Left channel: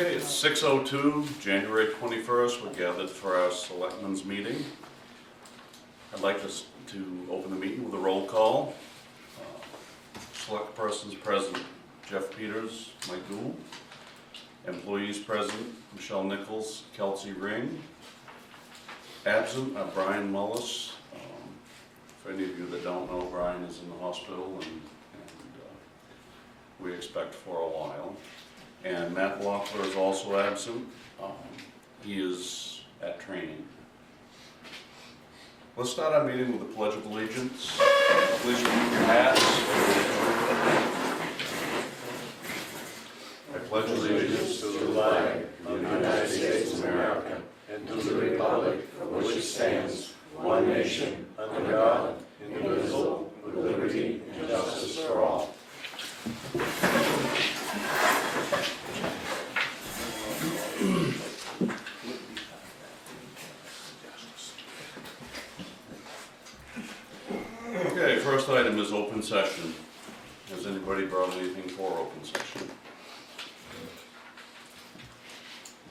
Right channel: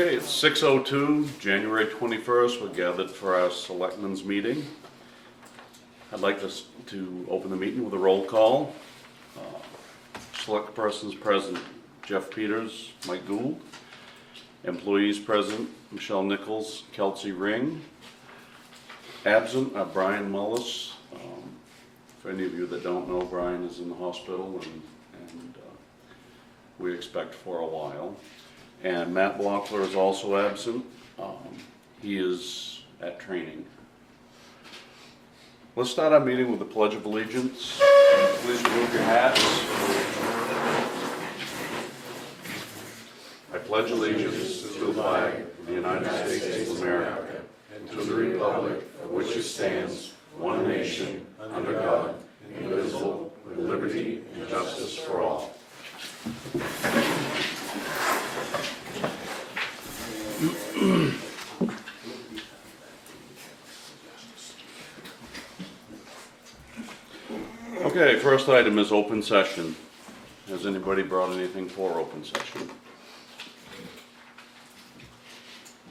Okay, it's 6:02, January 21st. We're gathered for our selectmen's meeting. I'd like to open the meeting with a roll call. Select persons present, Jeff Peters, Mike Gould. Employees present, Michelle Nichols, Kelsey Ring. Absent are Brian Mullis. For any of you that don't know, Brian is in the hospital and we expect for a while. And Matt Blockler is also absent. He is at training. Let's start our meeting with the Pledge of Allegiance. Please remove your hats. I pledge allegiance to the flag of the United States of America and to the republic for which it stands, one nation, under God, indivisible, with liberty and justice for all. Okay, first item is open session. Has anybody brought anything for open session?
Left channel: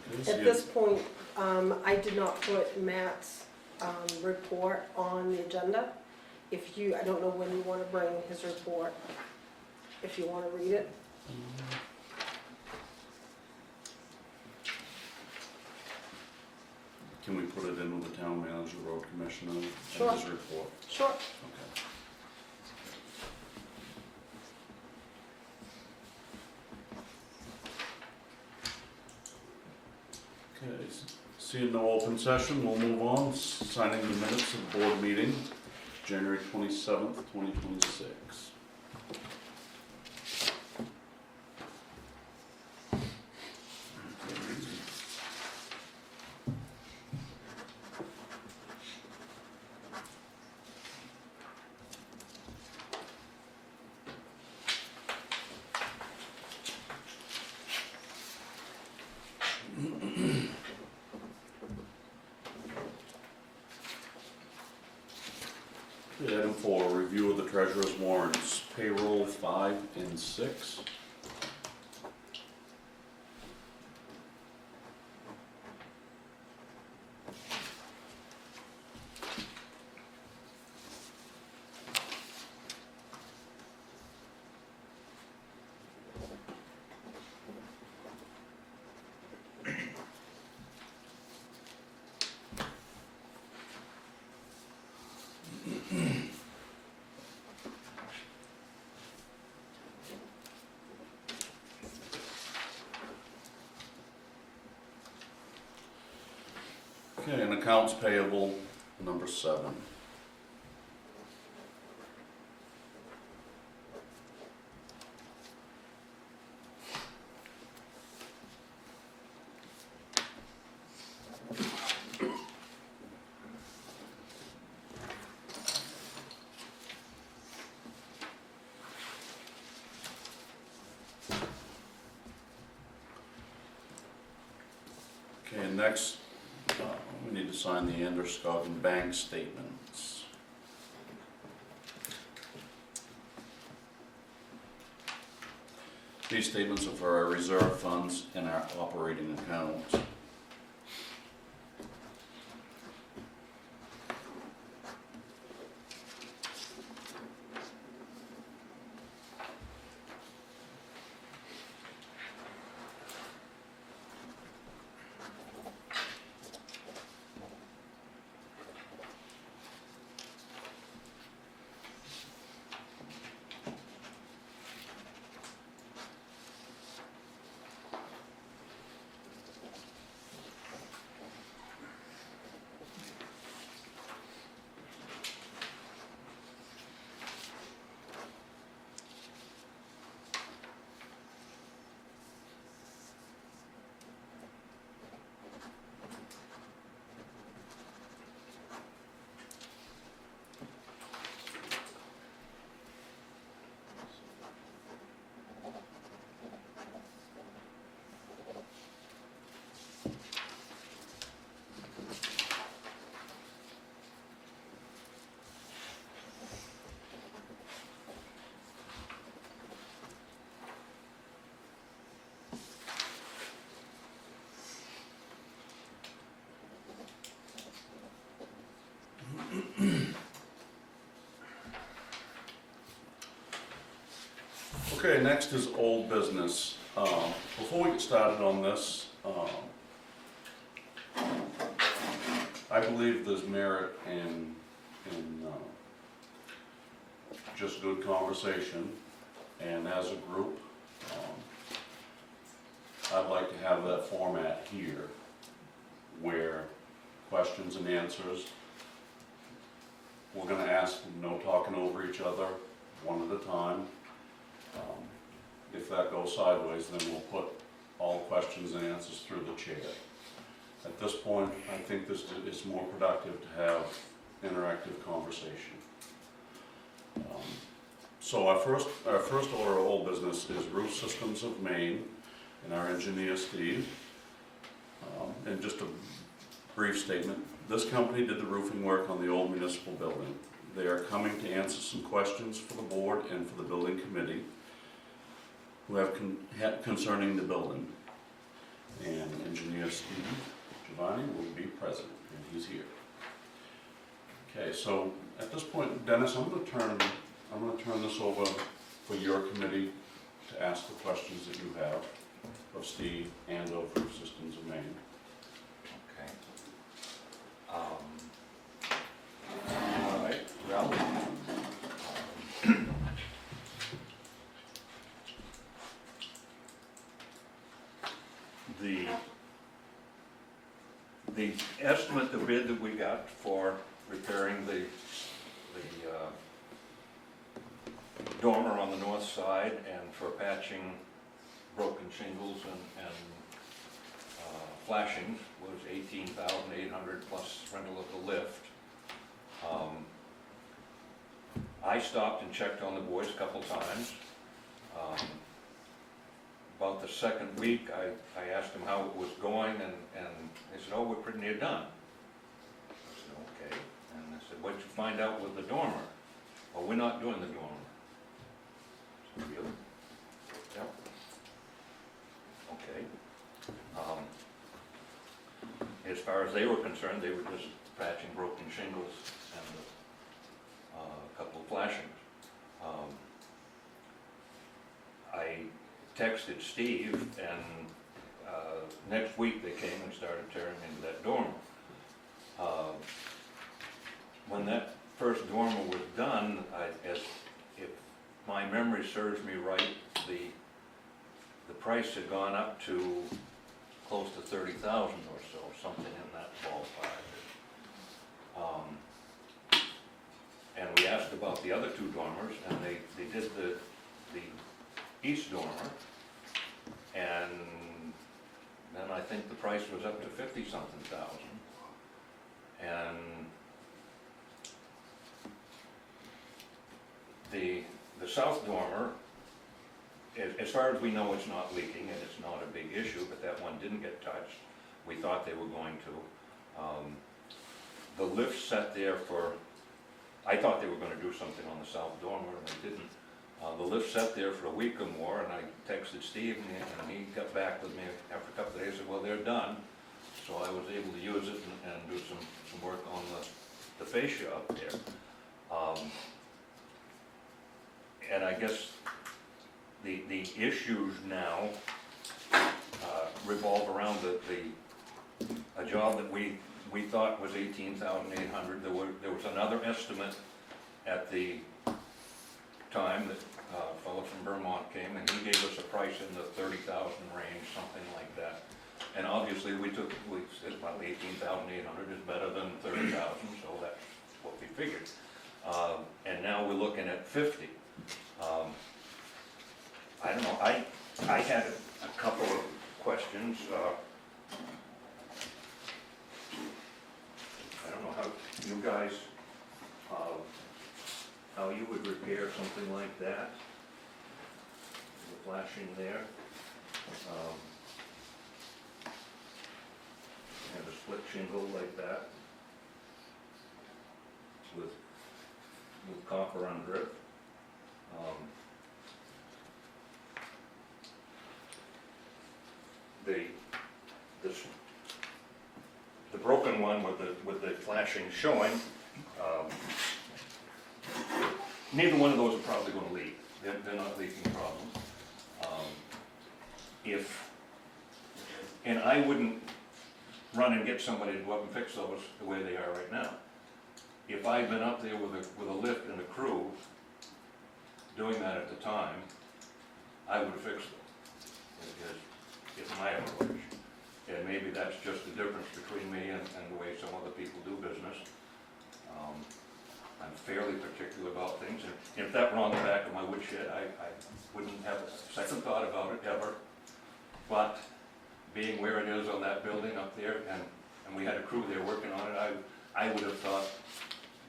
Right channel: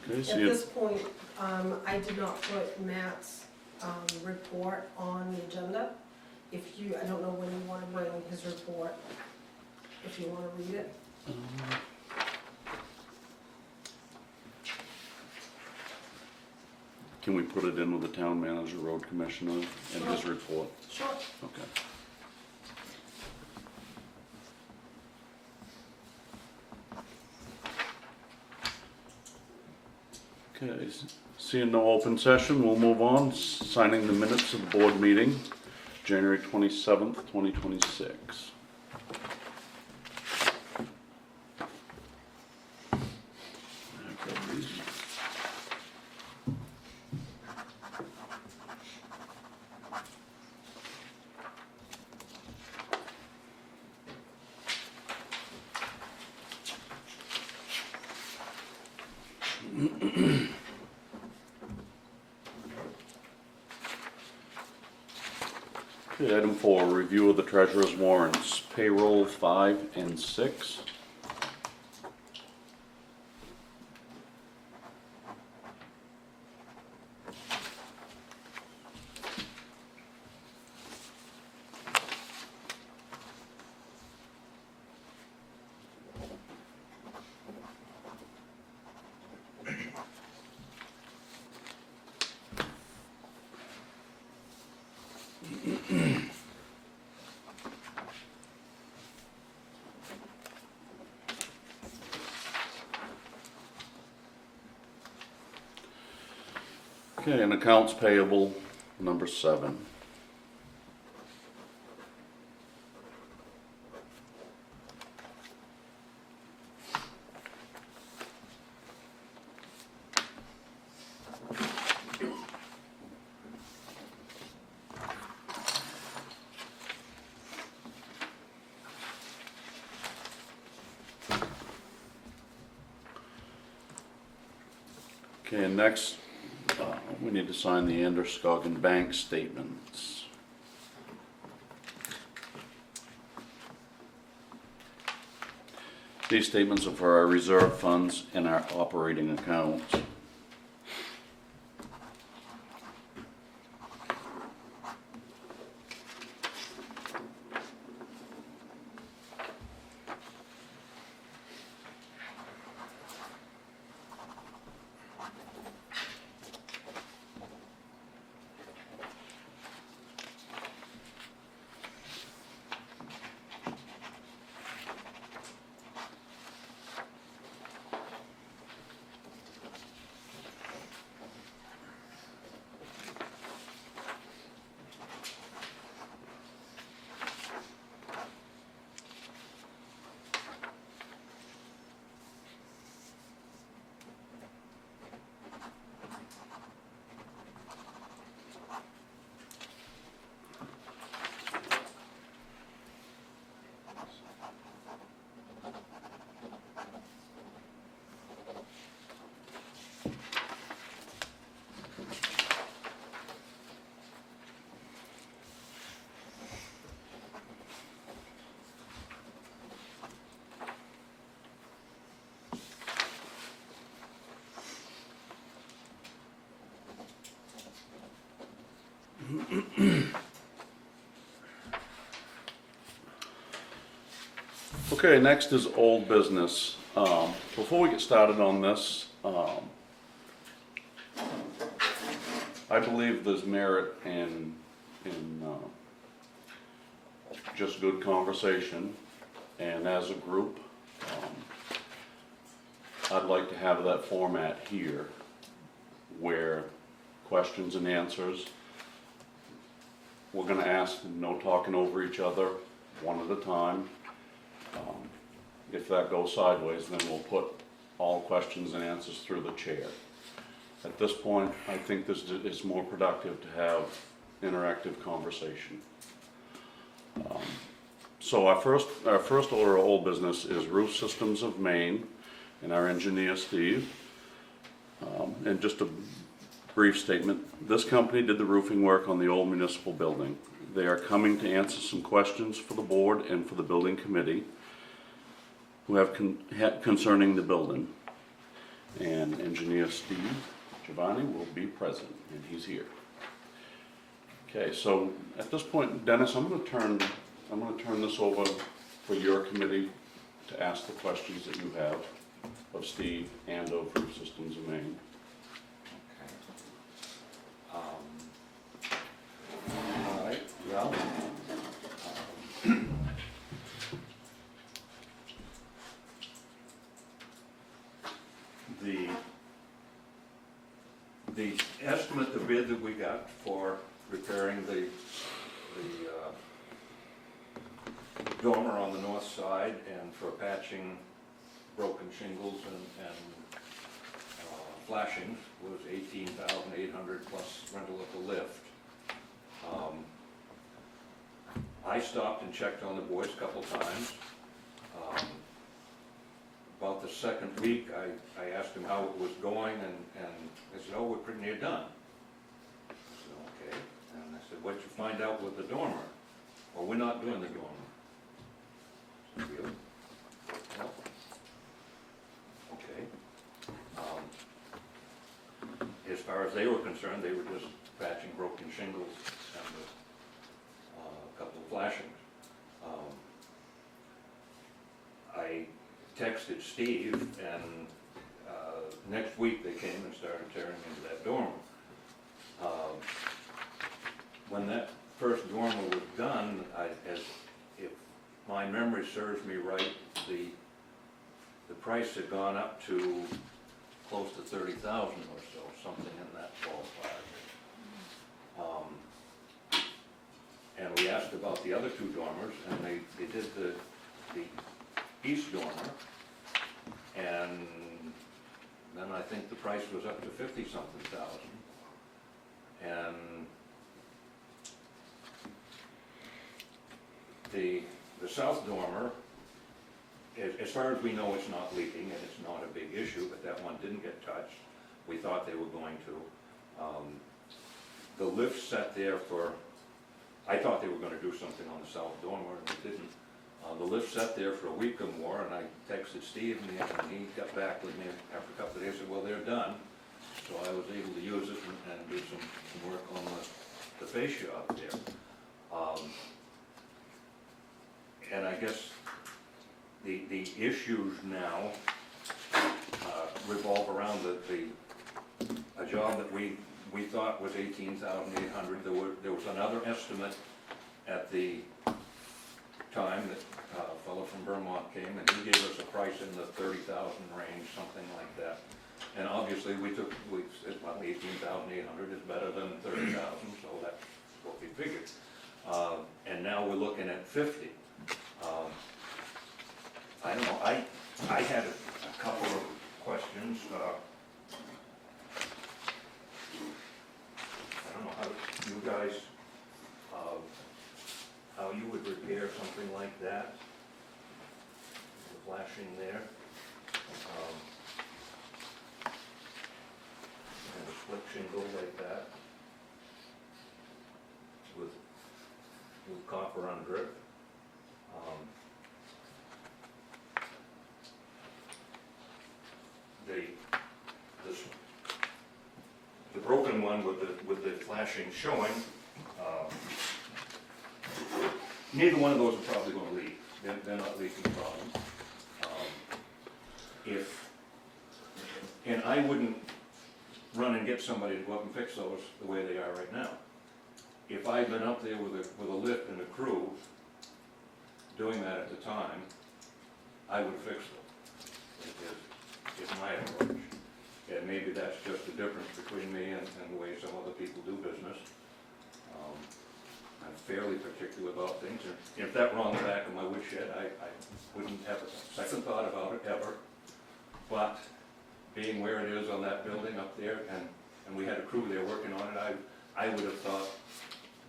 Okay, At see this point, I did not put Matt's report on the agenda. If you, I don't know when you want to bring his report, if you want to read it. Can we put it in with the town manager, road commissioner, and his report? Sure. Okay. Okay, seeing no open session, we'll move on. Signing the minutes of the board meeting, January 27th, 2026. Okay, item 4, review of the treasurer's warrants, payroll 5 and 6. Okay, and accounts payable, number 7. Okay, and next, we need to sign the Androscoggin bank statements. These statements are for our reserve funds and our operating accounts. Okay, next is old business. Before we get started on this, I believe there's merit in just good conversation, and as a group, I'd like to have that format here, where questions and answers, we're gonna ask, no talking over each other, one at a time. If that goes sideways, then we'll put all questions and answers through the chair. At this point, I think it's more productive to have interactive conversation. So our first order of old business is Roof Systems of Maine and our engineer Steve. And just a brief statement, this company did the roofing work on the old municipal building. They are coming to answer some questions for the board and for the building committee who have concerning the building. And engineer Steve Giovanni will be present, and he's here. Okay, so at this point, Dennis, I'm gonna turn this over for your committee to ask the questions that you have of Steve and of Roof Systems of Maine. All right, well, the estimate, the bid that we got for repairing the dormer on the north side and for patching broken shingles and flashing was $18,800 plus rental of the lift. I stopped and checked on the boys a couple times. About the second week, I asked them how it was going, and they said, oh, we're pretty near done. I said, okay. And I said, what'd you find out with the dormer? Well, we're not doing the dormer. I said, really? Yep. Okay. As far as they were concerned, they were just patching broken shingles and a couple of flashings. I texted Steve, and next week they came and started tearing into that dormer. When that first dormer was done, if my memory serves me right, the price had gone up to close to $30,000 or so, something in that ballpark. And we asked about the other two dormers, and they did the east dormer, and then I think the price was up to 50-something thousand. And the south dormer, as far as we know, it's not leaking and it's not a big issue, but that one didn't get touched. We thought they were going to. The lift sat there for, I thought they were going to do something on the south dormer, and they didn't. The lift sat there for a week or more, and I texted Steve, and he got back with me after a couple of days and said, well, they're done. So I was able to use it and do some work on the fascia up there. And I guess the issues now revolve around a job that we thought was $18,800. There was another estimate at the time that a fellow from Vermont came, and he gave us a price in the $30,000 range, something like that. And obviously we said, well, $18,800 is better than $30,000, so that's what we figured. And now we're looking at $50,000. I don't know, I had a couple of questions. I don't know how you guys, how you would repair something like that. The flashing there. And a split shingle like that. With copper under it. The broken one with the flashing showing, neither one of those are probably going to leak. They're not leaking problems. I wouldn't run and get somebody to go up and fix those the way they are right now. If I'd been up there with a lift and a crew doing that at the time, I would have fixed them. It's my approach. And maybe that's just the difference between me and the way some other people do business. I'm fairly particular about things, and if that were on the back of my woodshed, I wouldn't have a second thought about it ever. But being where it is on that building up there, and we had a crew there working on it, I would have thought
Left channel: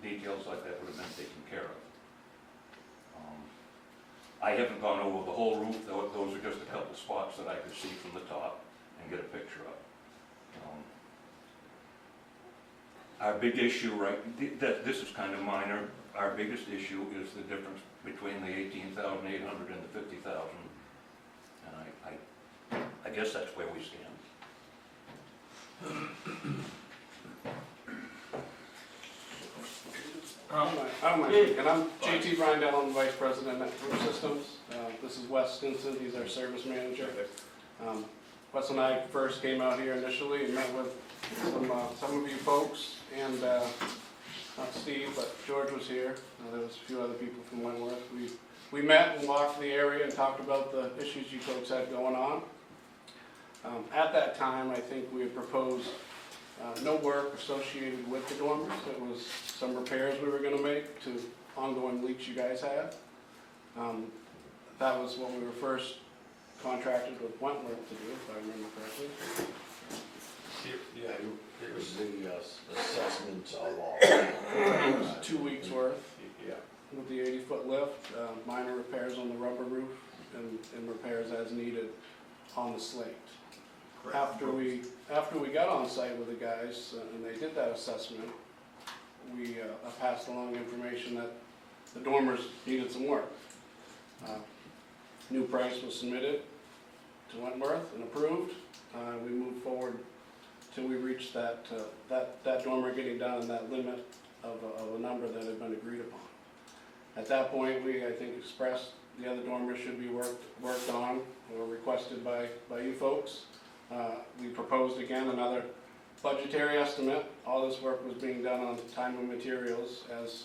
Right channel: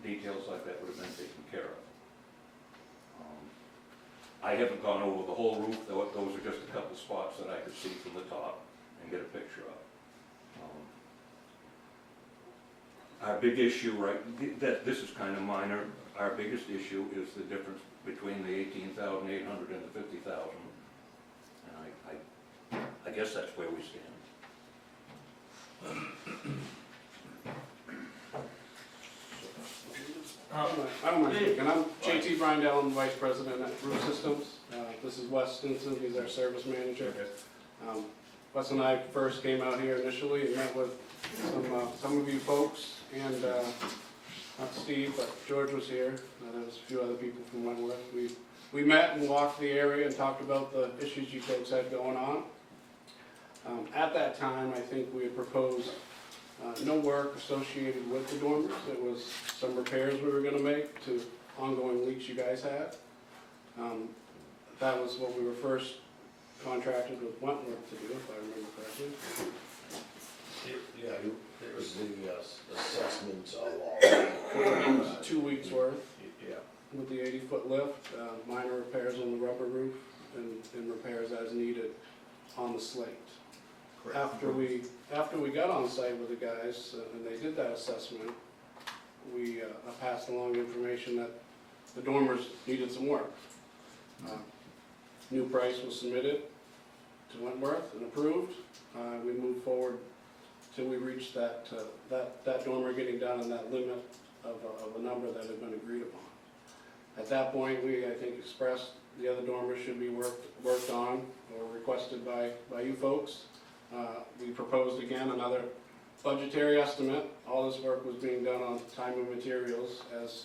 details like that would have been taken care of. I haven't gone over the whole roof, though. Those are just a couple spots that I could see from the top and get a picture of. Our big issue, right, this is kind of minor, our biggest issue is the difference between the 18,800 and the 50,000. And I guess that's where we stand. I don't mind speaking. I'm JT Brindell, I'm Vice President at Roof Systems. This is Wes Stinson, he's our service manager. Wes and I first came out here initially and met with some of you folks, and not Steve, but George was here. There was a few other people from Wentworth. We met and walked the area and talked about the issues you folks had going on. At that time, I think we had proposed no work associated with the dormers. It was some repairs we were going to make to ongoing leaks you guys had. That was what we were first contracted with Wentworth to do, if I remember correctly. Yeah, it was the assessment of all. It was 2 weeks worth Yeah. with the 80-foot lift, minor repairs on the rubber roof, and repairs as needed on the slate. After we got on site with the guys and they did that assessment, we passed along information that the dormers needed some work. New price was submitted to Wentworth and approved. We moved forward till we reached that dormer getting done in that limit of a number that had been agreed upon. At that point, we, I think, expressed the other dormers should be worked on or requested by you folks. We proposed again another budgetary estimate. All this work was being done on time and materials, as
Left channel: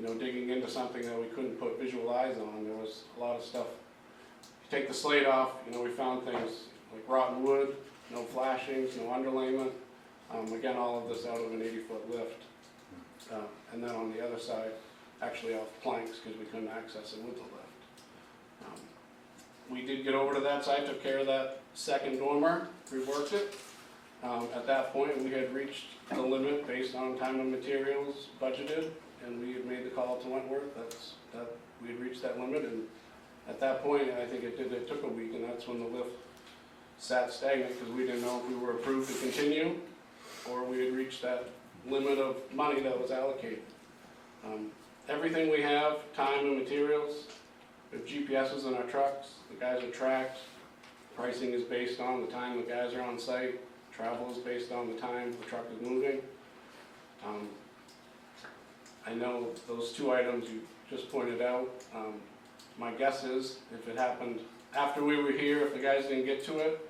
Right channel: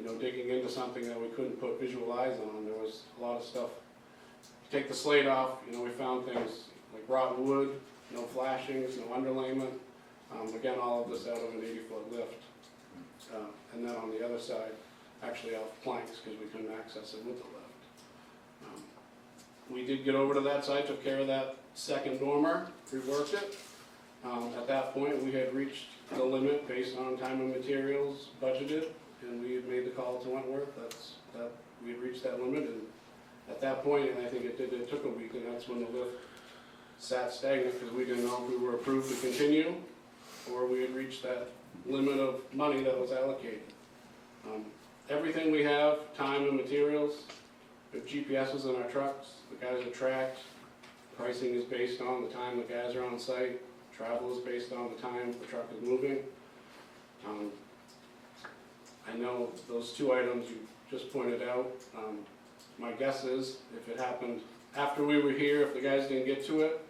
you know, digging into something that we couldn't put visual eyes on. There was a lot of stuff. Take the slate off, you know, we found things like rotten wood, no flashings, no underlayment. Again, all of this out of an 80-foot lift. And then on the other side, actually off planks, because we couldn't access it with the lift. We did get over to that side, took care of that second dormer, reworked it. At that point, we had reached the limit based on time and materials budgeted, and we had made the call to Wentworth that we had reached that limit. And at that point, I think it took a week, and that's when the lift sat stagnant, because we didn't know if we were approved to continue or we had reached that limit of money that was allocated. Everything we have, time and materials, the GPSs in our trucks, the guys are tracked, pricing is based on the time the guys are on site, travel is based on the time the truck is moving. I know those two items you just pointed out. My guess is if it happened after we were here, if the guys didn't get to it,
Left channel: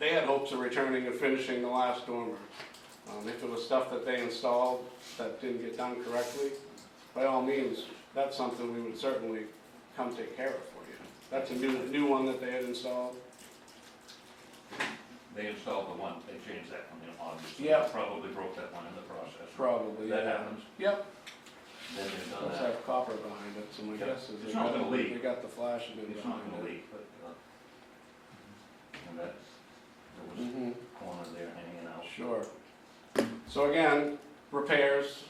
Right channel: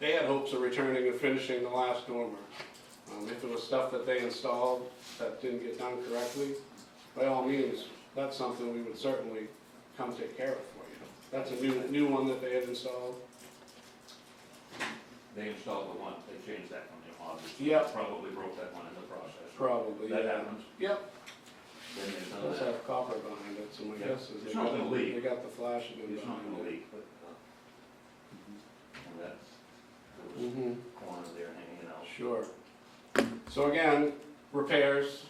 they had hopes of returning and finishing the last dormer. If it was stuff that they installed that didn't get done correctly, by all means, that's something we would certainly come take care of for you. That's a new one that they had installed. They installed the one, they changed that one in August. Yeah. Probably broke that one in the process. Probably. That yeah. happens. Yep. Then there's It none does of that. have copper behind it, so my Yeah. guess is It's not gonna leak. they got the flashing in It's not behind gonna it. leak, but and that, there was Mhm. a corner there hanging out. Sure. So again, repairs,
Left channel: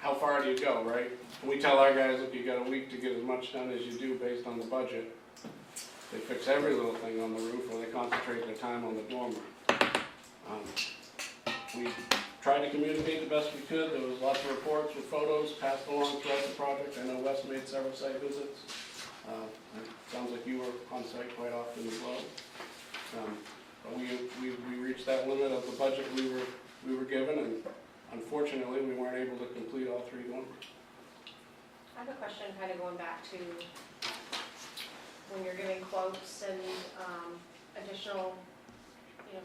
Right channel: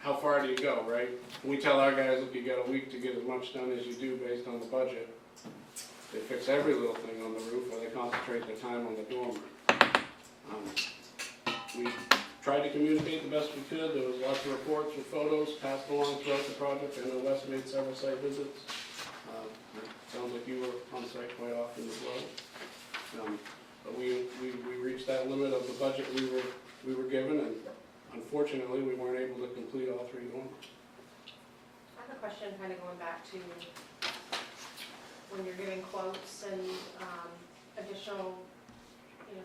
how far do you go, right? We tell our guys if you got a week to get as much done as you do based on the budget. They fix every little thing on the roof, or they concentrate their time on the dormer. We tried to communicate the best we could. There was lots of reports with photos passed along throughout the project. I know Wes made several site visits. It sounds like you were on site quite often as well. But we reached that limit of the budget we were given, and unfortunately, we weren't able to complete all three dormers. I have a question kind of going back to when you're giving quotes and additional,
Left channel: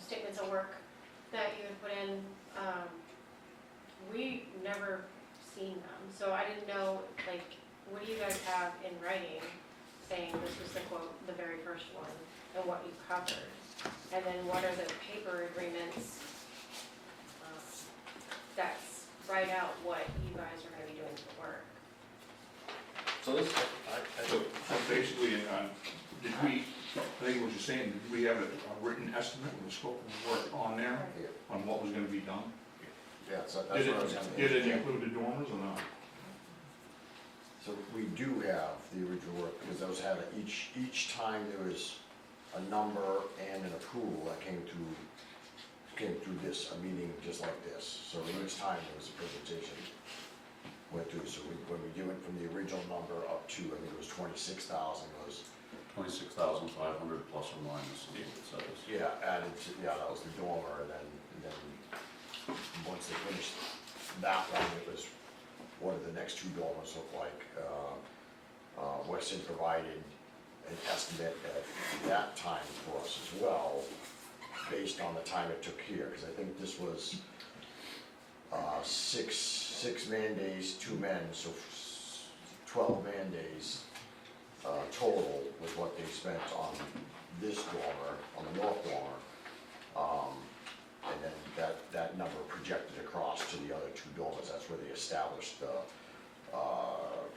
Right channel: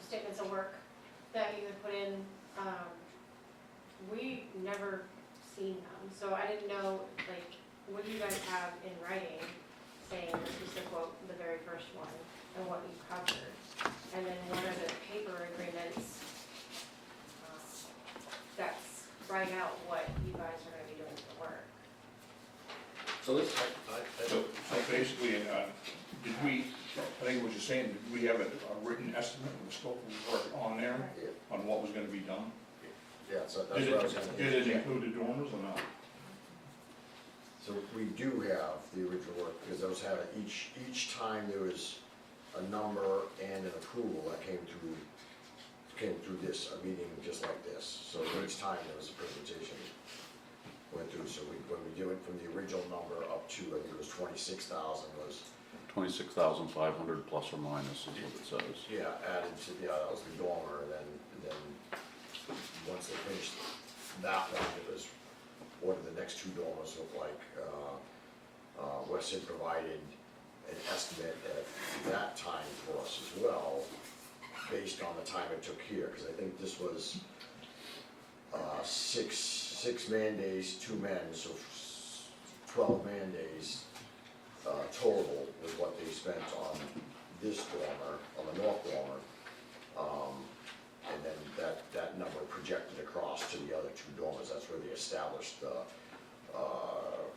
statements of work that you had put in, we never seen them, so I didn't know, like, what do you guys have in writing saying this was the quote, the very first one, and what you covered? And then what are the paper agreements that write out what you guys are gonna be doing for the work? So this, So basically, did we, I think what you're saying, did we have a written estimate of the scope of work on there, on what was gonna be done? yeah, so that's Did what I was it, gonna. did it include the dormers or not? So we do have the original work, because those had, each time there was a number and an approval that came through this, a meeting just like this. So each time there was a presentation went through, so when we give it from the original number up to, I think it was 26,000 was, 26,500 plus or minus is what it says. yeah, added to, yeah, that was the dormer, and then once they finished that one, it was, what do the next two dormers look like? Weston provided an estimate at that time for us as well, based on the time it took here, because I think this was six man days, 2 men, so 12 man days total was what they spent on this dormer, on the north dormer. And then that number projected across to the other 2 dormers, that's where they established the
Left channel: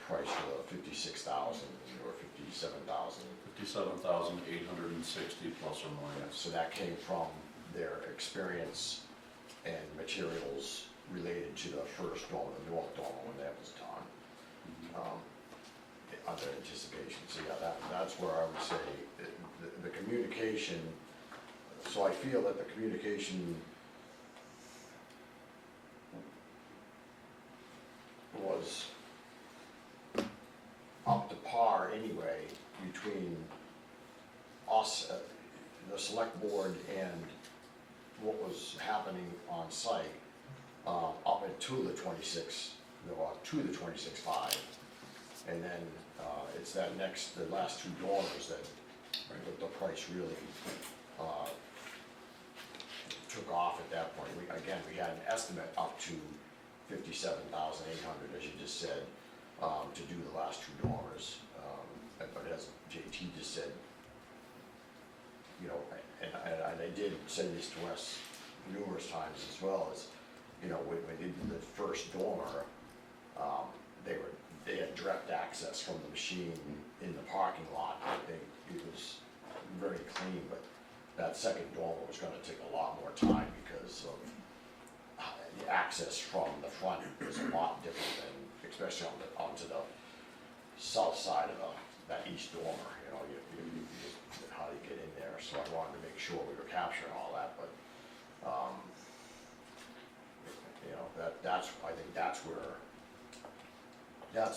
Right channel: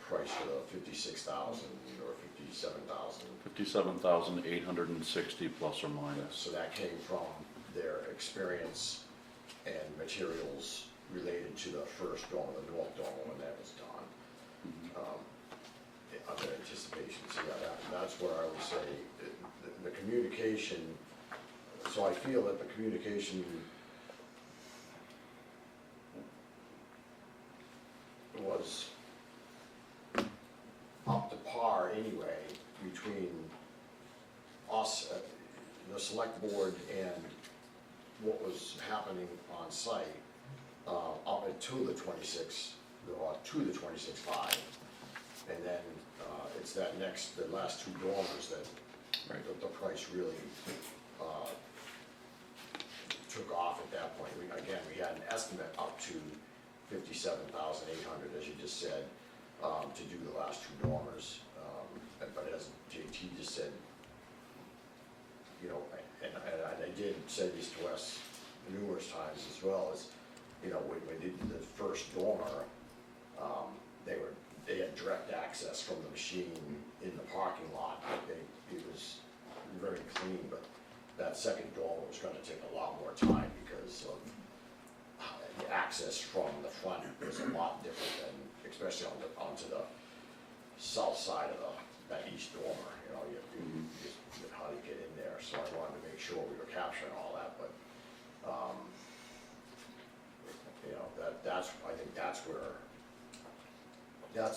price for the 56,000 or 57,000. 57,860 plus or minus. So that came from their experience and materials related to the first dormer, the north dormer, when that was done. Under anticipation, so yeah, that's where I would say, the communication, so I feel that the communication was up to par anyway between us, the select board, and what was happening on site, up into the 26, or to the 26.5. And then, it's the last 2 dormers that the price really, took off at that point. We had an estimate up to 57,800, as you just said, to do the last 2 dormers. But as JT just said, you know, and I did say this to Wes numerous times as well, is, you know, when they did the first dormer, they had direct access from the machine in the parking lot. It was very clean, but that second dormer was gonna take a lot more time because of the access from the front was a lot different than, especially onto the south side of that east dormer, you know, you just, how do you get in there? So I wanted to make sure we were capturing all that, but, you know, I think that's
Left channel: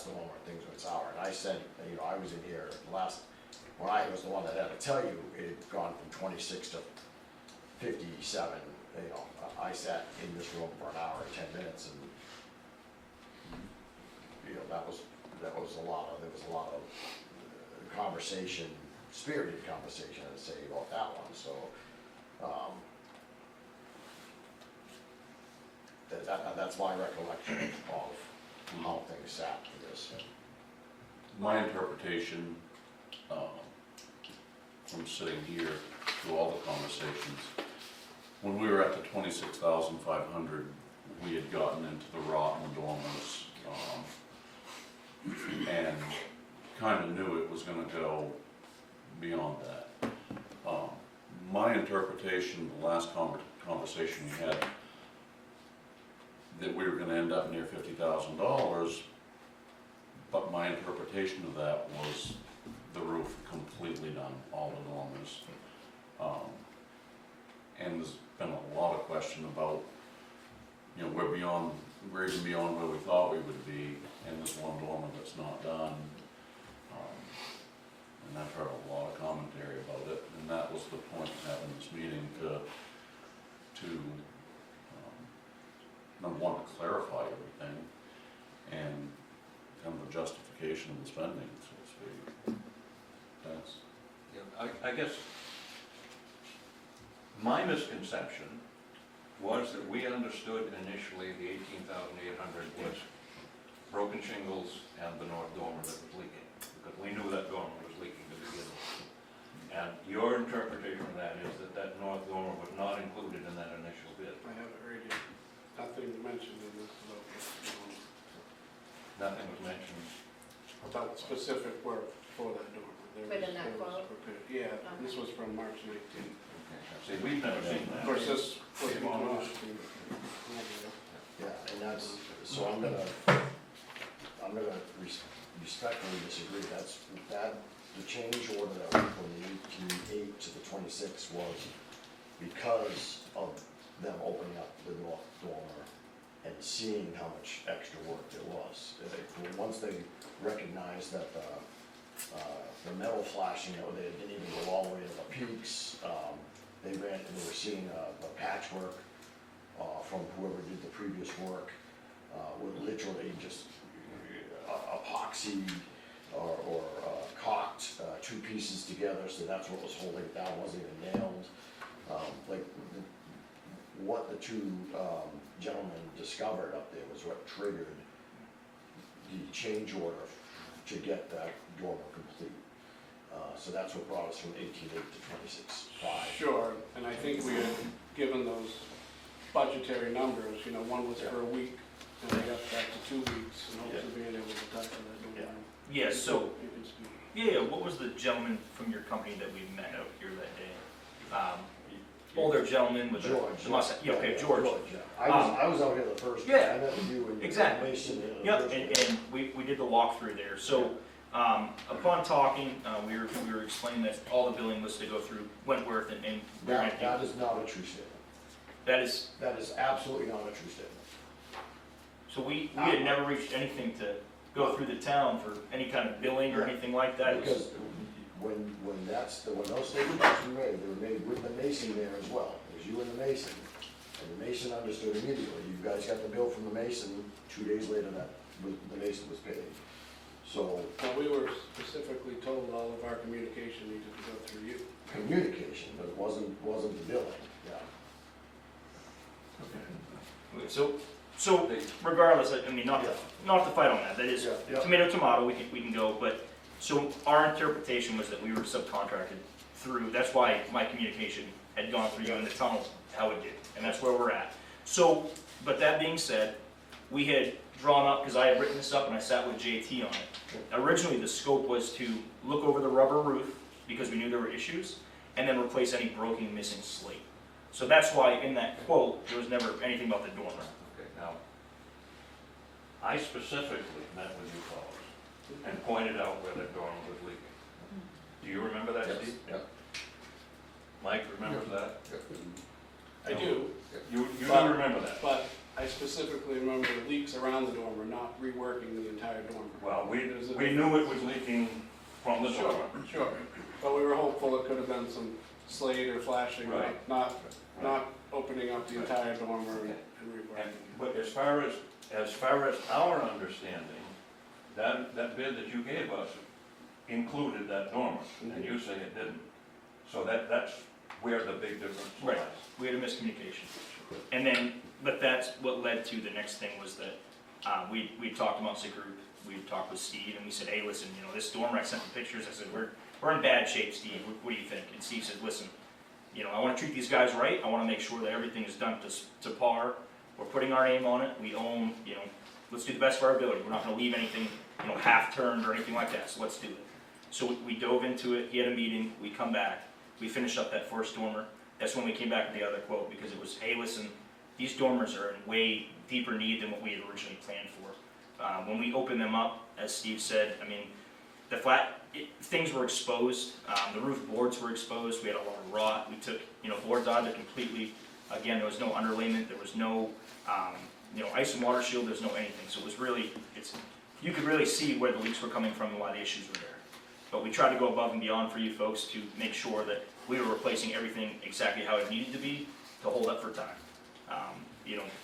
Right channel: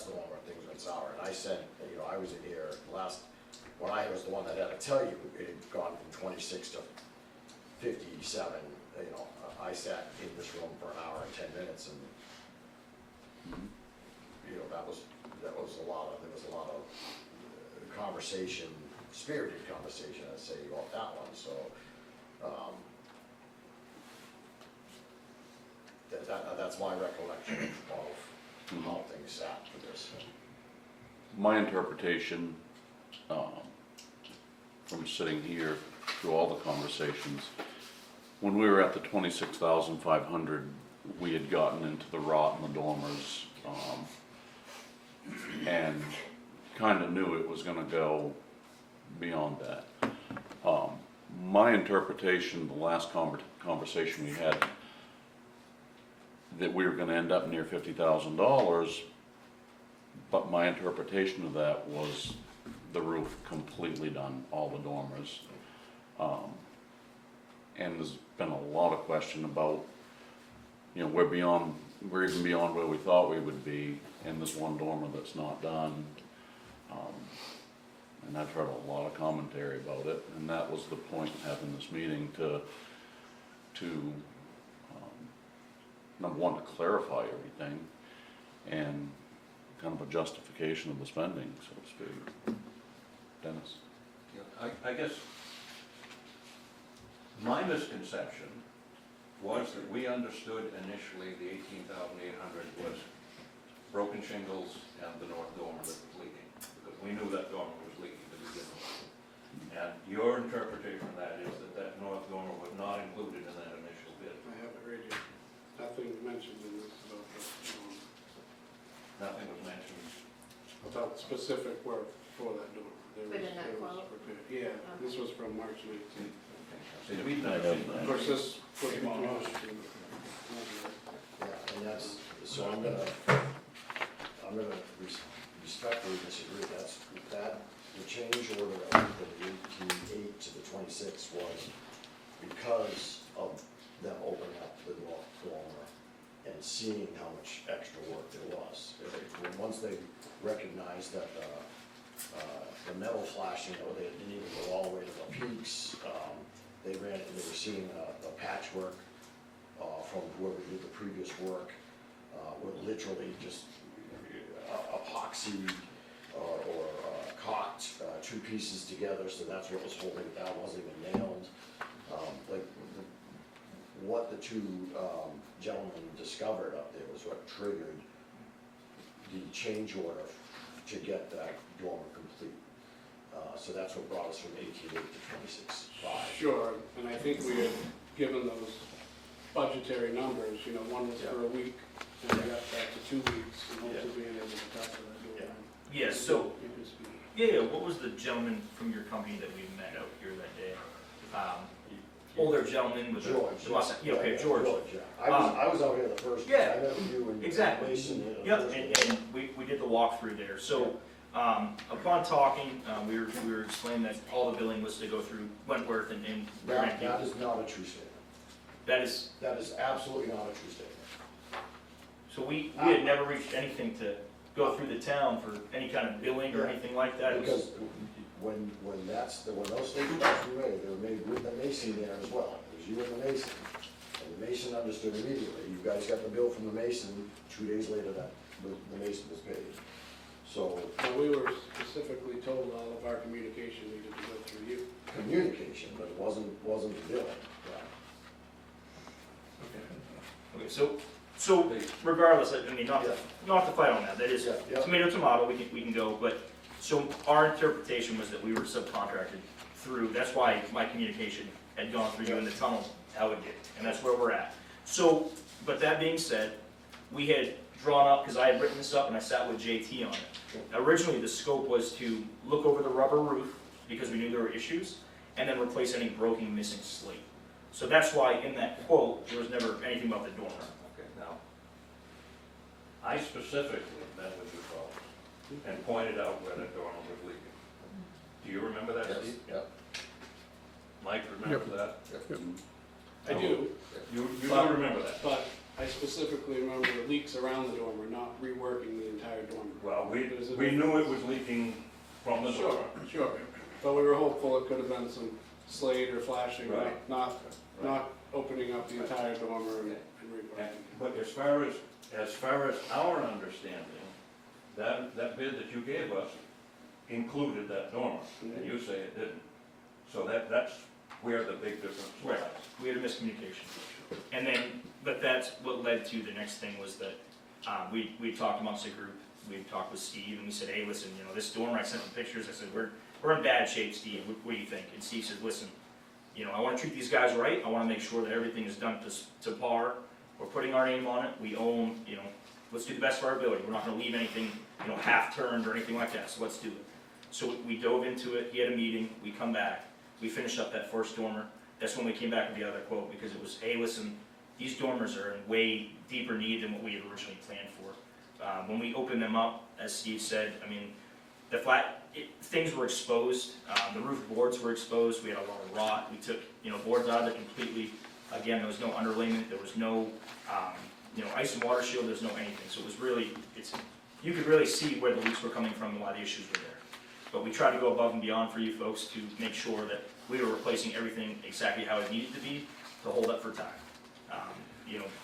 the one where things went sour. And I said, you know, I was in here when I was the one that had to tell you, it had gone from 26 to 57, you know, I sat in this room for an hour and 10 minutes, and, you know, there was a lot of conversation, spirited conversation, I'd say, about that one, so, that's my recollection of how things sat for this. My interpretation, from sitting here through all the conversations, when we were at the 26,500, we had gotten into the rot in the dormers, and kind of knew it was gonna go beyond that. My interpretation, the last conversation we had, that we were gonna end up near $50,000, but my interpretation of that was the roof completely done, all the dormers. And there's been a lot of question about, you know, we're even beyond where we thought we would be in this one dormer that's not done. And I've heard a lot of commentary about it, and that was the point of having this meeting, to number one, to clarify everything, and kind of a justification of the spending, so to speak. Dennis? I guess My misconception was that we understood initially the 18,800 was broken shingles and the north dormer that was leaking, because we knew that dormer was leaking, but we didn't. And your interpretation of that is that that north dormer was not included in that initial bid. I have it right here. Nothing mentioned in this Nothing was mentioned. about specific work for that dormer. Within that quote? Yeah, this was from March 18th. See, we've never seen Of that. course, this was Yeah. from March. Yeah, and that's, so I'm gonna respectfully disagree, the change order that went from the 18.8 to the 26 was because of them opening up the north dormer and seeing how much extra work there was. Once they recognized that the metal flashing, they didn't even go all the way to the peaks, they were seeing the patchwork from whoever did the previous work, were literally just epoxy or caulked two pieces together, so that's what was holding it down, wasn't even nailed. What the two gentlemen discovered up there was what triggered the change order to get that dormer complete. So that's what brought us from 18.8 to 26.5. Sure, and I think we had given those budgetary numbers, one was for a week, and we got back to 2 weeks, and hopefully being able to talk to that dormer. Yes, so, You can speak. yeah, what was the gentleman from your company that we met out here that day? Older gentleman with George. the mustache, yeah, okay, George. Yeah. I was out here the first day, Yeah, I met with you and exactly. Mason. Yep, and we did the walkthrough there, so, upon talking, we were explaining that all the billing was to go through Wentworth and we're gonna That do, is not a true statement. that is, That is absolutely not a true statement. so we had never reached anything to go through the town for any kind of billing or anything like that, it was, Because when those statements were made, they were made with the Mason there as well. It was you and the Mason. And the Mason understood immediately. You guys got the bill from the Mason, 2 days later that the Mason was paid. So But we were specifically told all of our communication needed to go through you. communication, but it wasn't the billing. okay, so regardless, I mean, not to fight on that, that is Yeah. tomato, tomato, we can go, but, so our interpretation was that we were subcontracted through, that's why my communication had gone through you in the tunnel, how it did, and that's where we're at. So, but that being said, we had drawn up, because I had written this up and I sat with JT on it. Originally, the scope was to look over the rubber roof, because we knew there were issues, and then replace any broken, missing slate. So that's why in that quote, there was never anything about the dormer. Okay, now, I specifically met with you fellows and pointed out where that dormer was leaking. Do you remember that, Steve? Yeah. Mike, remember that? I do, You don't remember that? but I specifically remember the leaks around the dormer, not reworking the entire dormer. Well, we knew it was leaking from the Sure, dormer. sure, but we were hopeful it could have been some slate or flashing, Right. not opening up the entire dormer and And- reworking. But as far as our understanding, that bid that you gave us included that dormer, and you say it didn't. So that's where the big difference lies. Right. We had a miscommunication. And then, but that's what led to the next thing was that, we talked amongst the group, we had talked with Steve, and we said, hey, listen, this dormer, I sent the pictures, I said, we're in bad shape, Steve, what do you think? And Steve said, listen, I wanna treat these guys right, I wanna make sure that everything is done to par, we're putting our name on it, we own, let's do the best for our ability, we're not gonna leave anything, half-turned or anything like that, so let's do it. So we dove into it, he had a meeting, we come back, we finished up that first dormer, that's when we came back with the other quote, because it was, hey, listen, these dormers are in way deeper need than what we had originally planned for. When we opened them up, as Steve said, things were exposed, the roof boards were exposed, we had a lot of rot, we took, boards out of it completely. Again, there was no underlayment, there was no, ice and water shield, there was no anything, so it was really, you could really see where the leaks were coming from, a lot of issues were there. But we tried to go above and beyond for you folks to make sure that we were replacing everything exactly how it needed to be to hold up for time.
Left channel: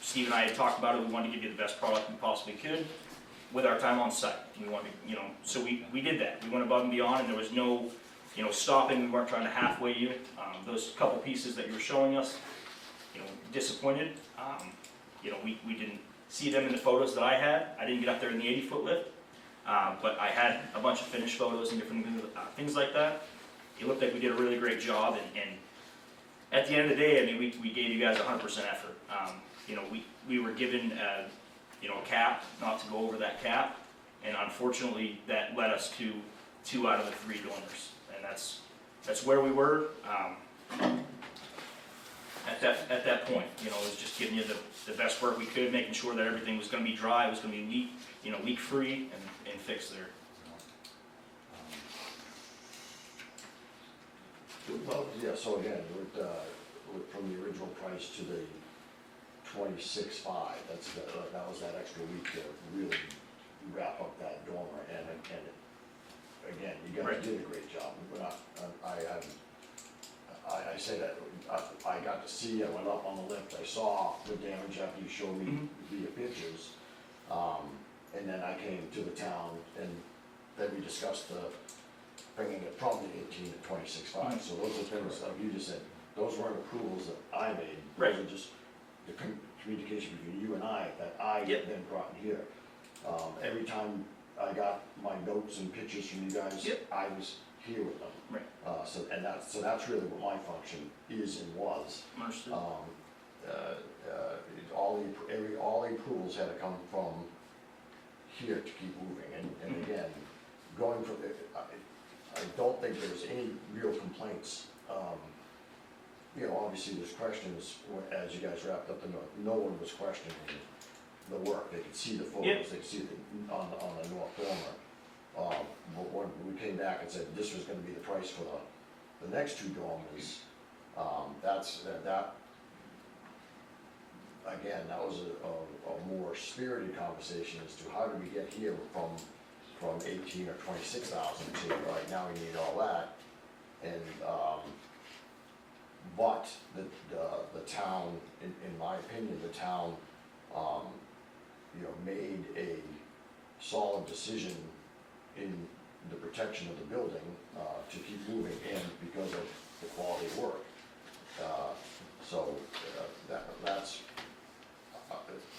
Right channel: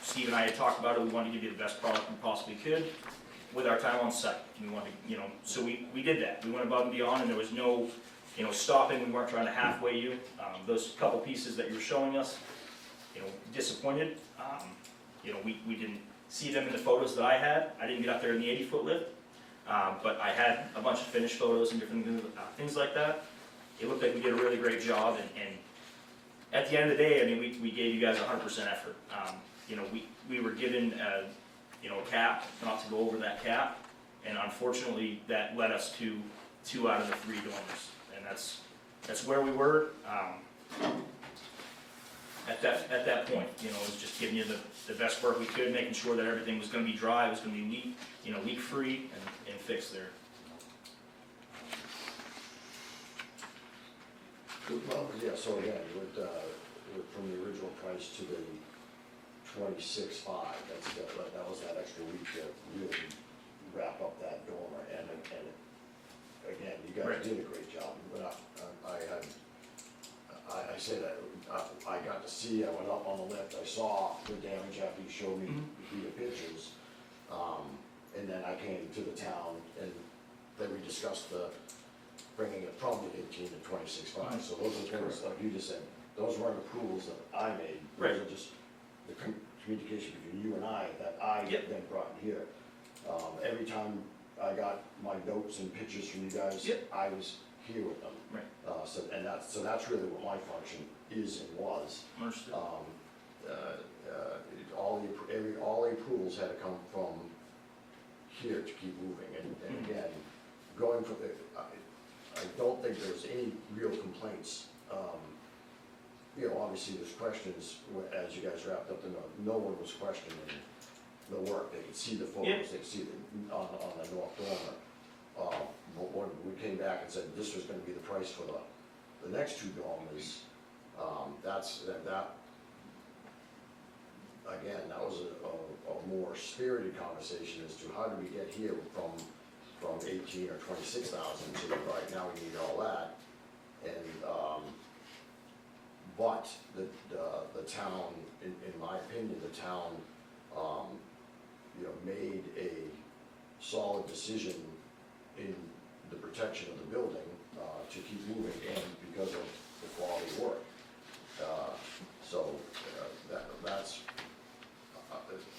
Steve and I had talked about it, we wanted to give you the best product we possibly could with our time on site. We wanted, so we did that, we went above and beyond, and there was no stopping, we weren't trying to halfway you. Those couple pieces that you're showing us, disappointed. We didn't see them in the photos that I had. I didn't get up there in the 80-foot lift, but I had a bunch of finished photos and different things like that. It looked like we did a really great job, and at the end of the day, I mean, we gave you guys 100% effort. We were given a cap, not to go over that cap, and unfortunately, that led us to 2 out of the 3 dormers, and that's where we were. At that point, it was just giving you the best work we could, making sure that everything was gonna be dry, it was gonna be leak-free and fixed there. Well, yeah, so again, from the original price to the 26.5, that was that extra week to really wrap up that dormer, and again, you guys Right. did a great job. But I say that, I got to see, I went up on the lift, I saw the damage after you showed me via pictures. And then I came to the town, and then we discussed bringing it from the 18 to 26.5. So those are things, like you just said, those weren't approvals that I made. Right. Those are just the communication between you and I that I Yep. then brought here. Every time I got my notes and pictures from you guys, Yep. I was here with them. Right. So that's really what my function is and was. Understood. All the approvals had to come from here to keep moving, and again, going from the, I don't think there's any real complaints. Obviously there's questions, as you guys wrapped up, no one was questioning the work, they could see the photos, Yep. they could see on the north dormer. But when we came back and said this was gonna be the price for the next 2 dormers, again, that was a more spirited conversation as to how did we get here from 18 or 26,000 to, all right, now we need all that. And, but the town, in my opinion, the town, made a solid decision in the protection of the building, to keep moving and because of the quality of work. That's,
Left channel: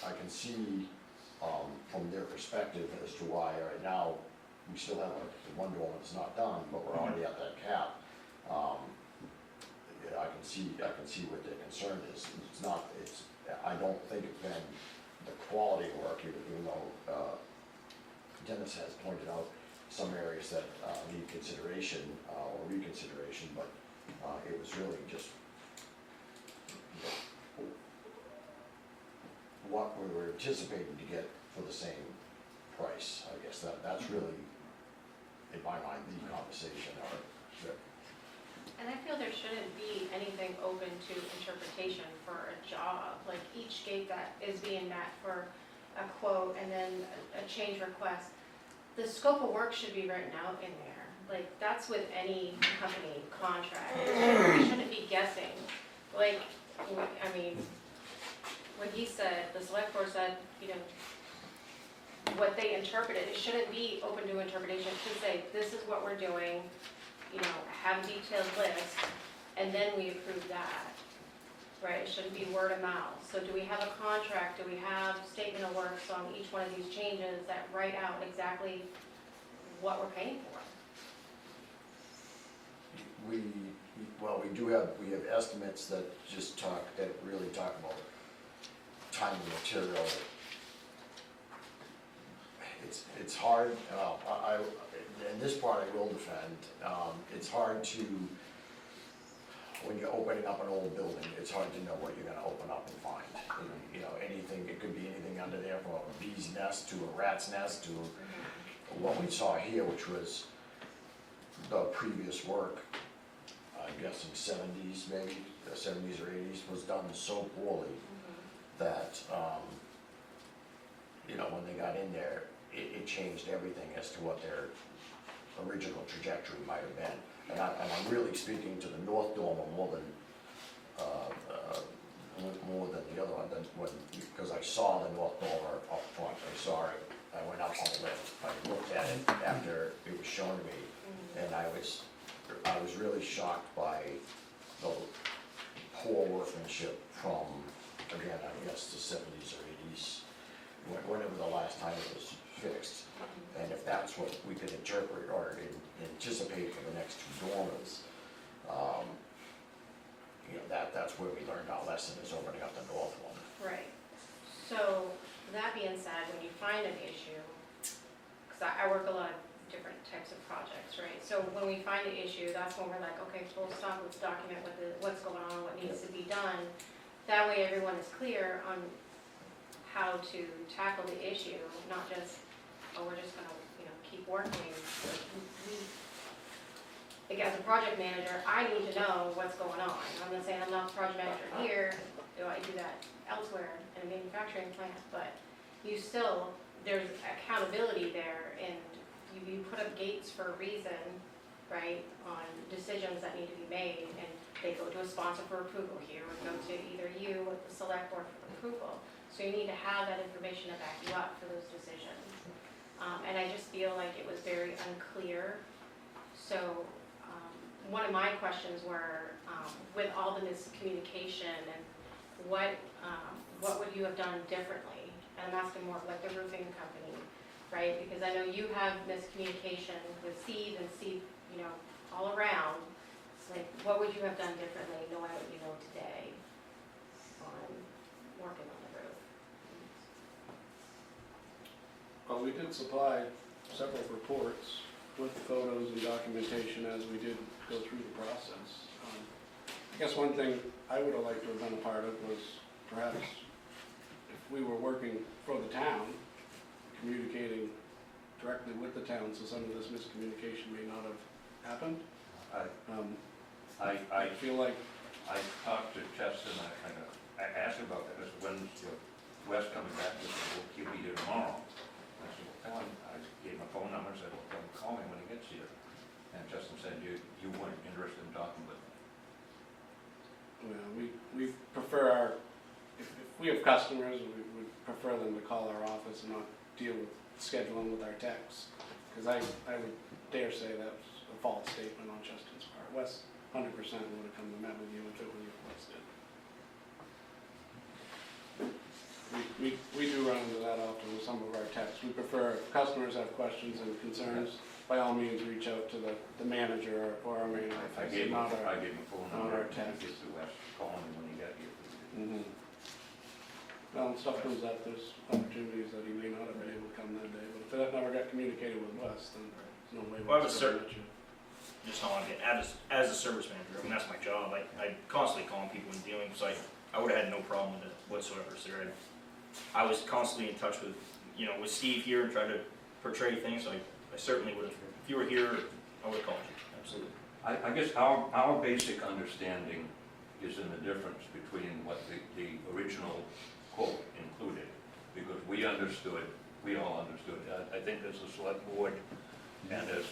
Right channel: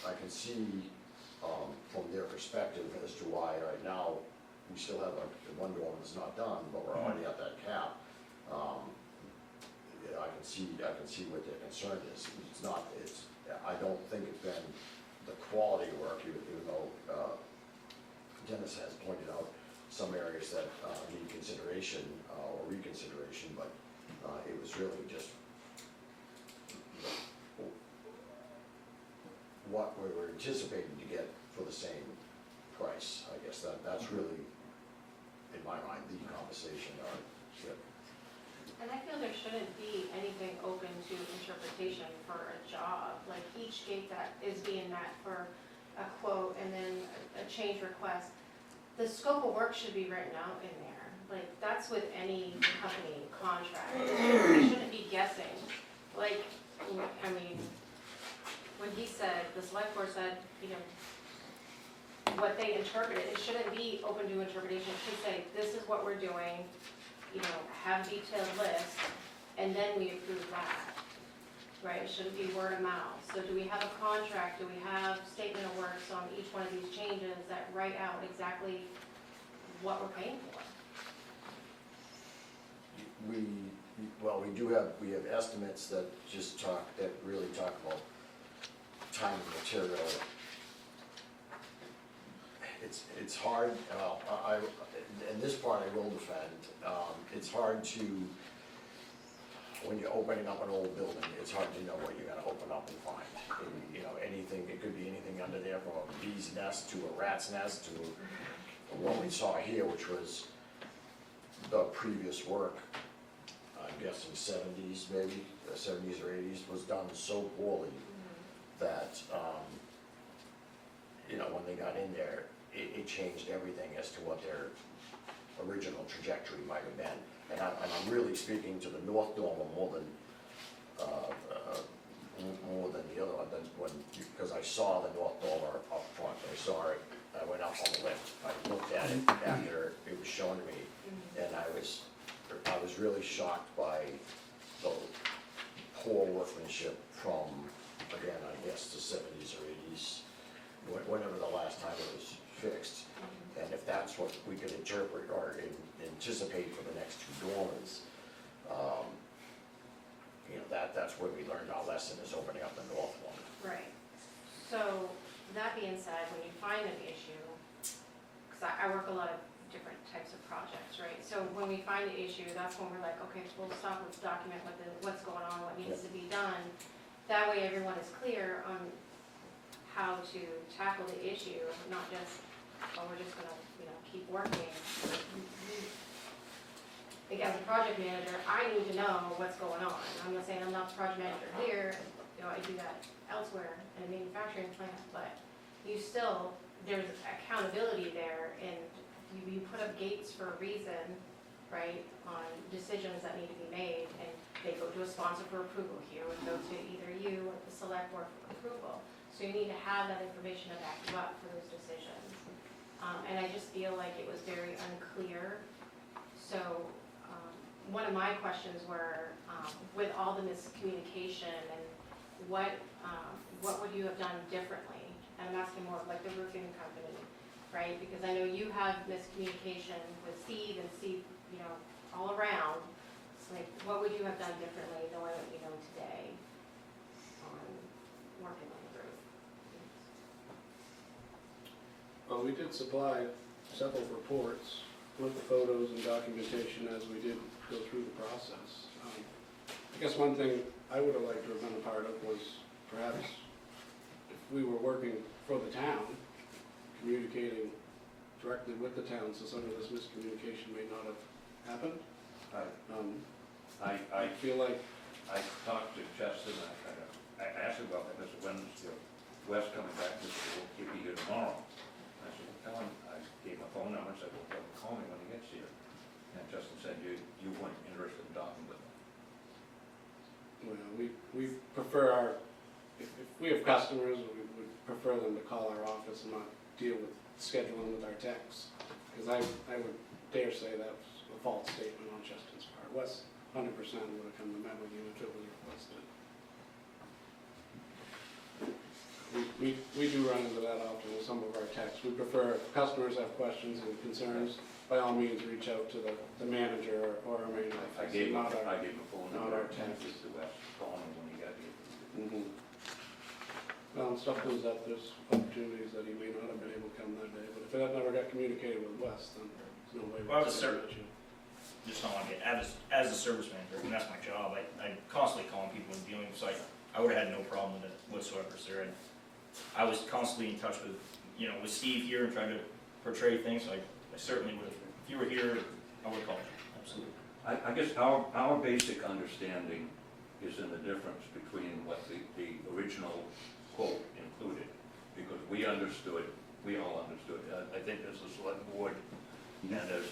I can see, from their perspective as to why right now we still have one dormer that's not done, but we're already at that cap. I can see what their concern is. I don't think it's been the quality of work, even though, Dennis has pointed out some areas that, need consideration, or reconsideration, but, it was really just what we were anticipating to get for the same price, I guess. That's really, in my mind, the conversation, And I feel there shouldn't be anything open to interpretation for a job. Like each gate that is being met for a quote and then a change request, the scope of work should be written out in there. Like that's with any company contract. We shouldn't be guessing. Like, I mean, when he said, the select board said, what they interpreted, it shouldn't be open to interpretation. It should say, this is what we're doing, have a detailed list, and then we approve that, right? It shouldn't be word of mouth. So do we have a contract, do we have statement of works on each one of these changes that write out exactly what we're paying for? we have estimates that really talk about time and material. It's hard, and this part I will defend, it's hard to, when you're opening up an old building, it's hard to know what you're gonna open up and find. Anything, it could be anything under there from a bee's nest to a rat's nest to what we saw here, which was the previous work, I'm guessing 70s maybe, 70s or 80s, was done so poorly that, when they got in there, it changed everything as to what their original trajectory might have been. And I'm really speaking to the north dormer more than the other one, because I saw the north dormer up front. I went up on the lift, I looked at it after it was shown to me, and I was I was really shocked by the poor workmanship from, again, I guess the seventies or eighties, whenever the last time it was fixed. And if that's what we could interpret or anticipate for the next two dormers, you know, that's where we learned our lesson, is opening up the north one. Right. So, that being said, when you find an issue, because I work a lot of different types of projects, right? So when we find an issue, that's when we're like, okay, full stop, let's document what's going on, what needs to be done. That way everyone is clear on how to tackle the issue, not just, oh, we're just gonna, keep working. Like, as a project manager, I need to know what's going on. I'm not saying I'm not the project manager here, I do that elsewhere in a manufacturing plant, but you still, there's accountability there, and you put up gates for a reason, right, on decisions that need to be made, and they go to a sponsor for approval. Here would go to either you or the select board for approval. So you need to have that information to back you up for those decisions. And I just feel like it was very unclear. So one of my questions were, with all the miscommunication, and what would you have done differently? And I'm asking more of like the roofing company, right? Because I know you have miscommunication with Steve and Steve, all around. It's like, what would you have done differently knowing what you know today on working on the roof? Well, we did supply several reports with photos and documentation as we did go through the process. I guess one thing I would have liked to have been a part of was perhaps if we were working for the town, communicating directly with the town, so some of this miscommunication may not have happened. I feel like, I talked to Justin, I asked him about that, I said, when's Wes coming back? He said, well, he'll be here tomorrow. I said, well, tell him, I gave him a phone number, said, well, tell him to call me when he gets here. And Justin said, you weren't interested in talking with me. we prefer if we have customers, we would prefer them to call our office and not deal with scheduling with our techs. Because I would dare say that was a false statement on Justin's part. Wes 100% would have come to met with you if it was what Wes did. We do run into that often with some of our techs. We prefer, if customers have questions and concerns, by all means, reach out to the manager or our main office. I gave him not our- a phone not number, our and techs. he said, Wes, call me when he gets here. Mhm. Well, when stuff comes up, there's opportunities that he may not have been able to come that day, but if that never got communicated with Wes, then there's no way. Well, I was Wes would let you. Just not like, as a service manager, I mean, that's my job, I constantly calling people and dealing, so I would've had no problem with it whatsoever, sir. And I was constantly in touch with, with Steve here and trying to portray things, so I certainly would've, if you were here, I would've called you, absolutely. I guess our basic understanding is in the difference between what the original quote included, because we understood, we all understood, I think as a select board and as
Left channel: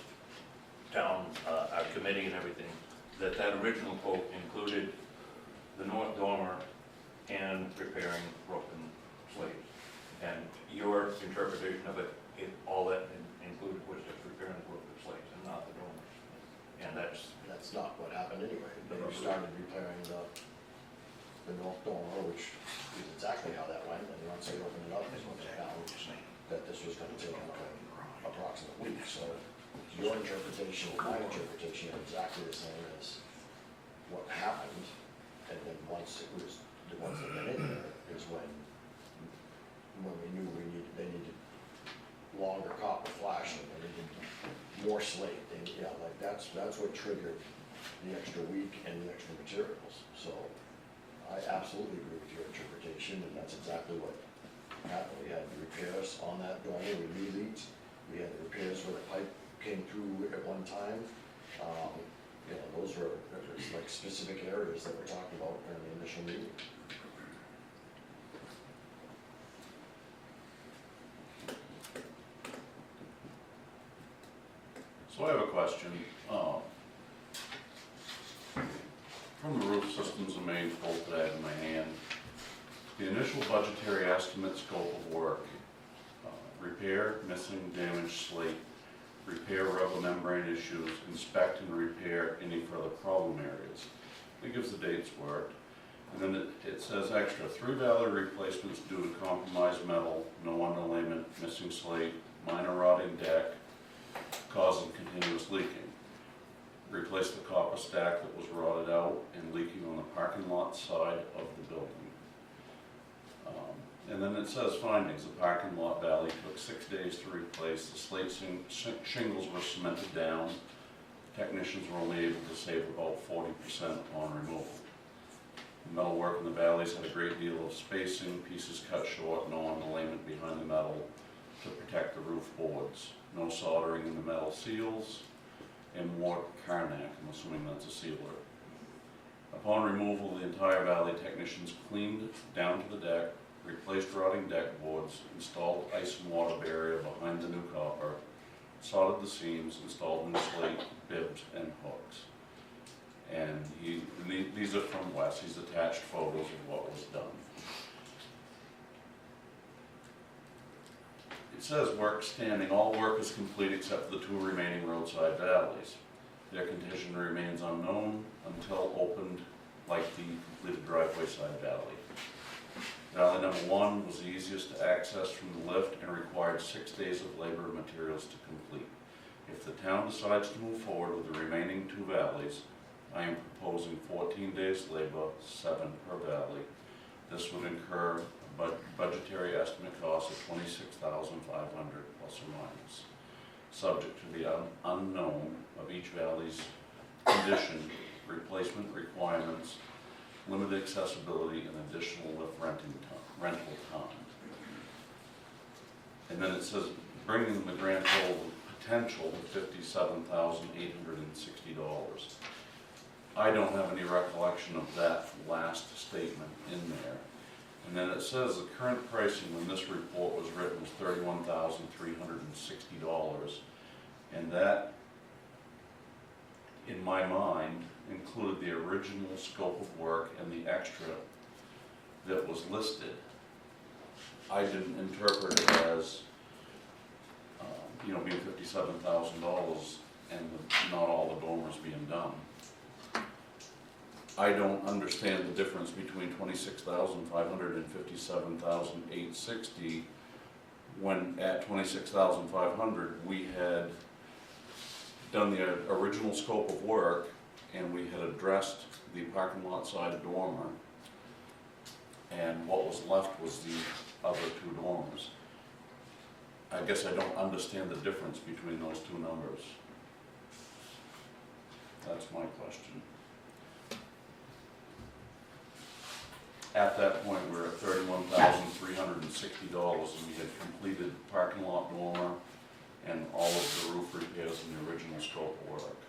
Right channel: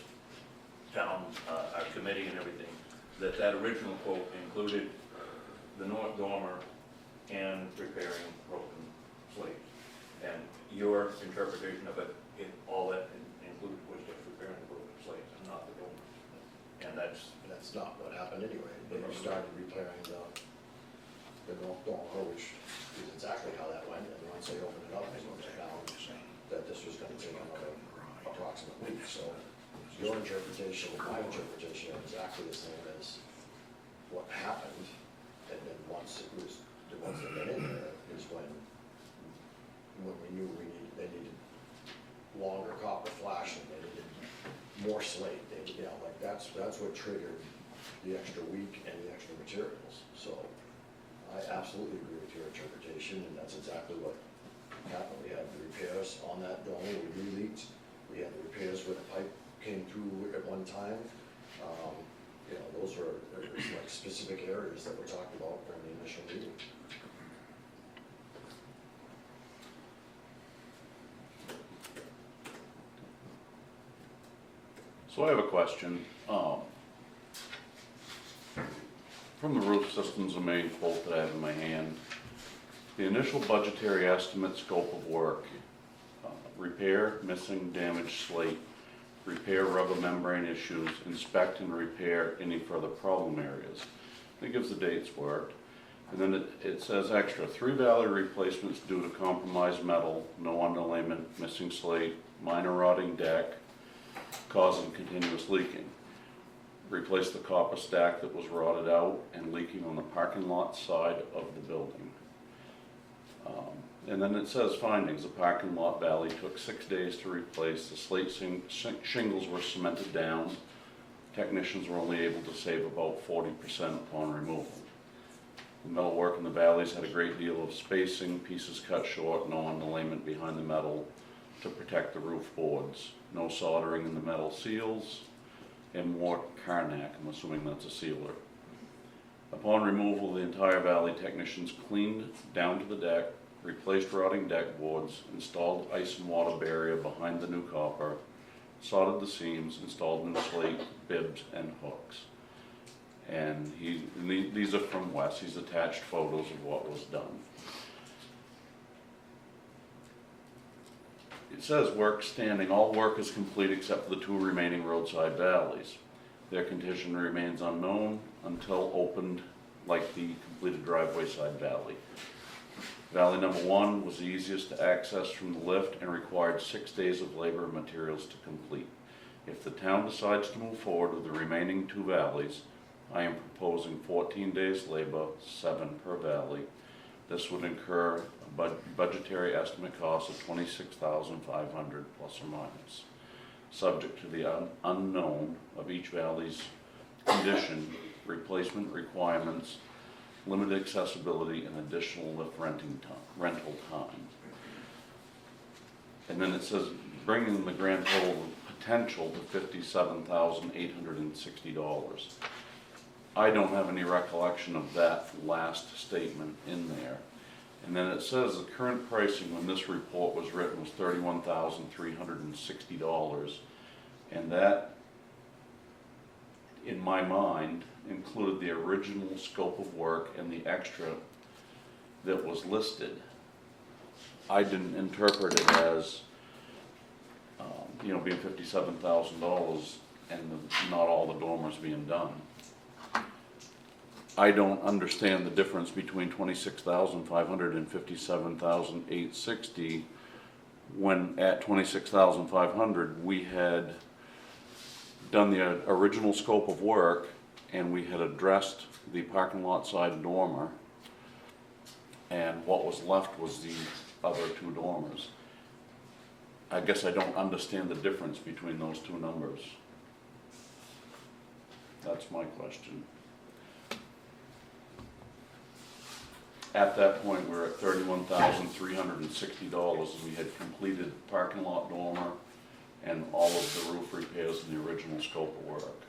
town, our committee and everything, that original quote included the north dormer and repairing broken slate. And your interpretation of it, all that included was just repairing the broken slate and not the dormer. And that's That's not what happened anyway. They started repairing the north dormer, which is exactly how that went, and once they opened it up, they found that this was gonna take about an approximate week, so your interpretation and my interpretation are exactly the same as what happened, and then once it was, the ones that went in there is when we knew they needed longer copper flashing, they needed more slate, and, like, that's what triggered the extra week and the extra materials. So I absolutely agree with your interpretation, and that's exactly what happened. We had the repairs on that dormer, we re-leaked, we had the repairs where the pipe came through at one time. Those were like specific areas that were talked about during the initial meeting. So I have a question. From the roof systems and main quote that I have in my hand, the initial budgetary estimate scope of work, repair, missing, damaged slate, repair rubber membrane issues, inspect and repair any further problem areas. It gives the dates for it. And then it says extra, 3 valley replacements due to compromised metal, no underlayment, missing slate, minor rotting deck, causing continuous leaking. Replace the copper stack that was rotted out and leaking on the parking lot side of the building. And then it says findings, the parking lot valley took 6 days to replace, the slate shingles were cemented down, technicians were only able to save about 40% upon removal. The metal work in the valleys had a great deal of spacing, pieces cut short, no underlayment behind the metal to protect the roof boards, no soldering in the metal seals, and more Karnak, I'm assuming that's a sealer. Upon removal, the entire valley technicians cleaned down to the deck, replaced rotting deck boards, installed ice and water barrier behind the new copper, soldered the seams, installed new slate, bibs, and hooks. And these are from Wes, he's attached photos of what was done. It says work standing, all work is complete except for the 2 remaining roadside valleys. Their condition remains unknown until opened like the completed driveway side valley. Valley number 1 was the easiest to access from the lift and required 6 days of labor and materials to complete. If the town decides to move forward with the remaining 2 valleys, I am proposing 14 days labor, 7 per valley. This would incur a budgetary estimate cost of $26,500 plus or minus, subject to the unknown of each valley's condition, replacement requirements, limited accessibility, and additional lift rental time. And then it says bringing the grand total potential to $57,860. I don't have any recollection of that last statement in there. And then it says the current pricing when this report was written was $31,360, and that, in my mind, included the original scope of work and the extra that was listed. I didn't interpret it as, being $57,000 and not all the dormers being done. I don't understand the difference between $26,500 and $57,860 when at $26,500 we had done the original scope of work and we had addressed the parking lot side dormer, and what was left was the other 2 dormers. I guess I don't understand the difference between those 2 numbers. That's my question. At that point, we're at $31,360. We had completed parking lot dormer and all of the roof repairs in the original scope of work.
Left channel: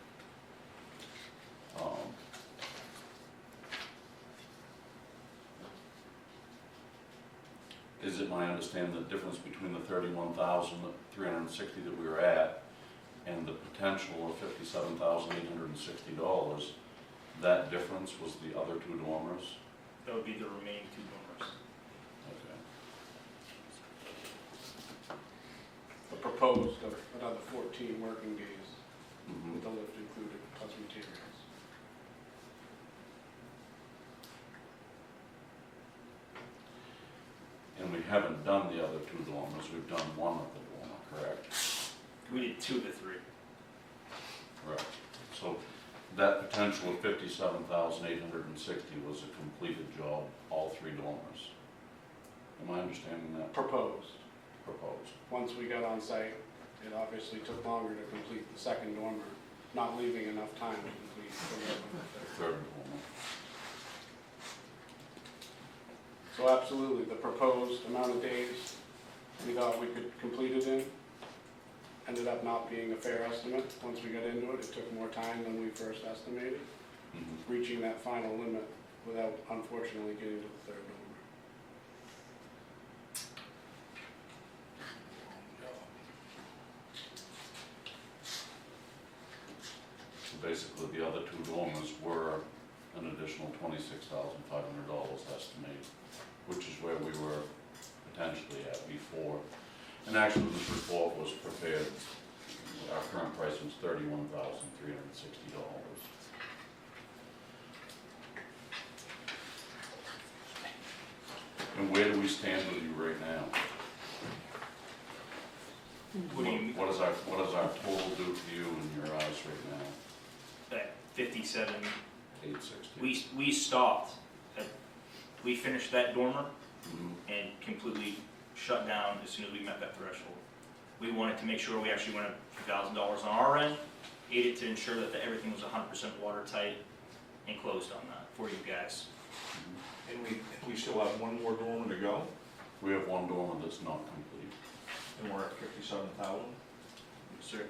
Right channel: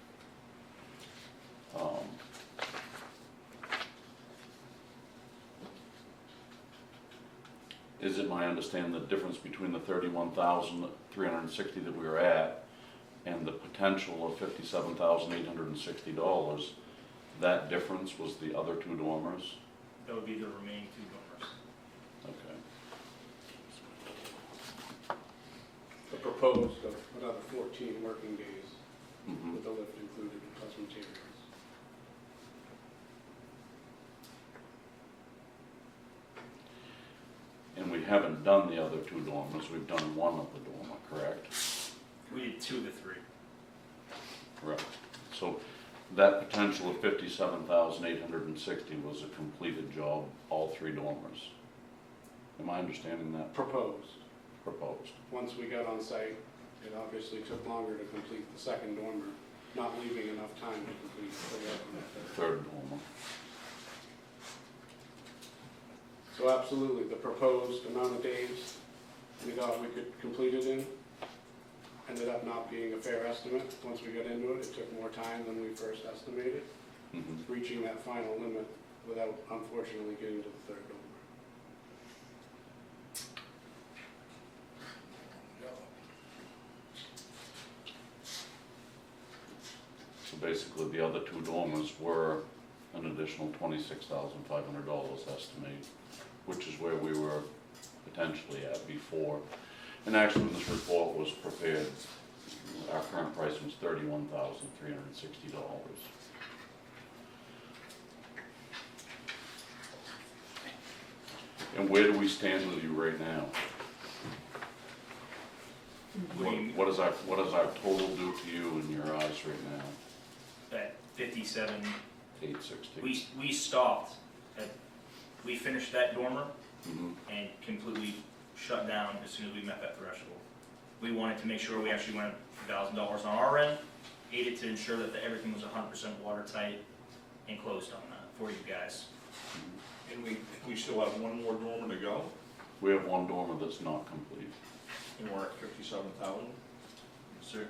Is it my understanding the difference between the $31,360 that we were at and the potential of $57,860, that difference was the other 2 dormers? That would be the remaining 2 dormers. Okay. A proposed of another 14 working days Mhm. with the lift included plus materials. And we haven't done the other 2 dormers, we've done 1 of the dormer, correct? We did 2 of the 3. Right. So that potential of $57,860 was a completed job, all 3 dormers. Am I understanding that Proposed. proposed? Once we got on site, it obviously took longer to complete the second dormer, not leaving enough time to complete the third one. Third dormer. So absolutely, the proposed amount of days we thought we could complete it in ended up not being a fair estimate. Once we got into it, it took more time than we first estimated, Mhm. reaching that final limit without unfortunately getting to the third dormer. So basically, the other 2 dormers were an additional $26,500 estimated, which is where we were potentially at before. And actually, when this report was prepared, our current price was $31,360. And where do we stand with you right now? What do you- What is our total due to you in your eyes right now? At 57, $860. we stopped, we finished that dormer Mhm. and completely shut down as soon as we met that threshold. We wanted to make sure we actually went up $1,000 on our end, aided to ensure that everything was 100% watertight and closed on that for you guys. And we still have one more dormer to go, We have one dormer that's not complete. and we're at 57,000. Sir.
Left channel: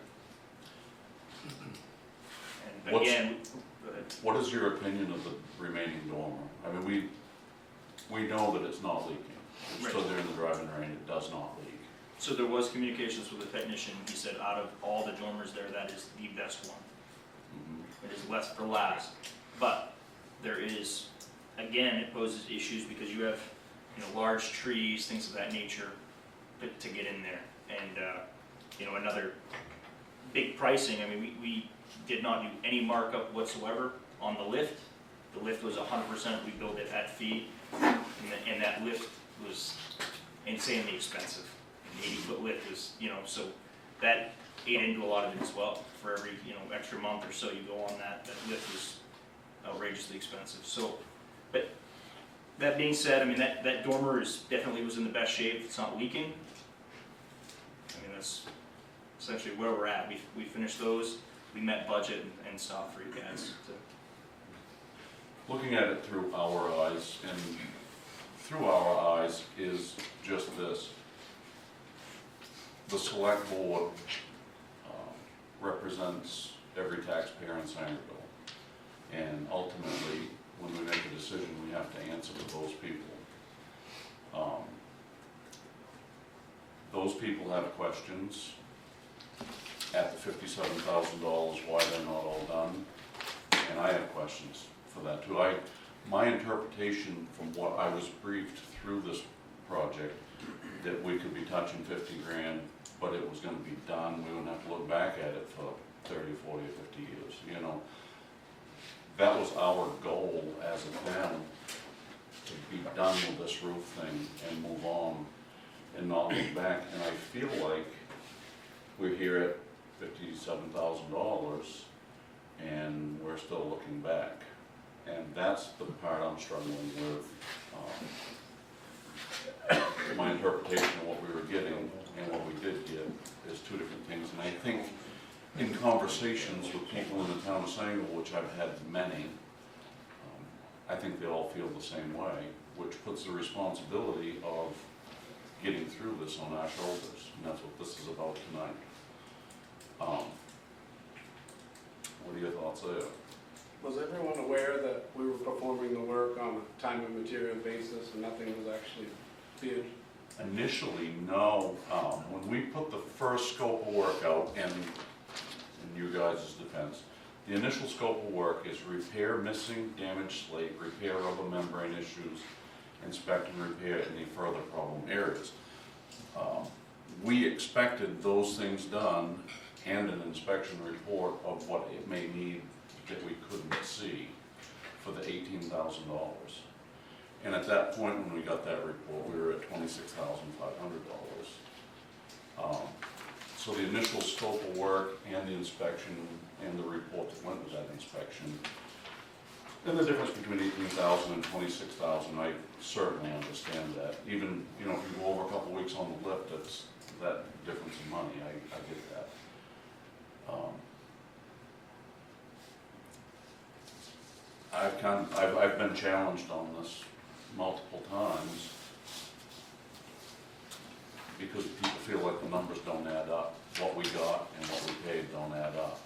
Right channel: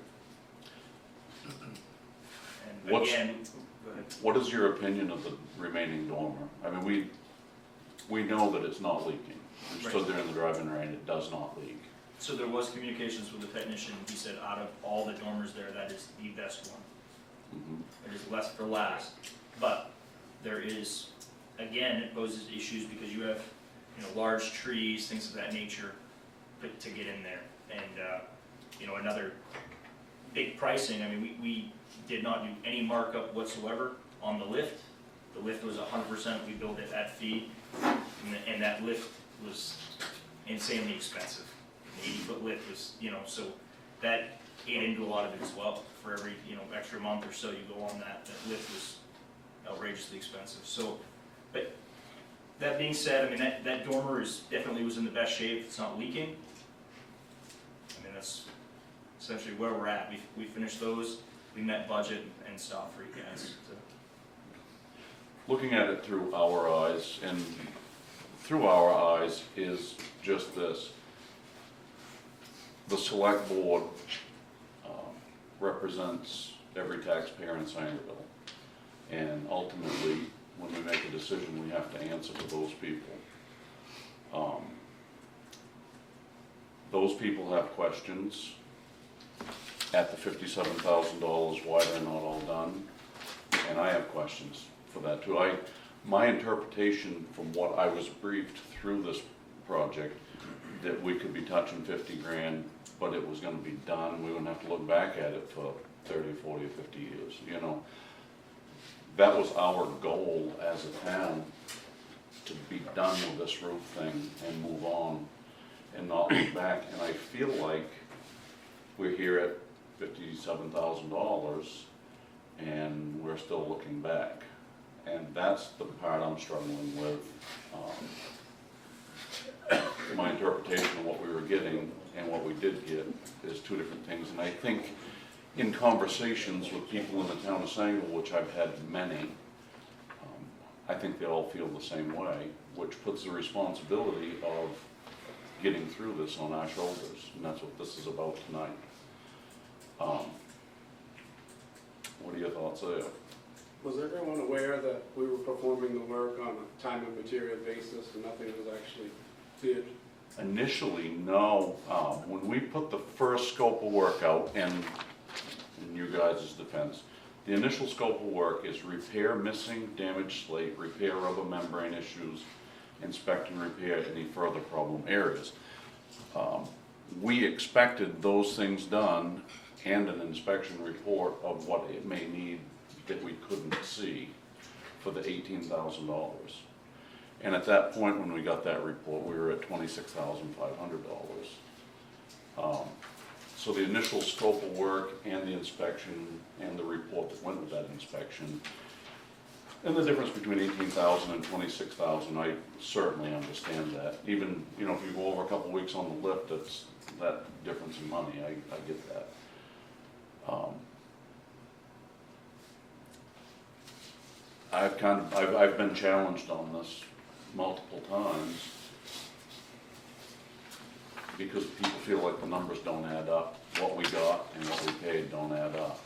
And What's- again, go ahead. What is your opinion of the remaining dormer? I mean, we know that it's not leaking. We stood there in the driving rain, it does not leak. So there was communications with the technician, he said out of all the dormers there, that is the best one. Mhm. It is less for last, but there is, again, it poses issues because you have, large trees, things of that nature, but to get in there. And, another big pricing, I mean, we did not do any markup whatsoever on the lift. The lift was 100%, we built it at fee, and that lift was insanely expensive. 80-foot lift was, so that ate into a lot of it as well. For every, extra month or so you go on that lift was outrageously expensive. So, but that being said, I mean, that dormer definitely was in the best shape, it's not leaking. I mean, that's essentially where we're at. We finished those, we met budget and stuff for you guys. Looking at it through our eyes, and through our eyes is just this. The select board represents every taxpayer in Sangerville. And ultimately, when we make a decision, we have to answer to those people. Those people have questions at the $57,000, why they're not all done. And I have questions for that too. My interpretation from what I was briefed through this project, that we could be touching 50 grand, but it was gonna be done, we wouldn't have to look back at it for 30, 40, or 50 years, That was our goal as a town, to be done with this roof thing and move on and not look back. And I feel like we're here at $57,000 and we're still looking back. And that's the part I'm struggling with. My interpretation of what we were getting and what we did get is two different things. And I think in conversations with people in the town of Sangerville, which I've had many, I think they all feel the same way, which puts the responsibility of getting through this on our shoulders. And that's what this is about tonight. What are your thoughts there? Was everyone aware that we were performing the work on a time and material basis and nothing was actually bid? Initially, no. When we put the first scope of work out, and in you guys' defense, the initial scope of work is repair missing, damaged slate, repair rubber membrane issues, inspect and repair any further problem areas. We expected those things done and an inspection report of what it may need that we couldn't see for the $18,000. And at that point, when we got that report, we were at $26,500. So the initial scope of work and the inspection and the report that went with that inspection, and the difference between $18,000 and $26,000, I certainly understand that. Even, if you go over a couple of weeks on the lift, it's that difference in money, I get that. I've been challenged on this multiple times because people feel like the numbers don't add up. What we got and what we paid don't add up.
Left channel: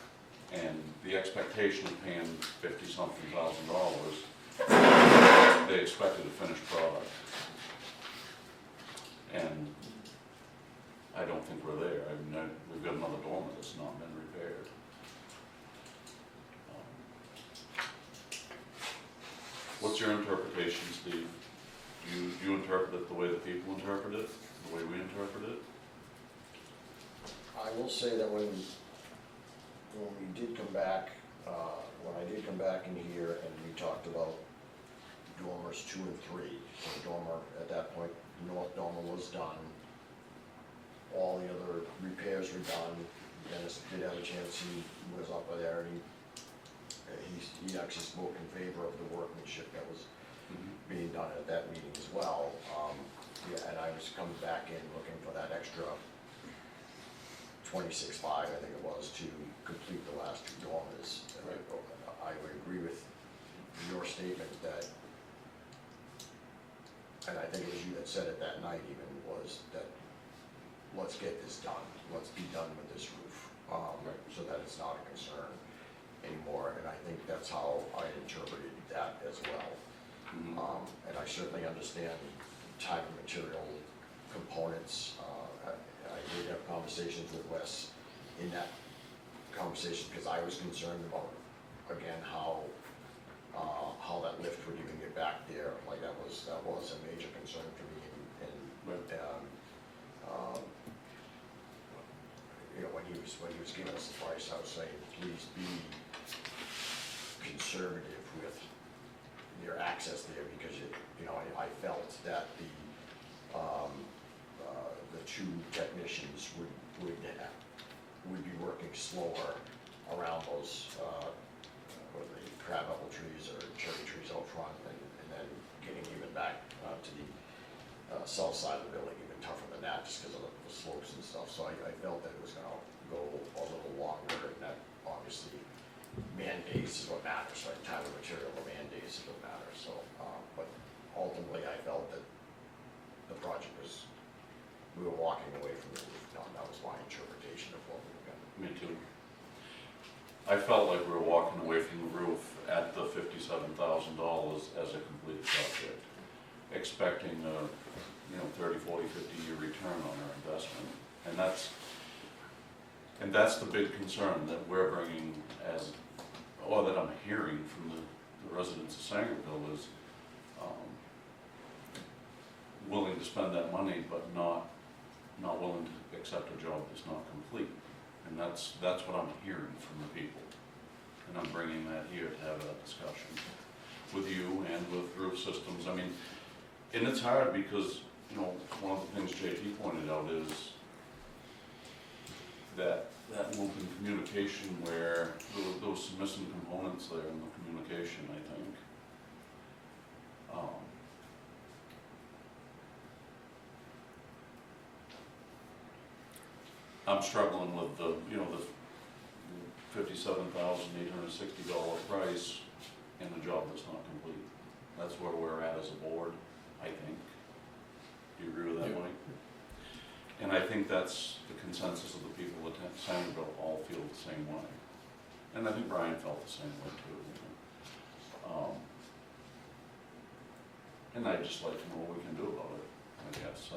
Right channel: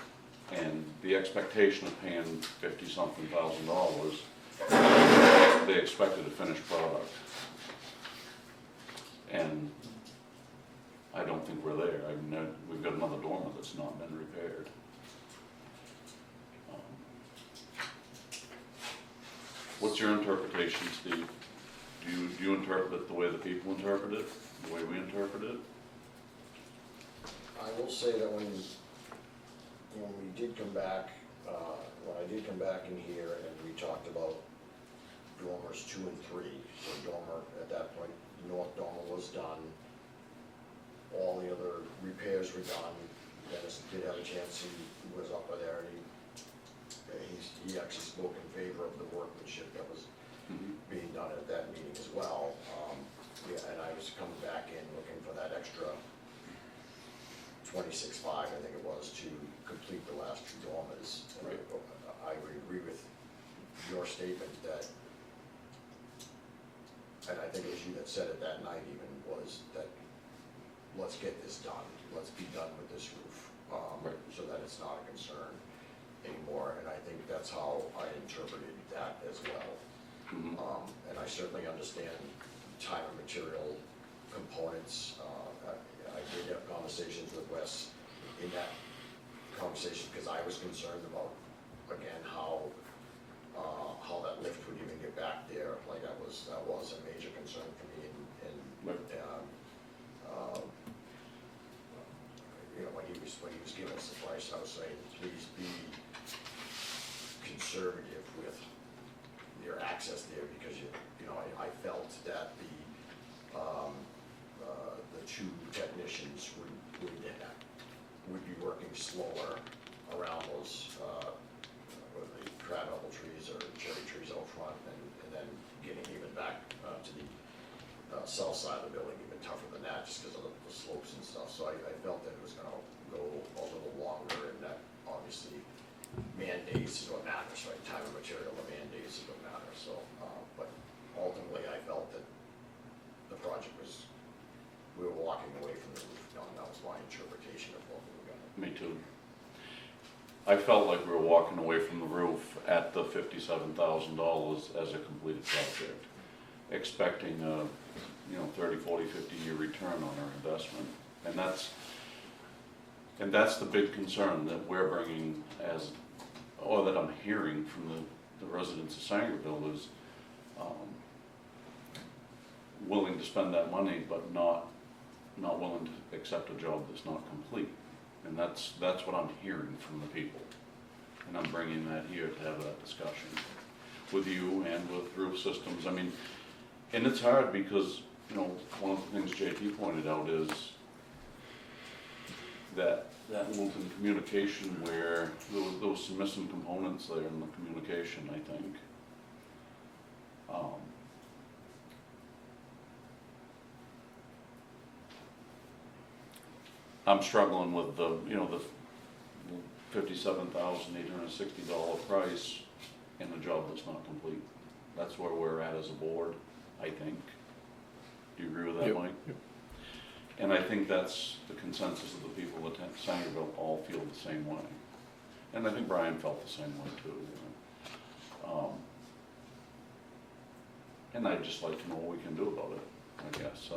And the expectation of paying $50-something thousand, they expected a finished product. And I don't think we're there. I mean, we've got another dormer that's not been repaired. What's your interpretation, Steve? Do you interpret it the way the people interpret it, the way we interpret it? I will say that when when we did come back, when I did come back in here and we talked about dormers 2 and 3, so dormer, at that point, north dormer was done. All the other repairs were done. Dennis did have a chance, he was up there, and he actually spoke in favor of the workmanship that was being done at that meeting as well. Yeah, and I was coming back in looking for that extra 26.5, I think it was, to complete the last 2 dormers. Right. I would agree with your statement that, and I think it was you that said it that night even, was that let's get this done, let's be done with this roof, so that it's not a concern anymore, and I think that's how I interpreted that as well. And I certainly understand time and material components. I did have conversations with Wes in that conversation, because I was concerned about, again, how that lift would even get back there. Like, that was a major concern for me, and you know, when he was giving us the price, I was saying, please be conservative with your access there, because you know, I felt that the 2 technicians would be working slower around those whether they crab apple trees or cherry trees out front, and then getting even back to the south side of the building even tougher than that, just because of the slopes and stuff. So I felt that it was gonna go a little longer, and that obviously man days is what matters, right? Time and material, or man days is what matters. So, but ultimately, I felt that the project was, we were walking away from the roof done. That was my interpretation of what we were gonna. Me too. I felt like we were walking away from the roof at the $57,000 as a completed project, expecting a, 30, 40, 50-year return on our investment. And that's the big concern that we're bringing or that I'm hearing from the residents of Sangerville is willing to spend that money, but not willing to accept a job that's not complete. And that's what I'm hearing from the people. And I'm bringing that here to have that discussion with you and with Roof Systems. I mean, and it's hard because, one of the things JT pointed out is that loop in communication where there was some missing components there in the communication, I think. I'm struggling with the $57,860 price in a job that's not complete. That's where we're at as a board, I think. Do you agree with that, Yep. Mike? And I think that's the consensus of the people at Sangerville all feel the same way. And I think Brian felt the same way too. And I'd just like to know what we can do about it, I guess.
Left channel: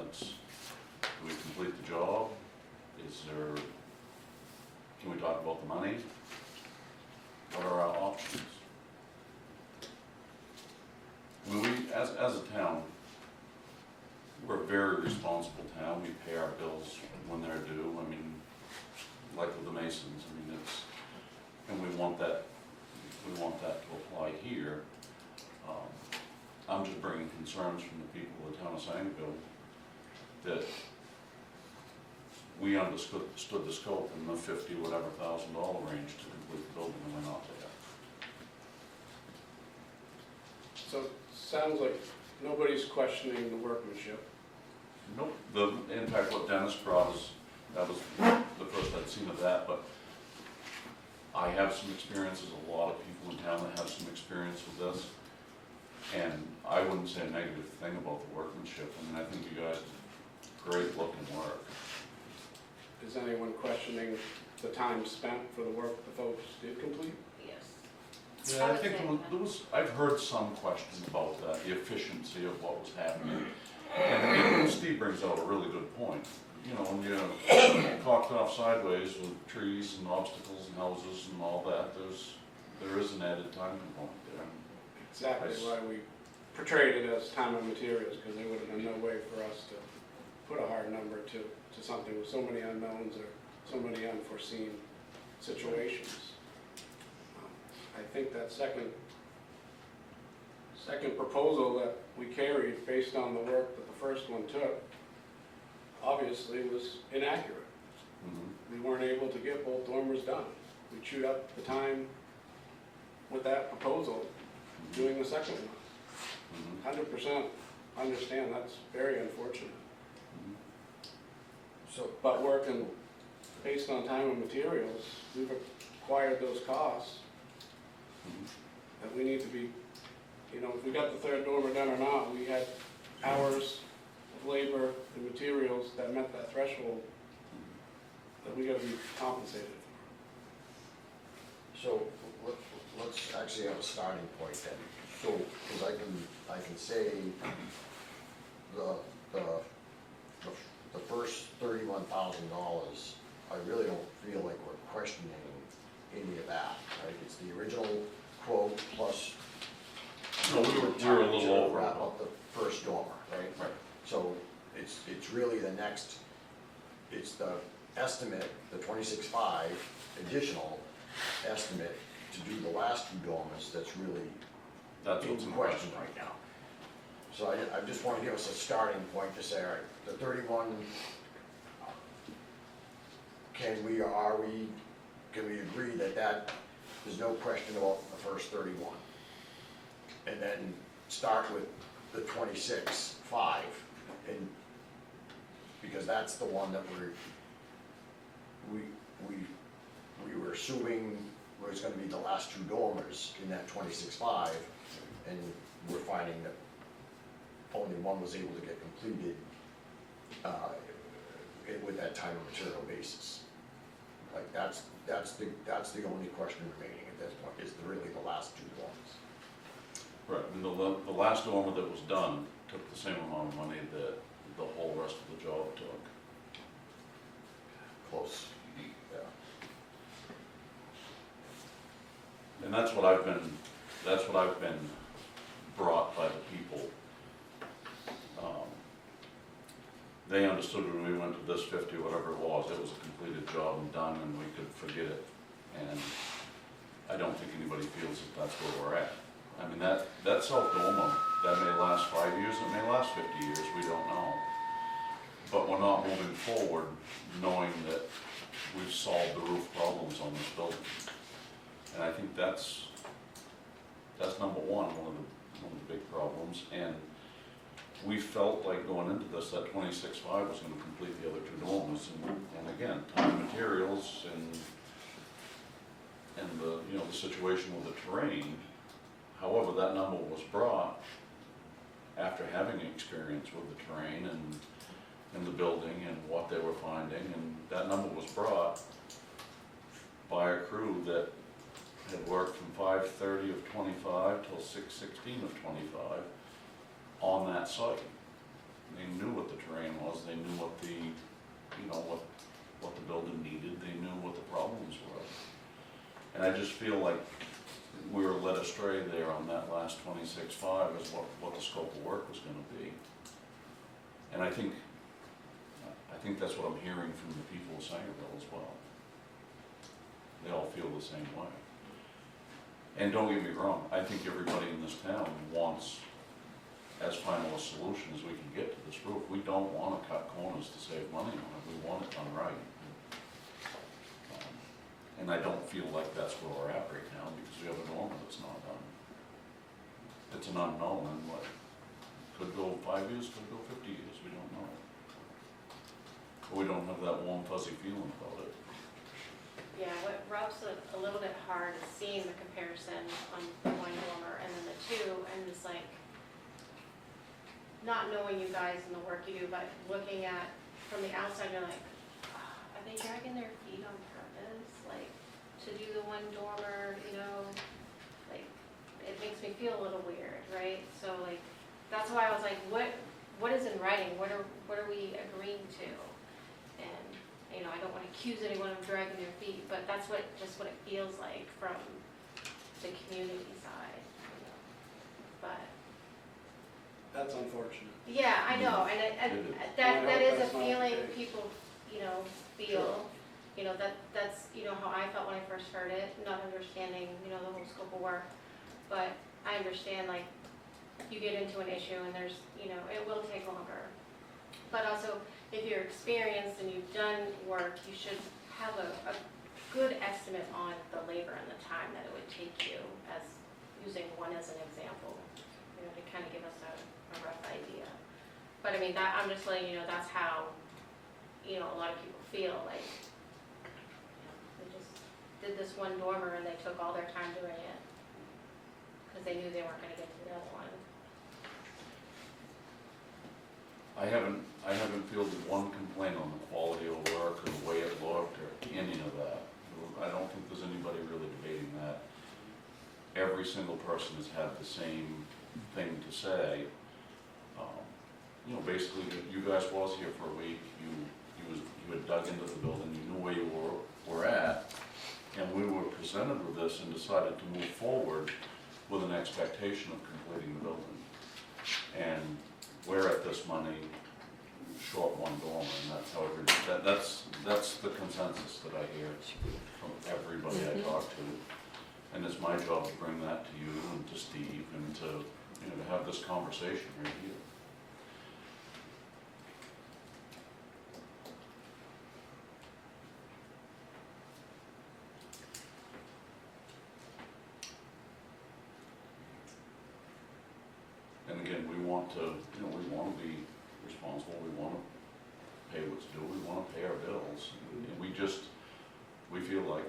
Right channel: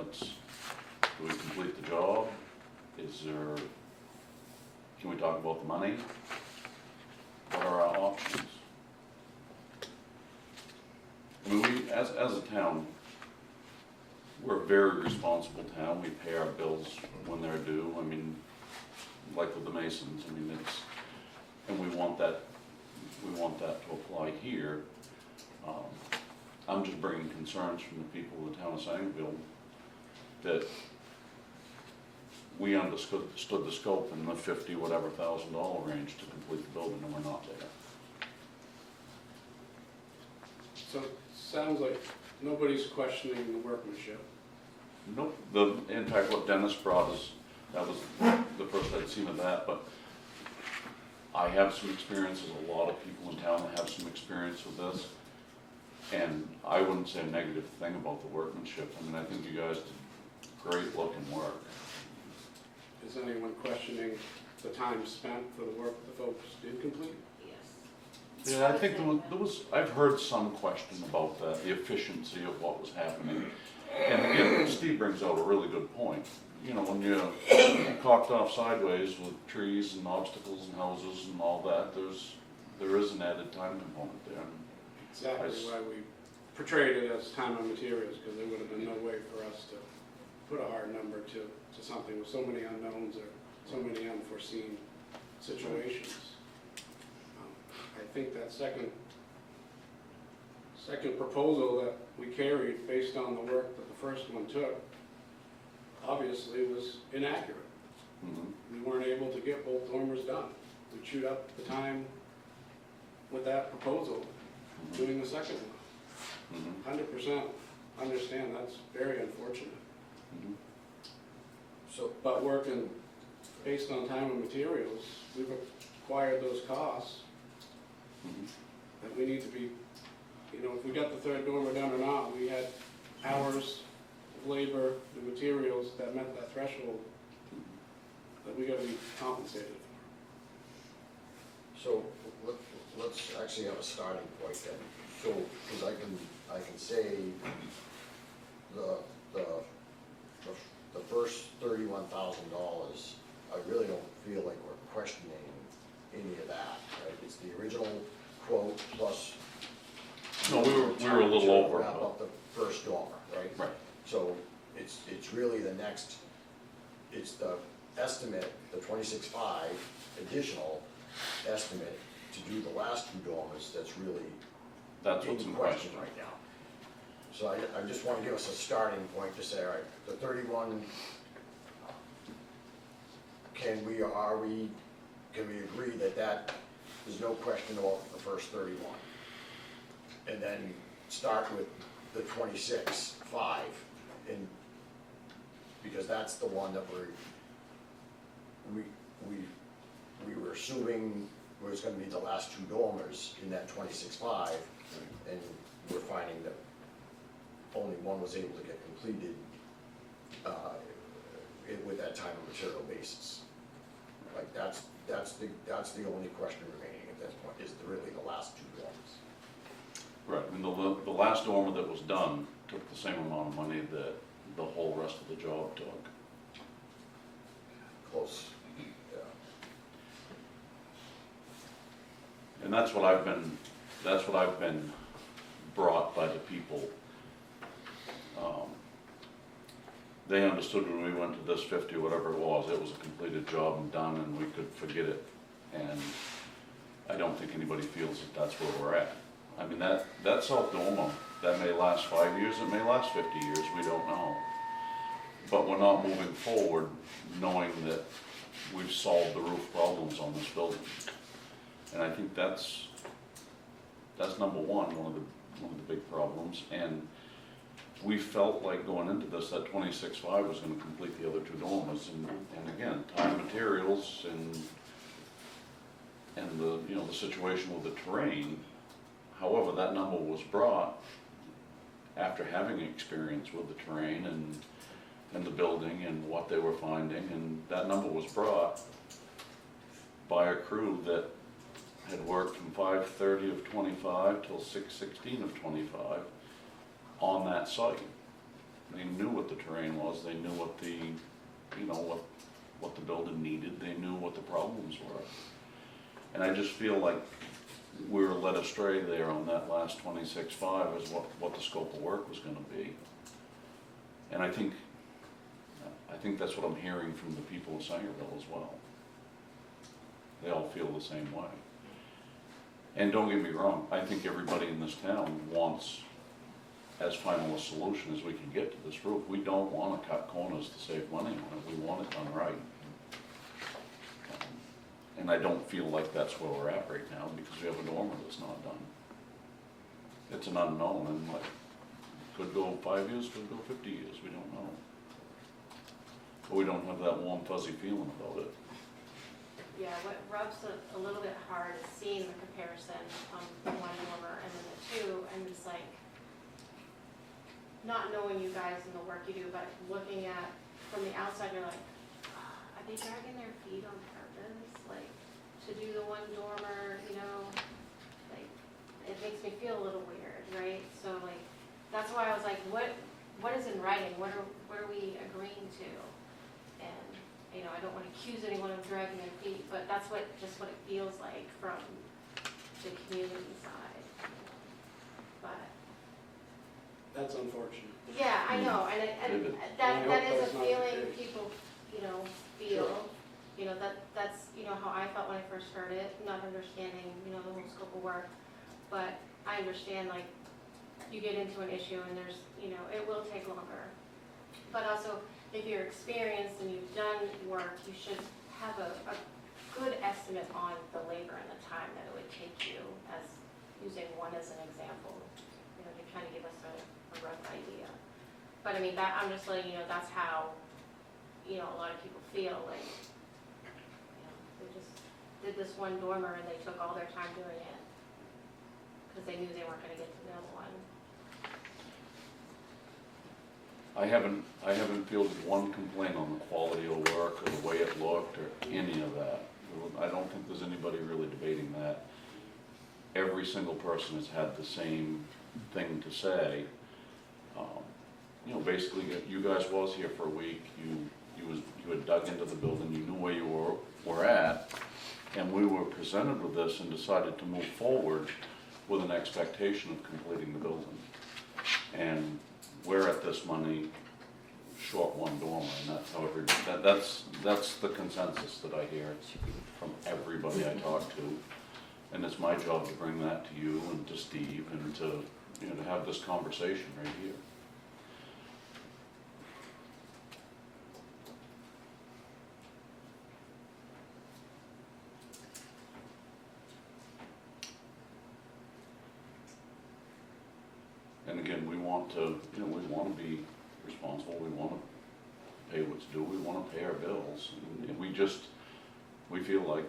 Do we complete the job? Can we talk about the money? What are our options? I mean, as a town, we're a very responsible town. We pay our bills when they're due. I mean, like with the Masons, I mean, and we want that to apply here. I'm just bringing concerns from the people of the town of Sangerville that we understood the scope in the $50,000 range to complete the building, and we're not there. So it sounds like nobody's questioning the workmanship. Nope. In fact, what Dennis brought us, that was the first I'd seen of that, but I have some experience, there's a lot of people in town that have some experience with this, and I wouldn't say a negative thing about the workmanship. I mean, I think you guys did great looking work. Is anyone questioning the time spent for the work the folks did complete? Yes. Yeah, I think I've heard some question about that, the efficiency of what was happening. And again, Steve brings out a really good point. When you're cocked off sideways with trees and obstacles and houses and all that, there is an added time component there. Exactly why we portrayed it as time and materials, because there would have been no way for us to put a hard number to something with so many unknowns or so many unforeseen situations. I think that second proposal that we carried, based on the work that the first one took, obviously was inaccurate. Mhm. We weren't able to get both dormers done. We chewed up the time with that proposal, doing the second one. Mhm. 100% understand, that's very unfortunate. Mhm. So, But working based on time and materials, we've acquired those costs Mhm. that we need to be, if we got the third dormer done or not, we had hours of labor and materials that met that threshold that we gotta be compensated for. so let's actually have a starting point then. So, because I can say the first $31,000, I really don't feel like we're questioning any of that, right? It's the original quote plus. No, we were a little over. Wrap up the first dormer, right? Right. So it's really the next, it's the estimate, the 26.5 additional estimate to do the last two dormers that's really That's what's in question. right now. So I just want to give us a starting point to say, all right, the 31, can we agree that there's no question about the first 31? And then start with the 26.5, and, because that's the one that we were assuming was gonna be the last two dormers in that 26.5, and we're finding that only one was able to get completed, with that time and material basis. Like, that's the only question remaining at this point, is really the last two dormers. Right, I mean, the last dormer that was done took the same amount of money that the whole rest of the job took. Close, yeah. And that's what I've been brought by the people. They understood when we went to this 50, whatever it was a completed job and done, and we could forget it. And I don't think anybody feels that that's where we're at. I mean, that South dormer, that may last 5 years, it may last 50 years, we don't know. But we're not moving forward knowing that we've solved the roof problems on this building. And I think that's number one of the big problems. And we felt like going into this, that 26.5 was gonna complete the other two dormers. And again, time and materials and the situation with the terrain. However, that number was brought after having experience with the terrain and the building and what they were finding, and that number was brought by a crew that had worked from 5:30 of 25 till 6:16 of 25 on that site. They knew what the terrain was, they knew what the building needed, they knew what the problems were. And I just feel like we were led astray there on that last 26.5 is what the scope of work was gonna be. And I think that's what I'm hearing from the people of Sangerville as well. They all feel the same way. And don't get me wrong, I think everybody in this town wants as final a solution as we can get to this roof. We don't wanna cut corners to save money on it, we want it done right. And I don't feel like that's where we're at right now, because we have a dormer that's not done. It's an unknown, and what, could go 5 years, could go 50 years, we don't know. But we don't have that warm fuzzy feeling about it. Yeah, what rubs a little bit hard is seeing the comparison on the one dormer and then the two, and it's like, not knowing you guys and the work you do, but looking at, from the outside, you're like, are they dragging their feet on purpose? Like, to do the one dormer, like, it makes me feel a little weird, right? So like, that's why I was like, what is in writing? What are we agreeing to? And, I don't want to accuse anyone of dragging their feet, but that's just what it feels like from the community side, But, That's unfortunate. yeah, I know, and David. that is a That's not the feeling case. people, feel, that's, how I I felt when I first heard it, not understanding, you know, the whole scope of work. But I understand, like, you get into an issue and there's, you know, it will take longer. But also, if you're experienced and you've done work, you should have a good estimate on the labor and the time that it would take you, as using one as an example, you know, to kind of give us a rough idea. But I mean, that, I'm just letting you know, that's how, you know, a lot of people feel, like, you know, they just did this one dormer and they took all their time doing it, because they knew they weren't gonna get to the other one. I haven't fielded one complaint on the quality of work or the way it looked or any of that. I don't think there's anybody really debating that. Every single person has had the same thing to say. You know, basically, you guys was here for a week, you had dug into the building, you knew where you were at, and we were presented with this and decided to move forward with an expectation of completing the building. And we're at this money short one dormer, and that's how that's the consensus that I hear from everybody I talk to. And it's my job to bring that to you and to Steve and to, you know, to have this conversation right here. And again, we want to, you know, we want to be responsible, we want to pay what's due, we want to pay our bills. And we feel like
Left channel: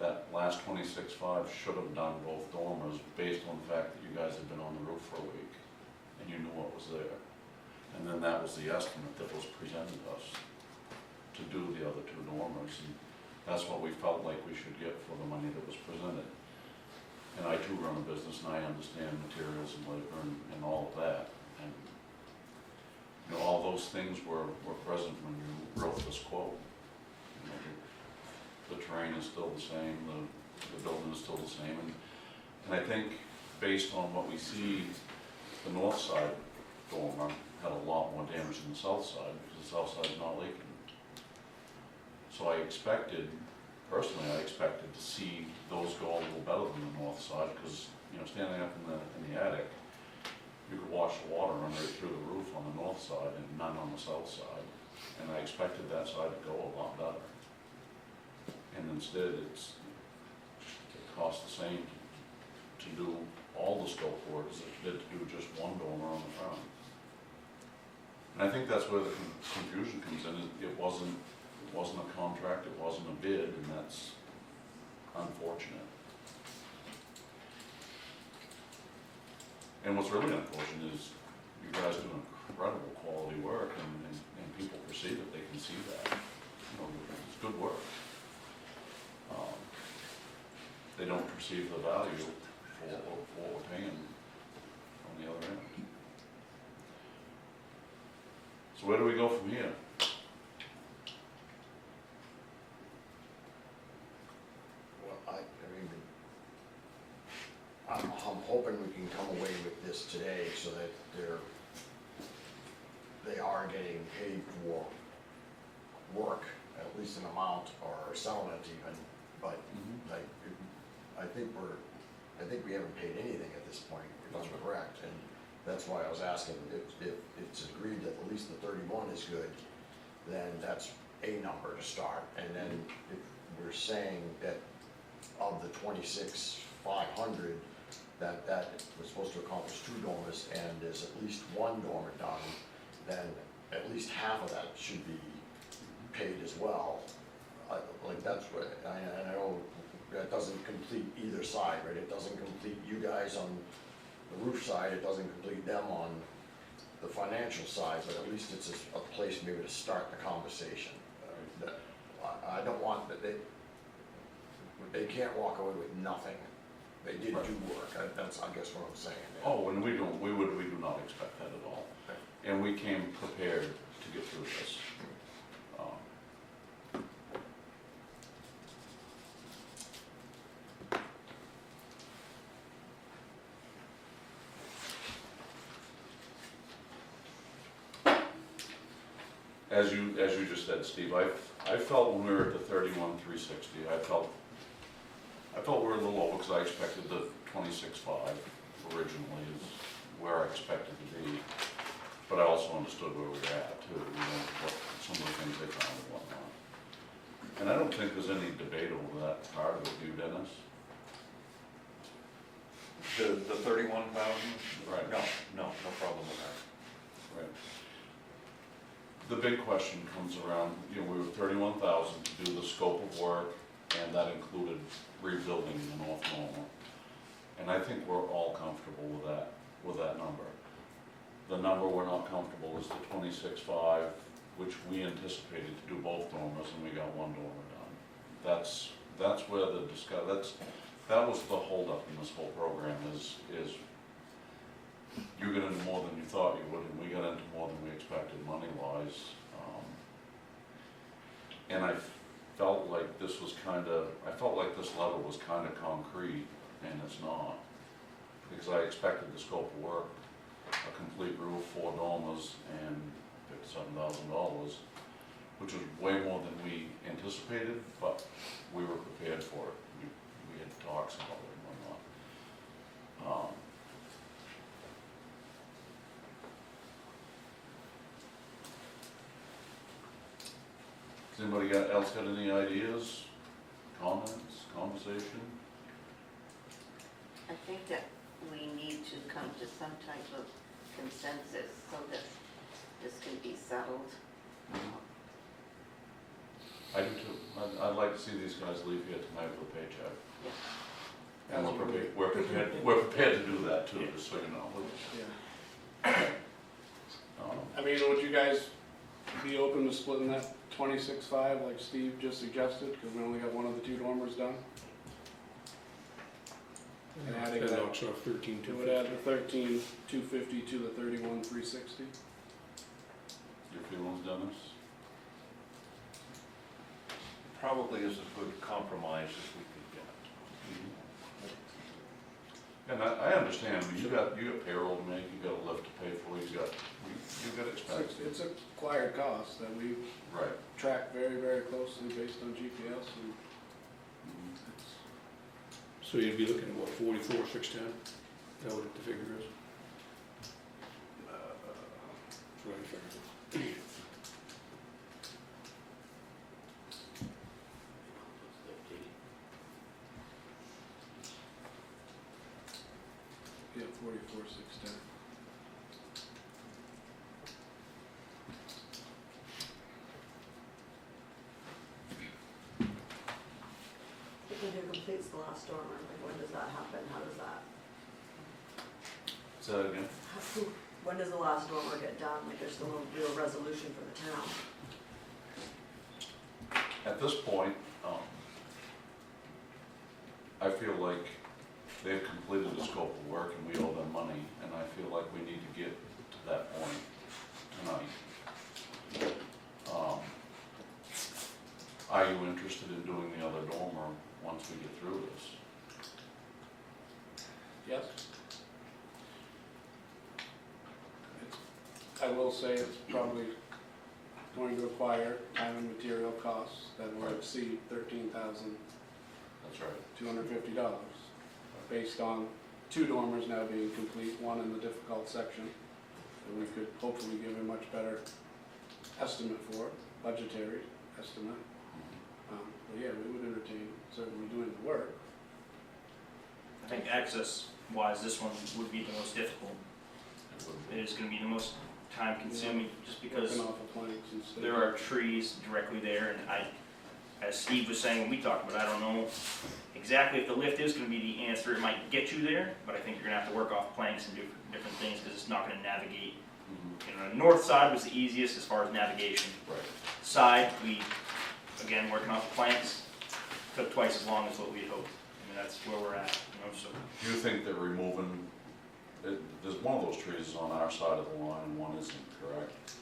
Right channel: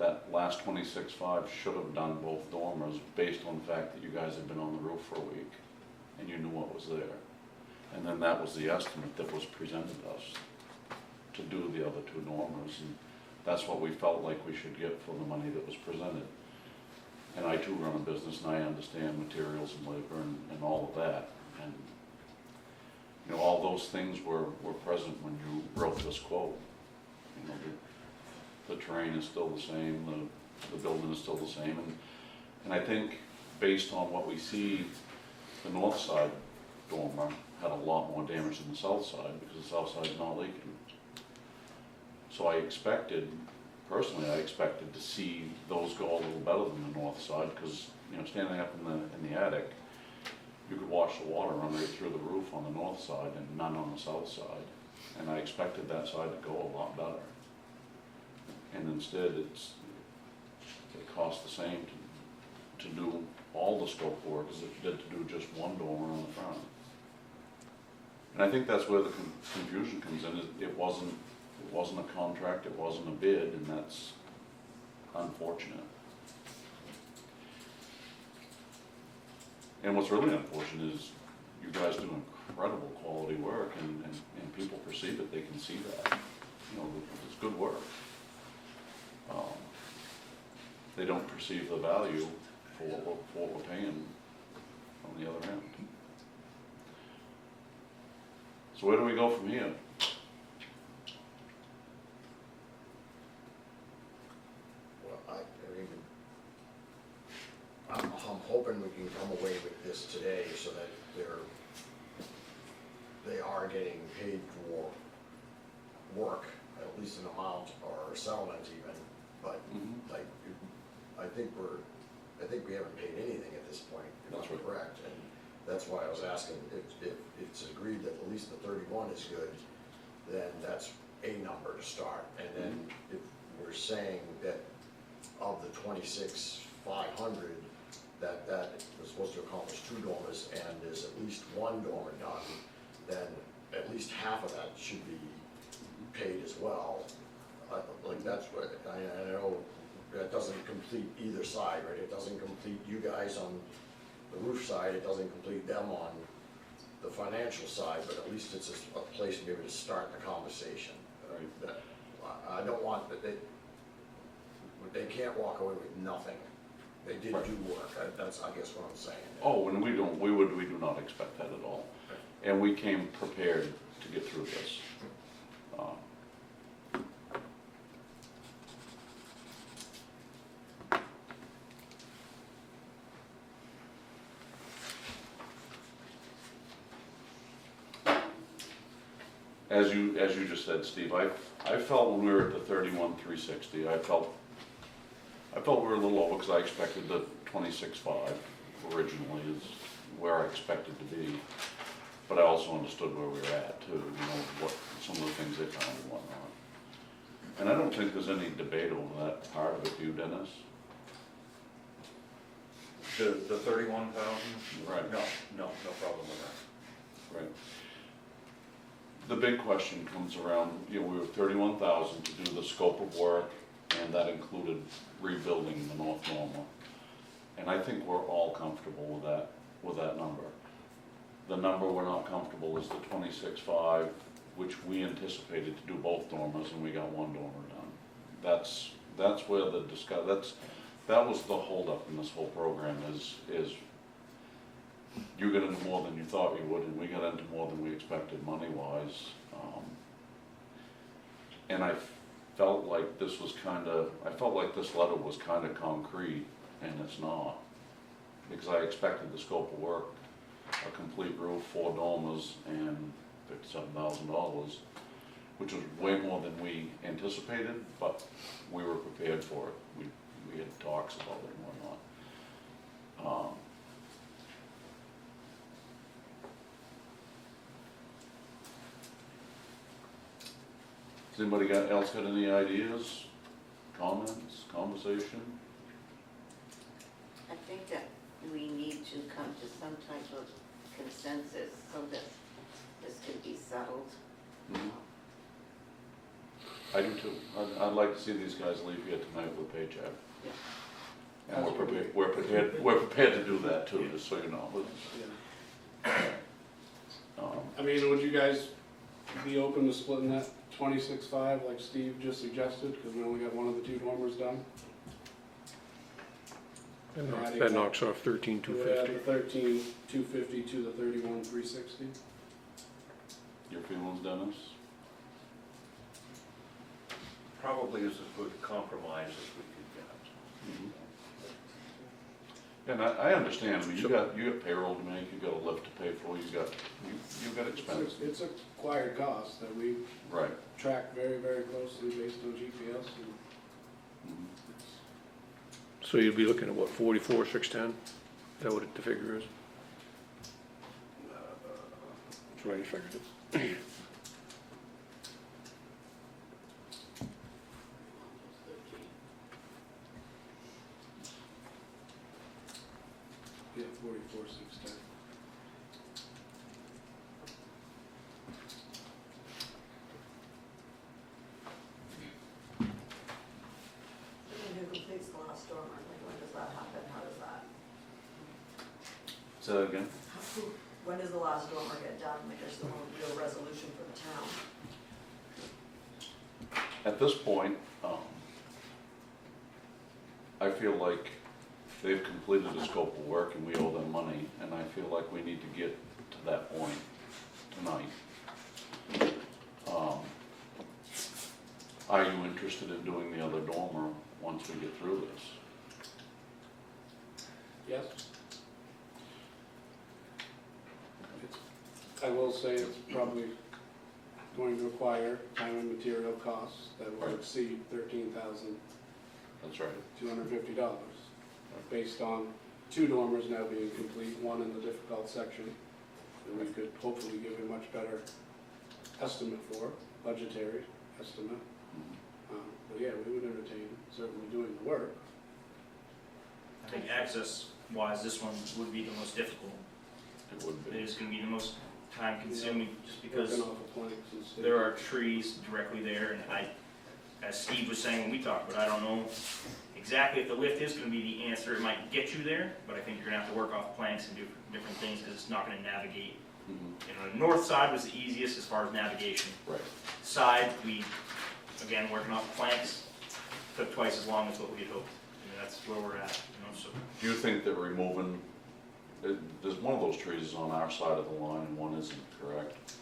that last 26.5 should have done both dormers based on the fact that you guys had been on the roof for a week and you knew what was there. And then that was the estimate that was presented to us to do the other two dormers. And that's what we felt like we should get for the money that was presented. And I too run a business and I understand materials and labor and all of that. And, you know, all those things were present when you wrote this quote. You know, the terrain is still the same, the building is still the same. And I think based on what we see, the north side dormer had a lot more damage than the south side because the south side's not leaking. So I expected to see those go a little better than the north side, because, you know, standing up in the attic, you could watch the water run right through the roof on the north side and none on the south side. And I expected that side to go a lot better. And instead, it cost the same to do all the scope work as if it did to do just one dormer on the front. And I think that's where the confusion comes in. It wasn't a contract, it wasn't a bid, and that's unfortunate. And what's really unfortunate is you guys do incredible quality work, and people perceive it, they can see that. You know, it's good work. They don't perceive the value for what we're paying on the other end. So where do we go from here? Well, I'm hoping we can come away with this today so that they are getting paid for work, at least an amount or a settlement even, but I think we haven't paid anything at this point, if That's I'm right. correct. And that's why I was asking, if it's agreed that at least the 31 is good, then that's a number to start. And then if we're saying that of the 26,500, that was supposed to accomplish 2 dormers and there's at least 1 dormer done, then at least half of that should be paid as well. Like that's what, I know that doesn't complete either side, right? It doesn't complete you guys on the roof side, it doesn't complete them on the financial side, but at least it's a place to be able to start the conversation. I don't want, they can't walk away with nothing. They did do work, that's, I guess what I'm saying. Oh, and we do not expect that at all. And we came prepared to get through this. As you just said, Steve, I felt when we were at the 31,360, I felt we were a little over, because I expected the 26.5 originally is where I expected to be. But I also understood where we were at too, what, some of the things they found and whatnot. And I don't think there's any debate over that part of it, you, Dennis? The 31,000? Right. No problem with that. Right. The big question comes around, we were 31,000 to do the scope of work, and that included rebuilding the North Normal. And I think we're all comfortable with that number. The number we're not comfortable is the 26.5, which we anticipated to do both dormers, and we got one dormer done. That's where that was the holdup in this whole program is you got into more than you thought you would, and we got into more than we expected money-wise. And I felt like this letter was kind of concrete, and it's not. Because I expected the scope of work, a complete roof, 4 dormers, and $57,000, which was way more than we anticipated, but we were prepared for it. We had talks about it and whatnot. Has anybody else got any ideas, comments, conversation? I think that we need to come to some type of consensus so that this can be settled. I do too. I'd like to see these guys leave here tonight with a paycheck. Yeah. And we're prepared to do that too, just so you know. Yeah. Um, I mean, would you guys be open to splitting that 26.5 like Steve just suggested, because we only got one of the 2 dormers done? That knocks off 13,250. Do it at the 13,250 to the 31,360. Your feelings, Dennis? Probably is as good compromise as we could get. And I understand, I mean, you got payroll to make, you got a lift to pay for, you got expenses. It's a acquired cost that we Right. track very, very closely based on GPS, and Mhm. So you'd be looking at what, 44,610? Is that what the figure is? That's what I figured. yeah, 44,610. And who completes the last dormer, like when does that happen, how does that? Say that again? When does the last dormer get done, like there's no real resolution for the town? At this point, I feel like they've completed the scope of work and we owe them money, and I feel like we need to get to that point tonight. Are you interested in doing the other dormer once we get through this? Yes. I will say it's probably going to require time and material costs that will Right. exceed $13,250, That's right. based on 2 dormers now being complete, one in the difficult section, that we could hopefully give a much better estimate for, budgetary estimate. But yeah, we would entertain certainly doing the work. I think access wise, this one would be the most difficult. It would It be. is gonna be the most time consuming, just because Working off of planks and stakes. there are trees directly there, and as Steve was saying when we talked about it, I don't know exactly if the lift is gonna be the answer, it might get you there, but I think you're gonna have to work off planks and do different things, because it's not gonna navigate. Mhm. The north side was the easiest as far as navigation. Right. Side, we, again, working off planks, took twice as long as what we had hoped, and that's where we're at, so. Do you think that removing, there's one of those trees is on our side of the line and one isn't, correct?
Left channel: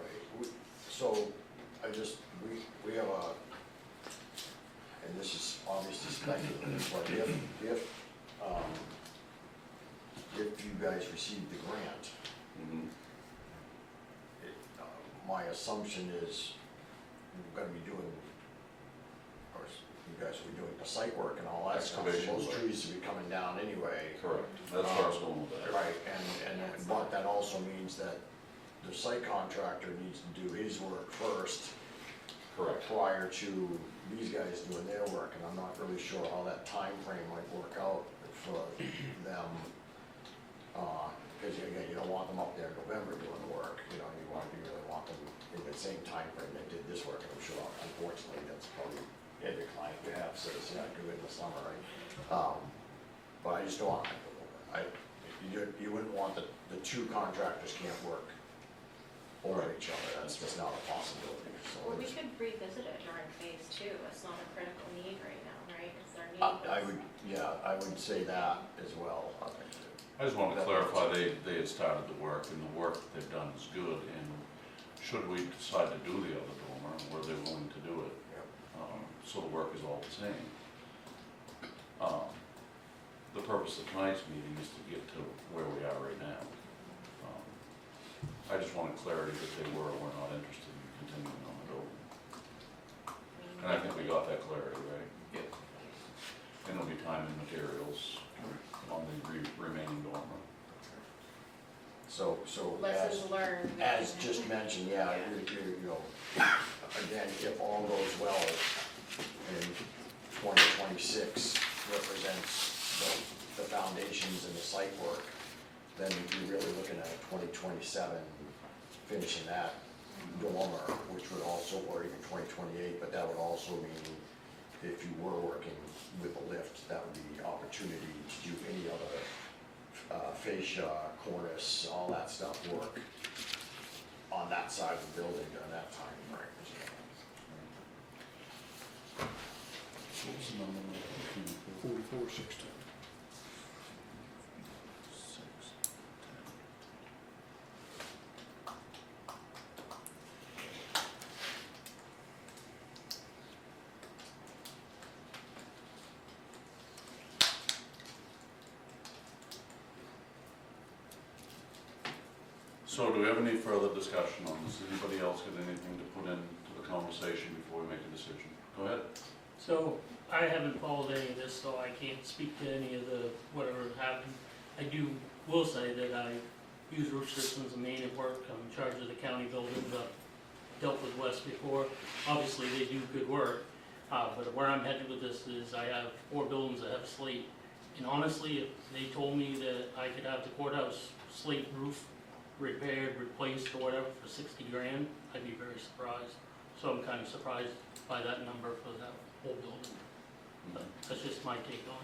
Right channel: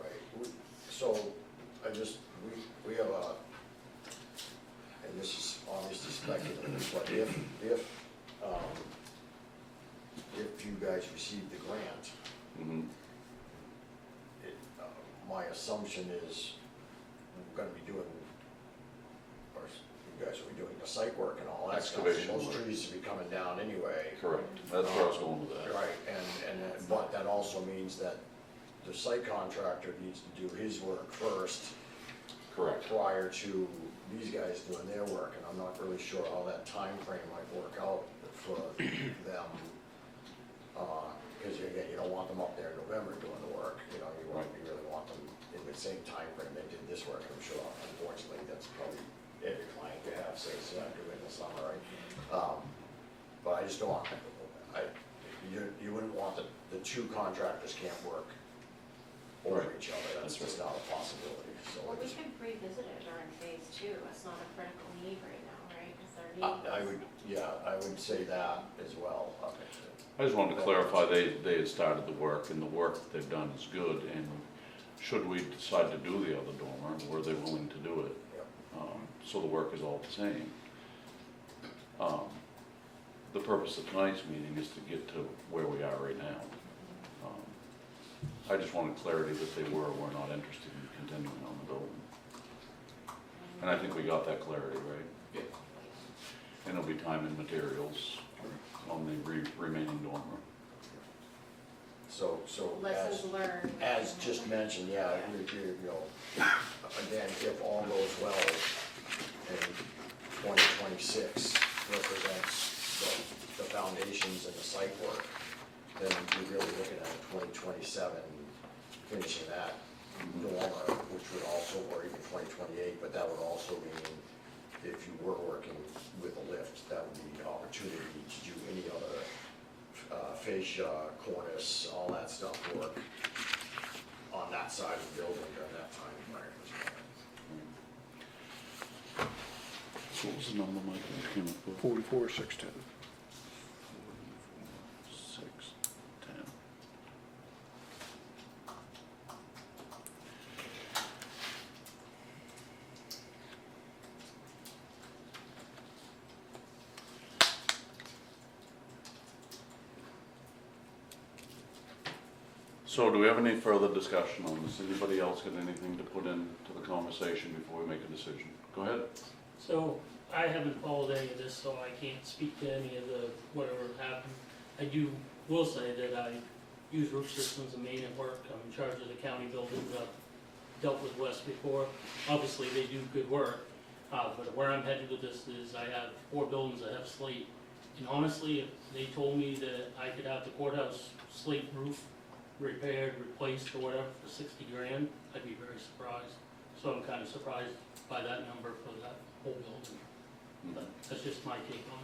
Right, so, we have and this is obviously speculative, but if you guys receive the grant, Mm-hmm. my assumption is gonna be doing, of course, you guys will be doing the site work and all that stuff. Excavation So those work. trees will be coming down anyway. Correct, that's where I was going with that. Right, but that also means that the site contractor needs to do his work first. Correct. Prior to these guys doing their work, and I'm not really sure how that time frame might work out for them. Cause again, you don't want them up there in November doing the work, you know, you really want them in the same time frame they did this work, and I'm sure unfortunately, that's probably every client they have says, yeah, do it in the summer, right? But I just don't want, you wouldn't want the two contractors can't work over each other, that's just not a possibility, so. Well, we it's- could revisit it during phase two, it's not a critical need right now, right? Because they're I needing. would, I would say that as well. I just wanted to clarify, they had started the work, and the work that they've done is good, and should we decide to do the other dormer, were they willing to do it? Yep. So the work is all the same. The purpose of tonight's meeting is to get to where we are right now. I just wanted clarity that they were or were not interested in continuing on the building, and I think we got that clarity, right? Yeah. And there'll be time and materials on the remaining dormer. So Lessons learned. as just mentioned, yeah, you know, again, if all goes well in 2026 represents the foundations and the site work, then you're really looking at 2027 finishing that dormer, which would also, or even 2028, but that would also mean if you were working with a lift, that would be the opportunity to do any other fascia, cornice, all that stuff work on that side of the building during that time frame as well. So what was the number, Mike, that came up with? 44,610. 610. So do we have any further discussion on this? Anybody else got anything to put into the conversation before we make a decision? Go ahead. So, I haven't followed any of this, so I can't speak to any of the, whatever happened. I will say that I use Roof Systems and Main at work, I'm in charge of the county buildings, I've dealt with West before. Obviously, they do good work, but where I'm headed with this is I have 4 buildings that have slate. And honestly, if they told me that I could have the courthouse slate roof repaired, replaced, or whatever for 60 grand, I'd be very surprised. So I'm kind of surprised by that number for that whole building. But that's just my take on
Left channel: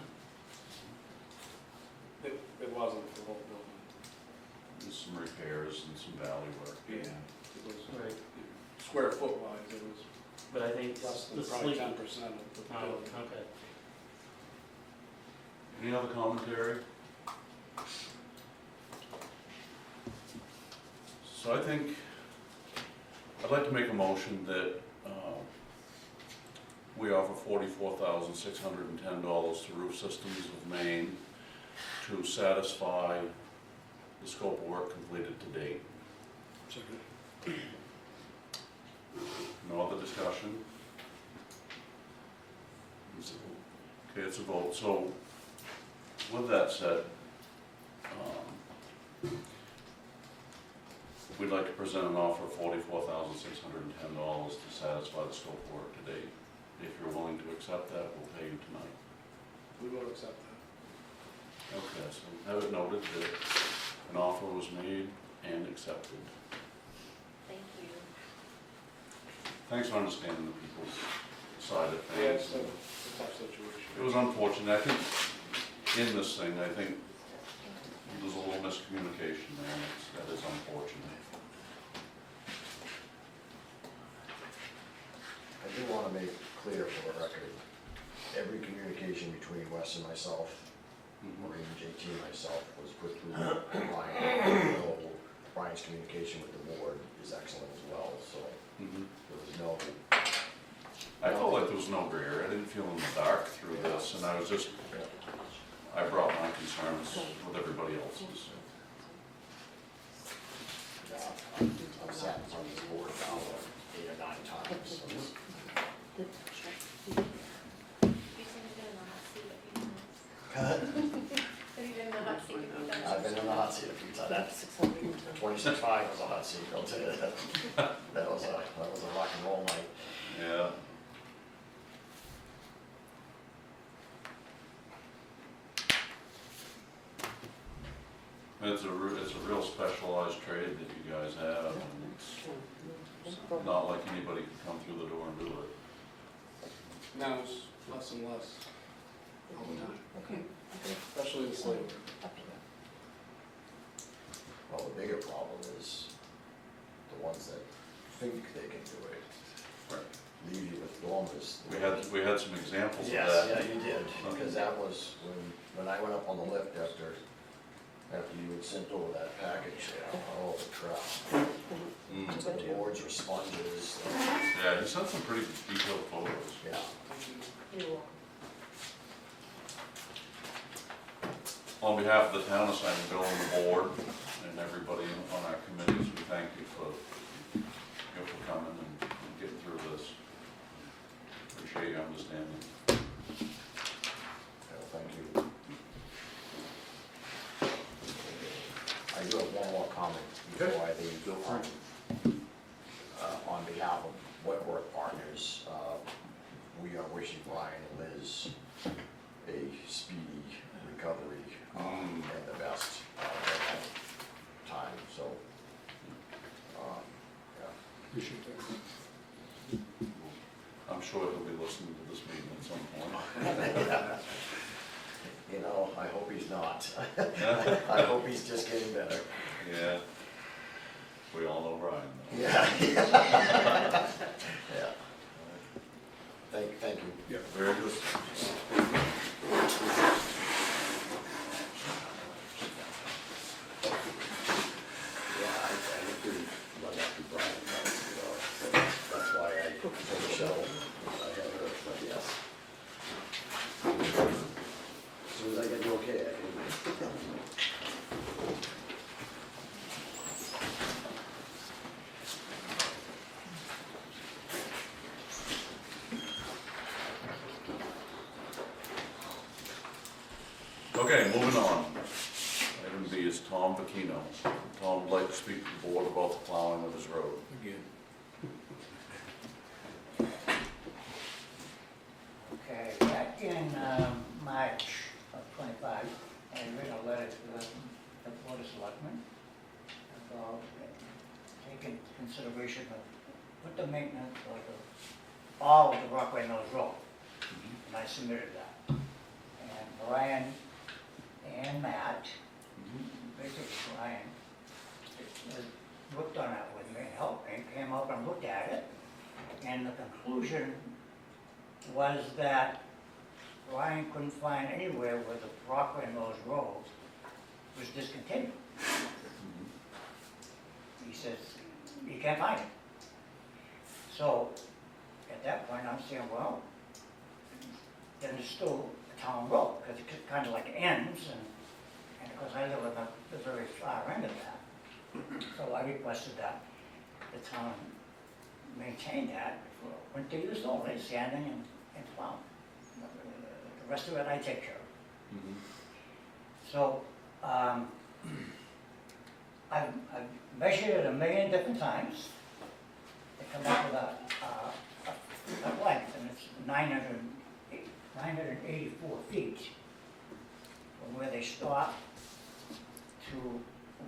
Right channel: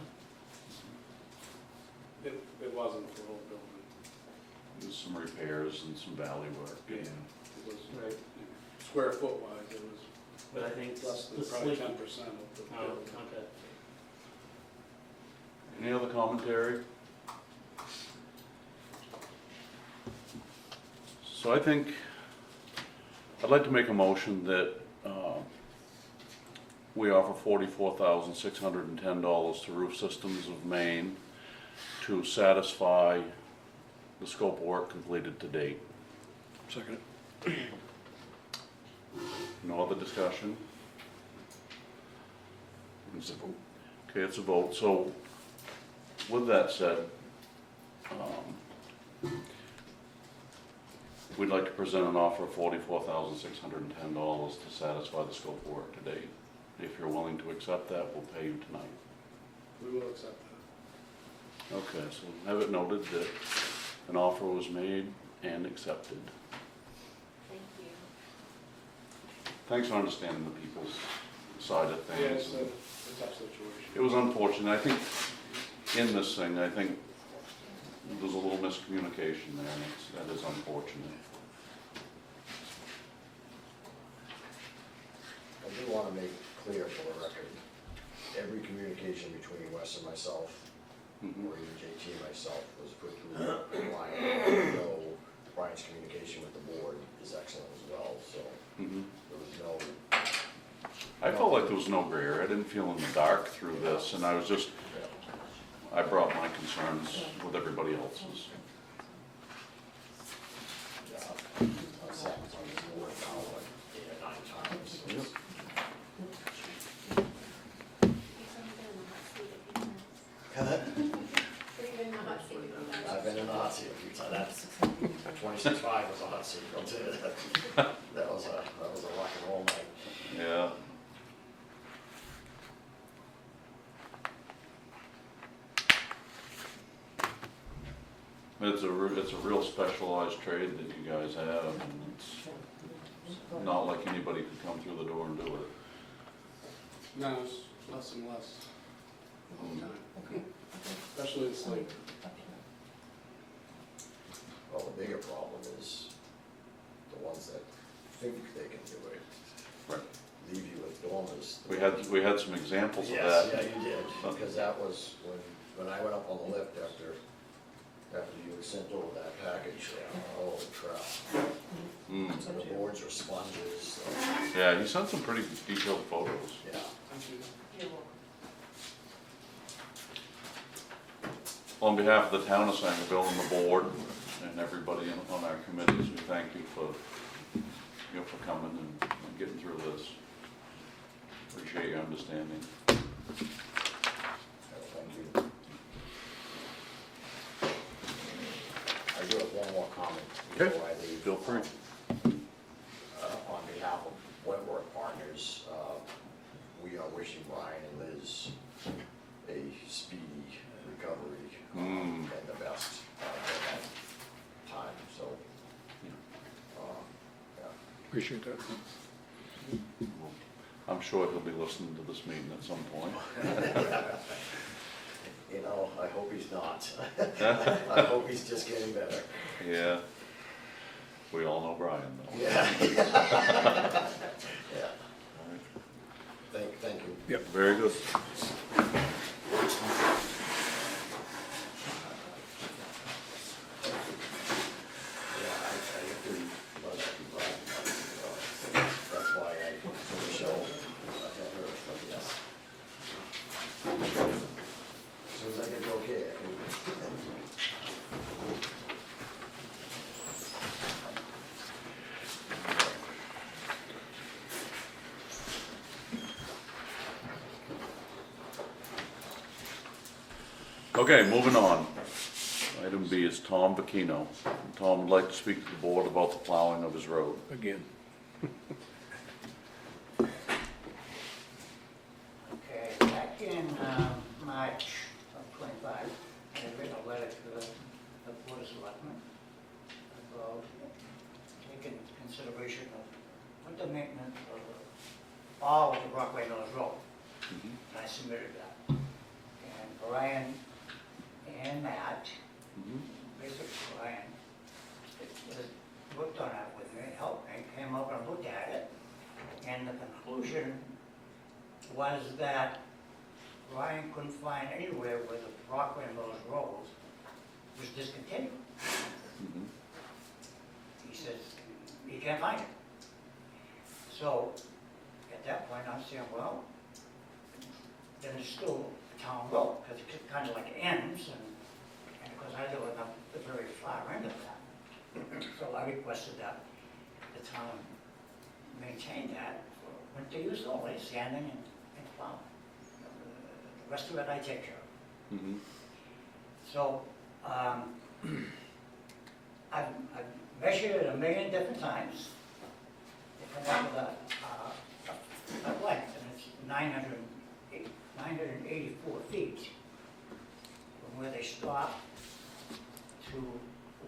it. It wasn't the whole building. There's some repairs and some valley work. Yeah. It was, Right. square foot wise, it was But I think less the than probably slate. 10% of the Oh, building. okay. Any other commentary? So I think, I'd like to make a motion that we offer $44,610 to Roof Systems of Maine to satisfy the scope of work completed to date. Second. No other discussion? Okay, it's a vote. So with that said, we'd like to present an offer of $44,610 to satisfy the scope of work to date. If you're willing to accept that, we'll pay you tonight. We will accept that. Okay, so have it noted that an offer was made and accepted. Thank you. Thanks for understanding the people's side of Yeah, things. it's a tough situation. It was unfortunate. I think in this thing, I think there's a little miscommunication there, and that is unfortunate. I do want to make clear for the record, every communication between Wes and myself, Mhm. or even JT and myself, was put through Brian. No, Brian's communication with the board is excellent as well, so Mhm. there was no, I felt like there was no gray area. I didn't feel in the dark through this, and I was just, I brought my concerns with everybody else's. I've sat in front of this board now like 8 or 9 times, so it's hot seat a few times. 26 fine was a hot seat, I'll tell you that. That was a rock and roll night. Yeah. It's a real specialized trade that you guys have, and it's not like anybody can come through the door and do it. Now it's less and less all the time, especially in slavery. Well, the bigger problem is the ones that think they can do it. Right. Leave you with dormers. We had some examples of Yes, that. yeah, you did, because that was when I went up on the lift after you had sent over that package there, oh crap. Mm. The boards are sponges, Yeah, he sent some pretty detailed photos. yeah. Well, on behalf of the town of Sangerville and the board and everybody on our committees, we thank you for coming and getting through this. Appreciate your understanding. Yeah, thank you. I do have one more comment before I leave. Feel free. On behalf of Wentworth Partners, we are wishing Brian and Liz a speedy recovery and the best at that time, so. Yeah. Appreciate that. I'm sure he'll be listening to this meeting at some point. You know, I hope he's not. I hope he's just getting better. Yeah. We all know Brian, though. Yeah. Yeah. Thank you. Very good. Yeah, I have to run back to Brian, that's why I told Michelle I had her, but yes. As soon as I get the okay, I can. Okay, moving on. Item B is Tom Bacchino. Tom would like to speak to the board about the plowing of his road. Again. Okay, back in March of '25, I wrote a letter to the Board of Selectmen about taking consideration of winter maintenance of all of the Rockaway Mills Road, and I submitted that. And Brian and Matt, basically Brian, looked on it with me, helped me, came up and looked at it, and the conclusion was that Brian couldn't find anywhere where the Brockway Mills Road was discontinued. He says, you can't find it. So, at that point, I'm saying, well, then it's still a town road, because it kind of like ends, and because I live on the very far end of that. So I requested that the town maintain that for winter use only, sanding and plowing. The rest of it I take care of. So, I've measured it 1 million different times. They come up with a length, and it's 984 feet from where they stop to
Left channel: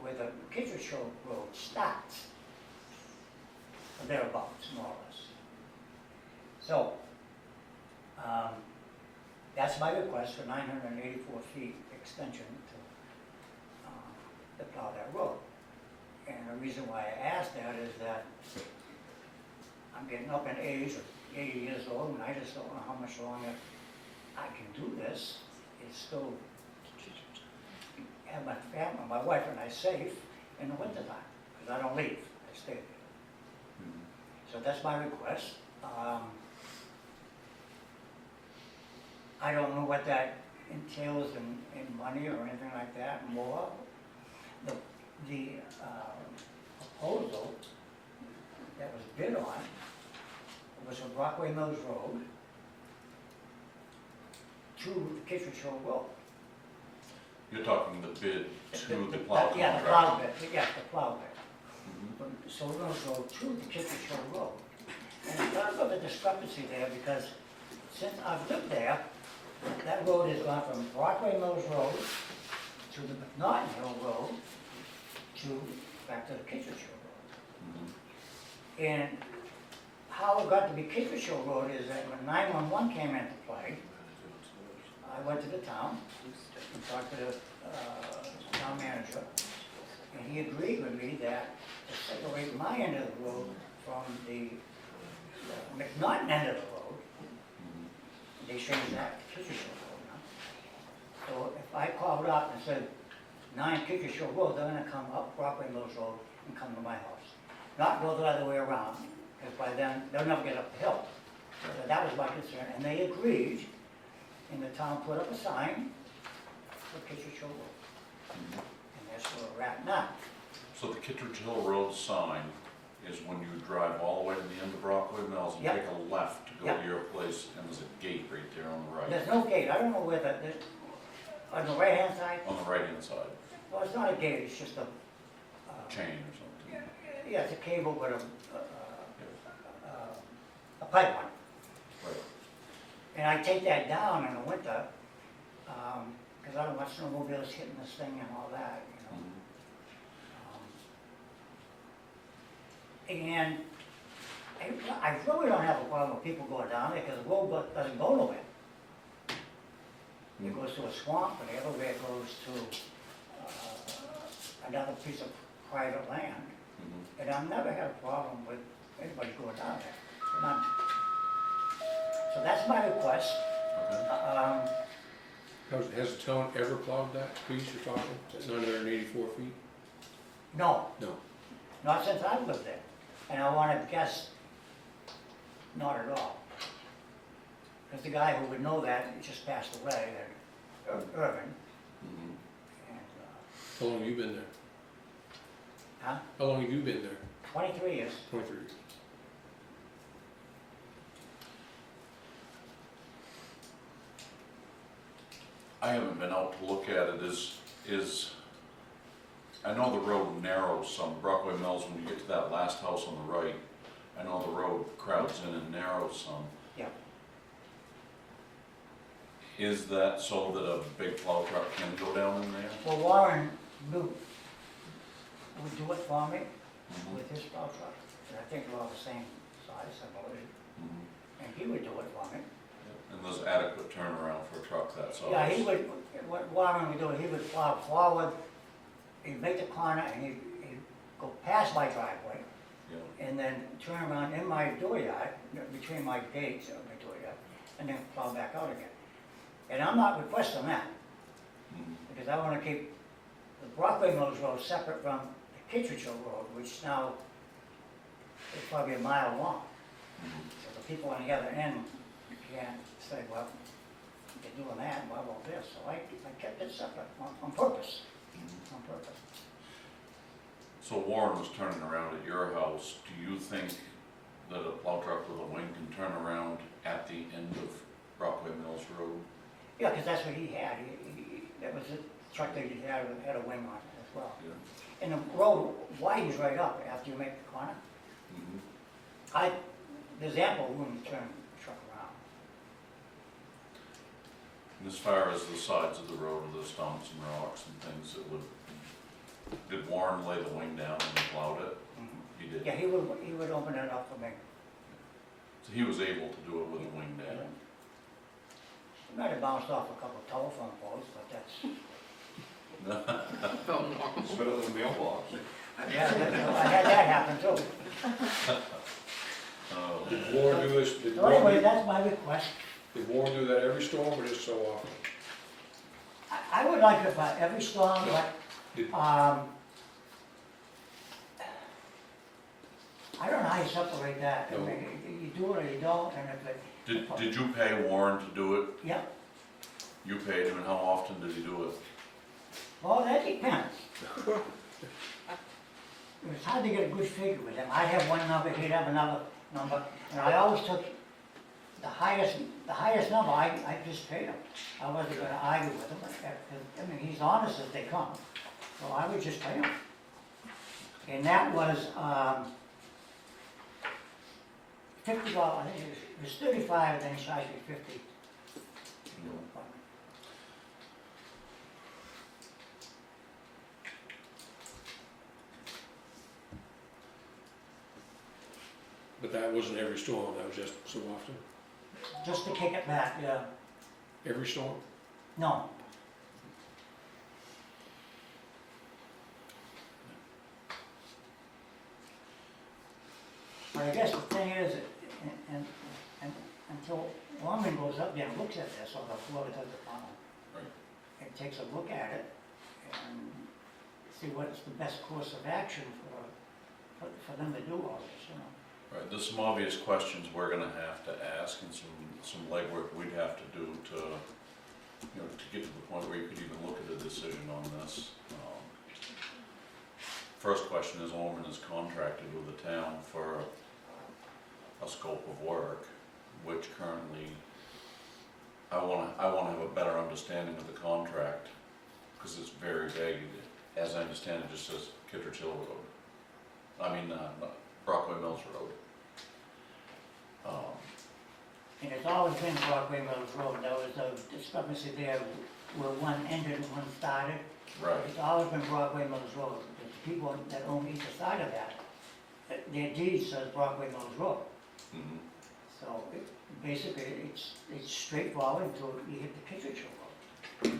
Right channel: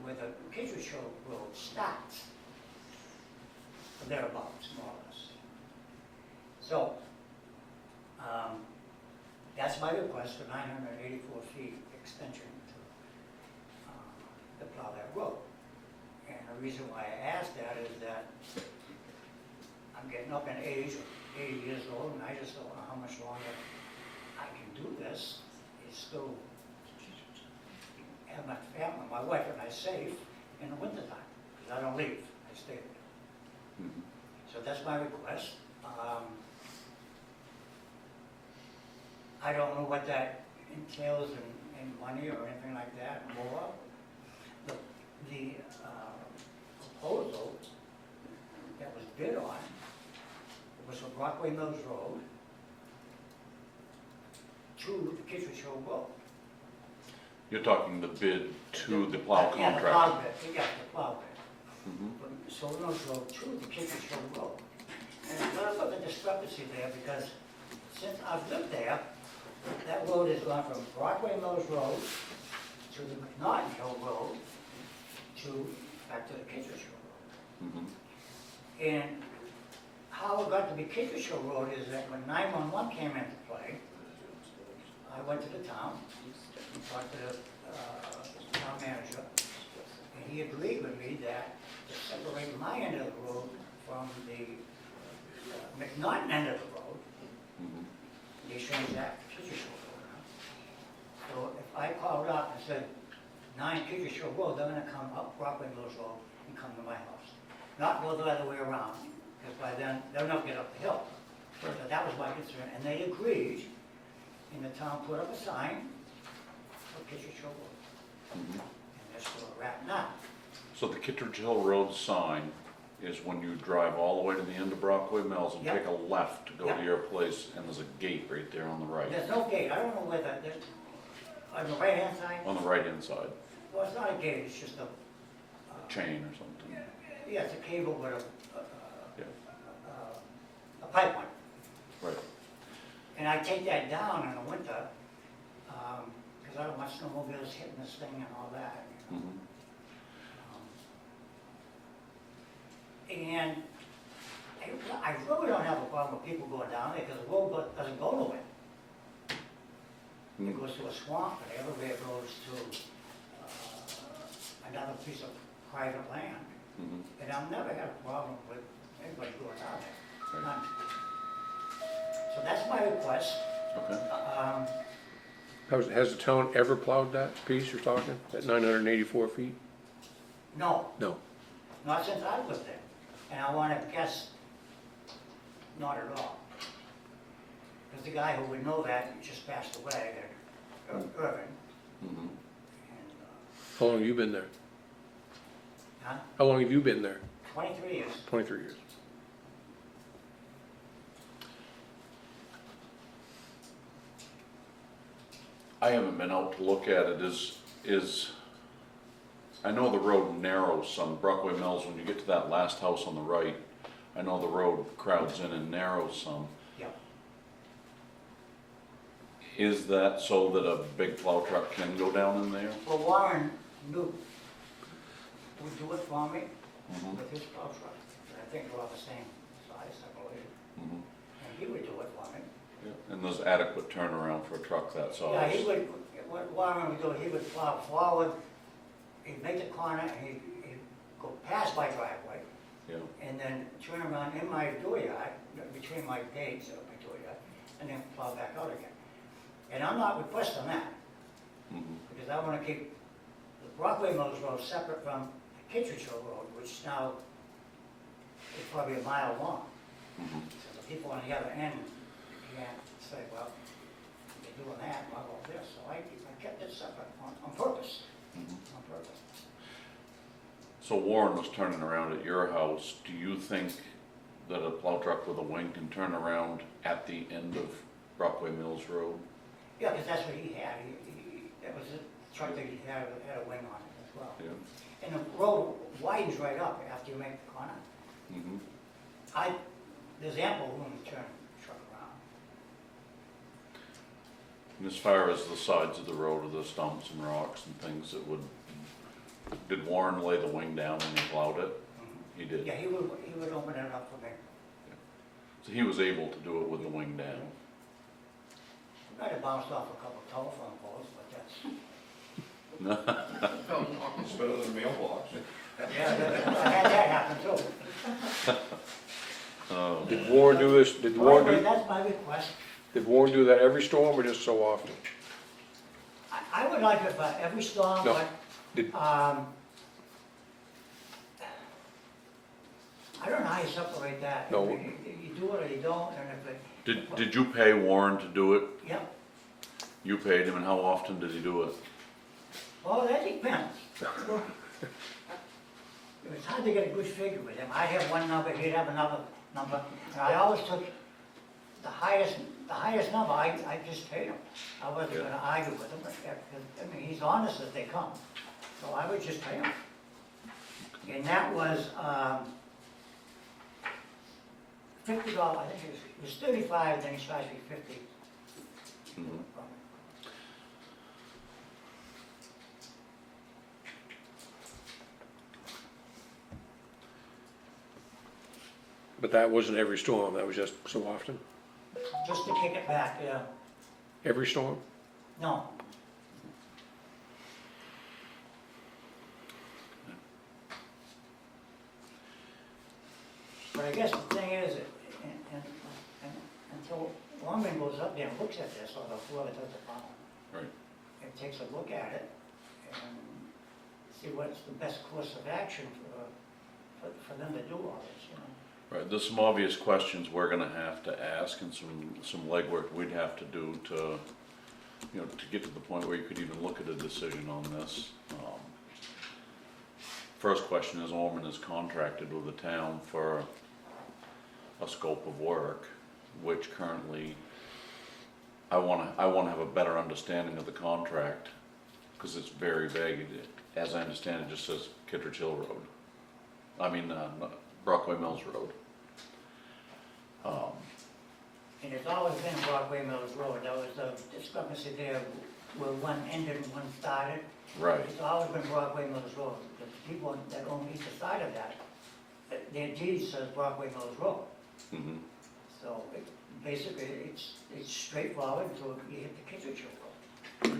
where the Kittredge Road starts. Or thereabouts, more or less. So, that's my request for 984 feet extension to plow that road. And the reason why I asked that is that I'm getting up in age, or 80 years old, and I just don't know how much longer I can do this. It's still have my family, my wife and I safe in the wintertime, because I don't leave, I stay. So that's my request. I don't know what that entails in money or anything like that, more. The proposal that was bid on was from Brockway Mills Road to the Kittredge Hill Road. You're talking the bid to the plow Yeah, the contractor. plow bit, yeah, the plow bit. Mhm. From Sylvan Road to the Kitchener Road. And there's a little bit of discrepancy there because since I've lived there, that road has gone from Brockway Mills Road to the McNaughton Hill Road to, back to the Kitchener Road. Mhm. And how it got to be Kitchener Road is that when 911 came into play, I went to the town and talked to the town manager, and he agreed with me that to separate my end of the road from the McNaughton end of the road, Mhm. they changed that to Kitchener Road now. So if I called up and said 9 Kitchener Road, they're gonna come up Brockway Mills Road and come to my house. Not go the other way around, because by then, they'll never get up the hill. So that was my concern, and they agreed, and the town put up a sign for Kitchener Road. Mhm. And that's where we're at now. So the Kittredge Hill Road sign is when you drive all the way to the end of Brockway Mills and Yep. take a left to go Yep. to your place, and there's a gate right there on the right, There's no gate, I don't know where on the right-hand side, on the right-hand side, no, it's not a gate, it's just a, chain or something. yeah, it's a cable with Yeah. a pipe on it. Right. And I take that down in the winter, because I don't want snowmobiles hitting this thing and all that, you know. Mhm. And I really don't have a problem with people going down there, because the road doesn't go nowhere. It Mhm. goes to a swamp, and the other way it goes to another piece of private land. Mhm. And I've never had a problem with anybody going down there. None. So that's my request. Okay. Has the town ever plowed that piece you're talking, that 984 feet? No, No. not since I've lived there. And I want to guess, not at all. Because the guy who would know that just passed away, Irvin. Mhm. And, How long have you been there? huh? How long have you been there? 23 years. 23 years. I haven't been out to look at it, I know the road narrows some, Brockway Mills, when you get to that last house on the right, I know the road crowds in and narrows some. Yeah. Is that so that a big plow truck can go down in there? Well, Warren would do it for me Mhm. with his plow truck. And I think we're all the same size, I believe. Mhm. And he would do it for me. And there's adequate turnaround for a truck that size? Yeah, he would, what Warren would do, he would plow forward, he'd make the corner, and he'd go past my driveway, Yeah. and then turn around in my dooryard, between my gates of my dooryard, and then plow back out again. And I'm not requesting that, Mhm. because I wanna keep the Brockway Mills Road separate from the Kittredge Road, which now is probably a mile long. Mhm. So the people on the other end can't say, well, they're doing that, what about this? So I kept it separate on purpose, Mhm. on purpose. So Warren was turning around at your house, do you think that a plow truck with a wing can turn around at the end of Brockway Mills Road? Yeah, because that's what he had, that was the truck that he had a wing on it as well. Yeah. And the road widens right up after you make the corner. Mhm. There's ample room to turn the truck around. And as far as the sides of the road, are the stumps and rocks and things that would, did Warren lay the wing down when he plowed it? He did. Yeah, he would open it up for me. So he was able to do it with the wing down. He might have bounced off a couple telephone poles, but that's, It's better than a mailbox. yeah, I had that happen too. Oh. Did Warren do this, So anyway, that's my request. did Warren do that every storm or just so often? I would like it for every storm, No. but, Did, I don't know how you separate that. No. You do it or you don't, and if it, Did you pay Warren to do it? yep, You paid him, and how often did he do it? well, that depends. It's hard to get a good figure with him. I'd have one number, he'd have another number, and I always took the highest number, I just paid him. I wasn't gonna argue with him, I mean, he's honest as they come. So I would just pay them. And that was, $50, I think it was 35, then he charged me 50. But that wasn't every storm, that was just so often? Just to kick it back, yeah. Every storm? No, but I guess the thing is, and until Longman goes up there and looks at this, or the Florida does the farm. Right. And takes a look at it, and see what's the best course of action for them to do all this, you know? Right, there's some obvious questions we're gonna have to ask and some legwork we'd have to do to, you know, to get to the point where you could even look at a decision on this. First question is, Orman is contracted with the town for a scope of work, which currently, I wanna have a better understanding of the contract, cause it's very vague. As I understand it, just says Kittredge Hill Road. I mean, Brockway Mills Road. And it's always been Brockway Mills Road, there was a discrepancy there where one ended and one started. Right, It's always been Brockway Mills Road, the people that own either side of that, their deed says Brockway Mills Road. mhm. So basically, it's straightforward until you hit the Kittredge Hill Road.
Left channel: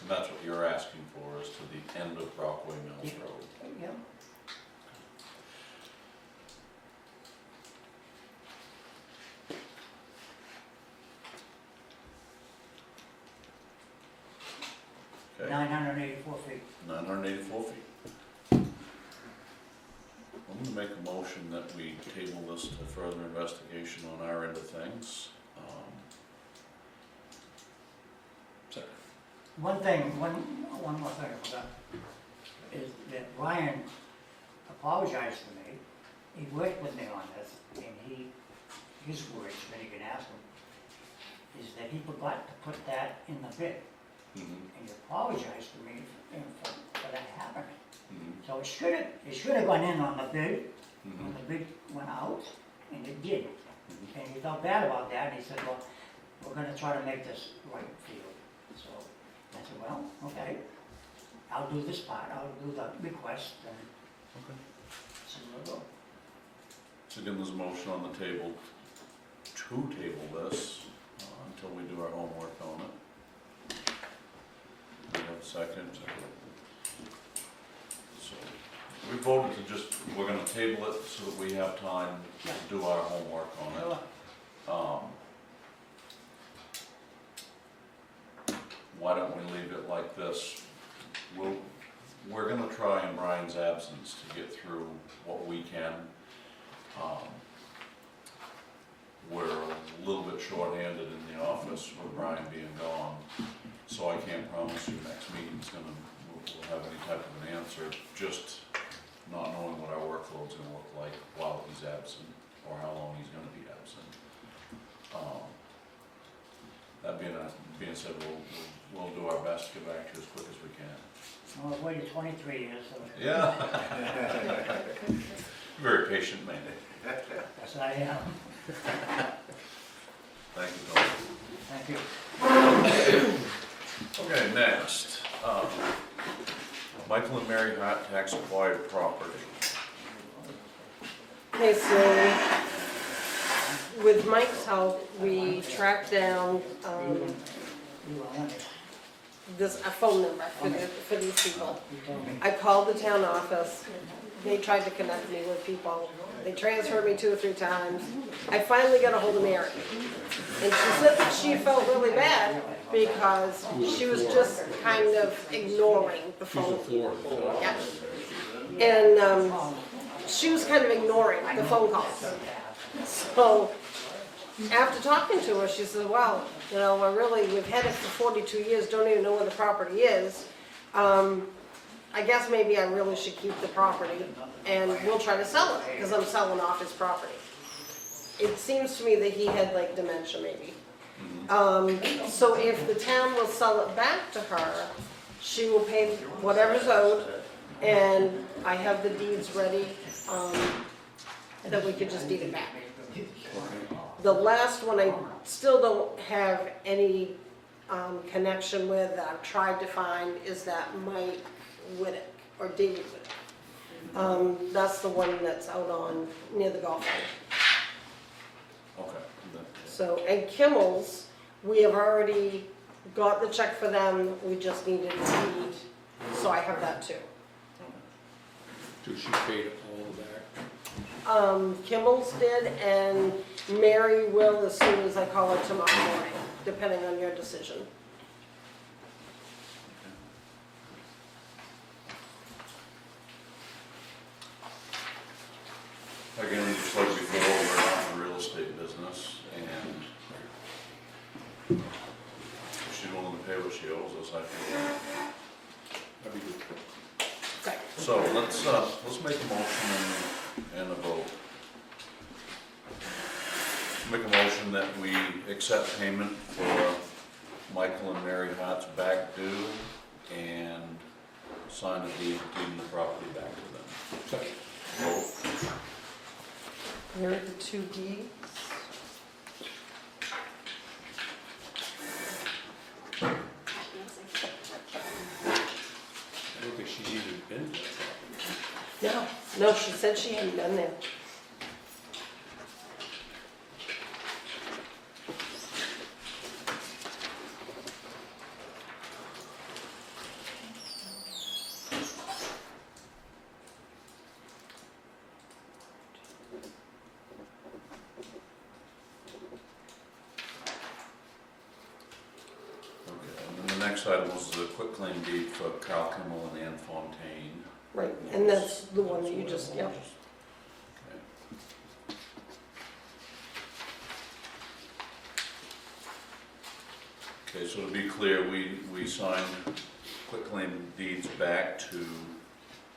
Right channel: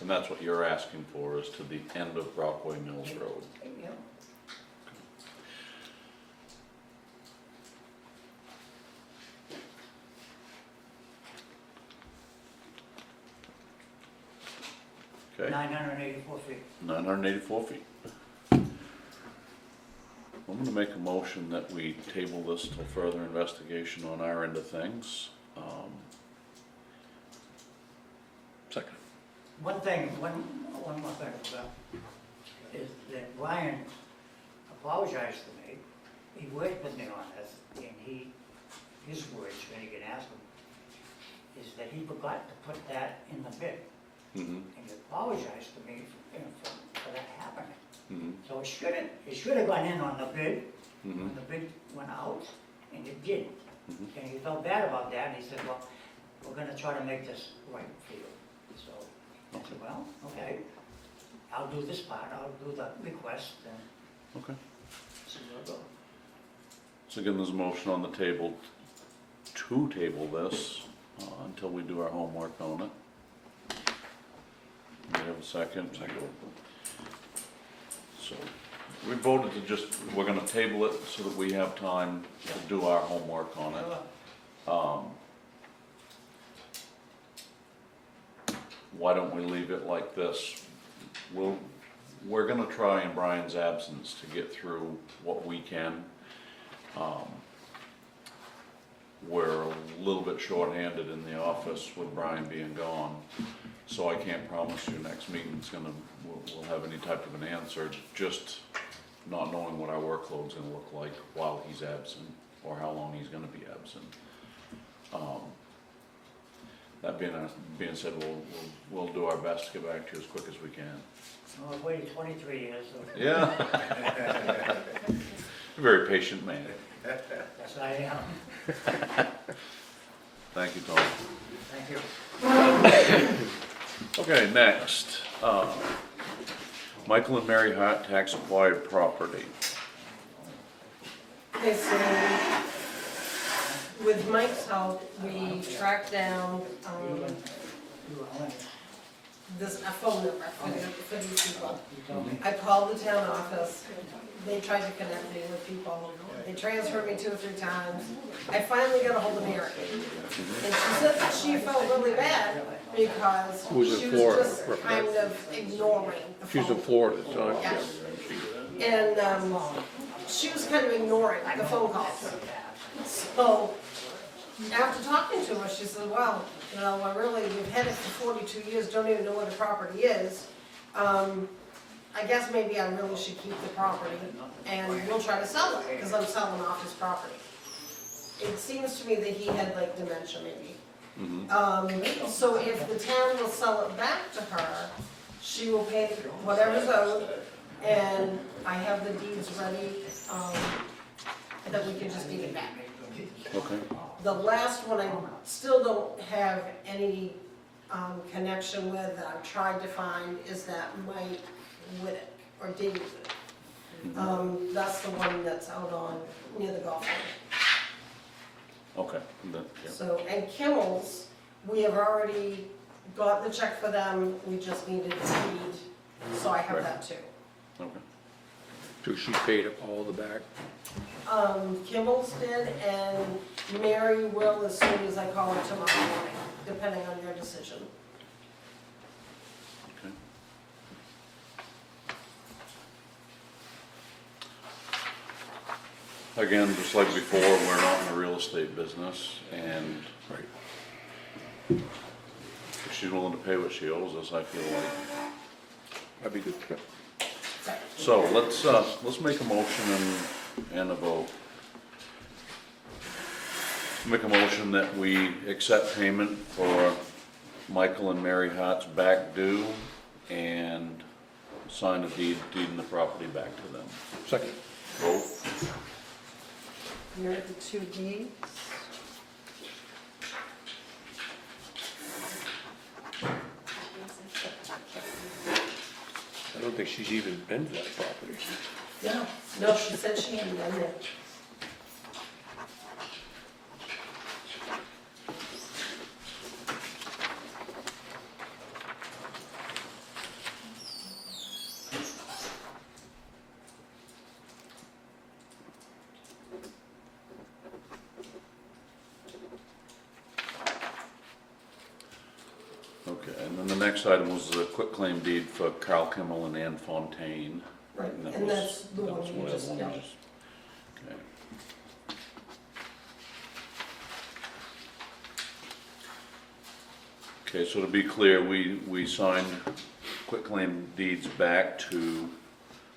And that's what you're asking for, is to the end of Brockway Mills Road. Yeah. Okay, 984 feet. 984 feet. I'm gonna make a motion that we table this till further investigation on our end of things. Second. One more thing I forgot, is that Ryan apologized to me. He worked with me on this, and his words, when you can ask him, is that he forgot to put that in the bid. Mhm, And he apologized to me for that happening. mhm, So it should have gone in on the bid, when mhm, the bid went out, and it did. Mhm. And he felt bad about that, and he said, well, we're gonna try to make this right for you. So I said, well, okay, I'll do this part, I'll do the request, and okay. so we'll go. So again, there's a motion on the table to table this until we do our homework on it. We have a second. So we voted to just, we're gonna table it so that we have time to do our homework on it. Sure. Why don't we leave it like this? We're gonna try in Brian's absence to get through what we can. We're a little bit short-handed in the office with Brian being gone, so I can't promise you next meeting's we'll have any type of an answer, just not knowing what our workload's gonna look like while he's absent, or how long he's gonna be absent. That being said, we'll do our best to get back to you as quick as we can. Well, I've waited 23 years, so Yeah. Very patient man. yes, I am. Thank you, Tom. Thank you. Okay, next, Michael and Mary Hart tax acquired property. Okay, so with Mike's help, we tracked down, a phone number for these people. You told me. I called the town office, they tried to connect me with people, they transferred me 2 or 3 times. I finally got a hold of Mary, and she said that she felt really bad because she was just kind of ignoring the She's phone. in Florida, so. Yeah. And, she was kind of ignoring the phone calls. So, after talking to her, she said, well, you know, we've had it for 42 years, don't even know where the property is. I guess maybe I really should keep the property and we'll try to sell it, because I'm selling off his property. It seems to me that he had like dementia maybe. Mhm. So if the town will sell it back to her, she will pay whatever's owed, and I have the deeds ready, and then we could just deed it back. Okay. The last one I still don't have any connection with, that I've tried to find, is that Mike Whittick, or David Whittick. That's the one that's out on, near the golf course. Okay. That- yeah. So, and Kimmel's, we have already got the check for them, we just needed a deed, so I have that too. Okay. So she paid all the back? Kimball's did, and Mary will as soon as I call her tomorrow morning, depending on your decision. Again, just like before, we're not in the real estate business, and if she's willing to pay what she owes us, I feel like. That'd be good. So let's make a motion and a vote. Make a motion that we accept payment for Michael and Mary Hart's back due and sign a deeding the property back to them. Second. Vote. Here are the two deeds. I don't think she's even been to that property. No, she said she hadn't done that. Okay, and then the next item was the quitclaim deed for Carl Kimmel and Ann Fontaine. Right, That and was- that's the that one was you whatever just, one yeah. we just- okay. Okay, so to be clear, we signed quitclaim deeds back to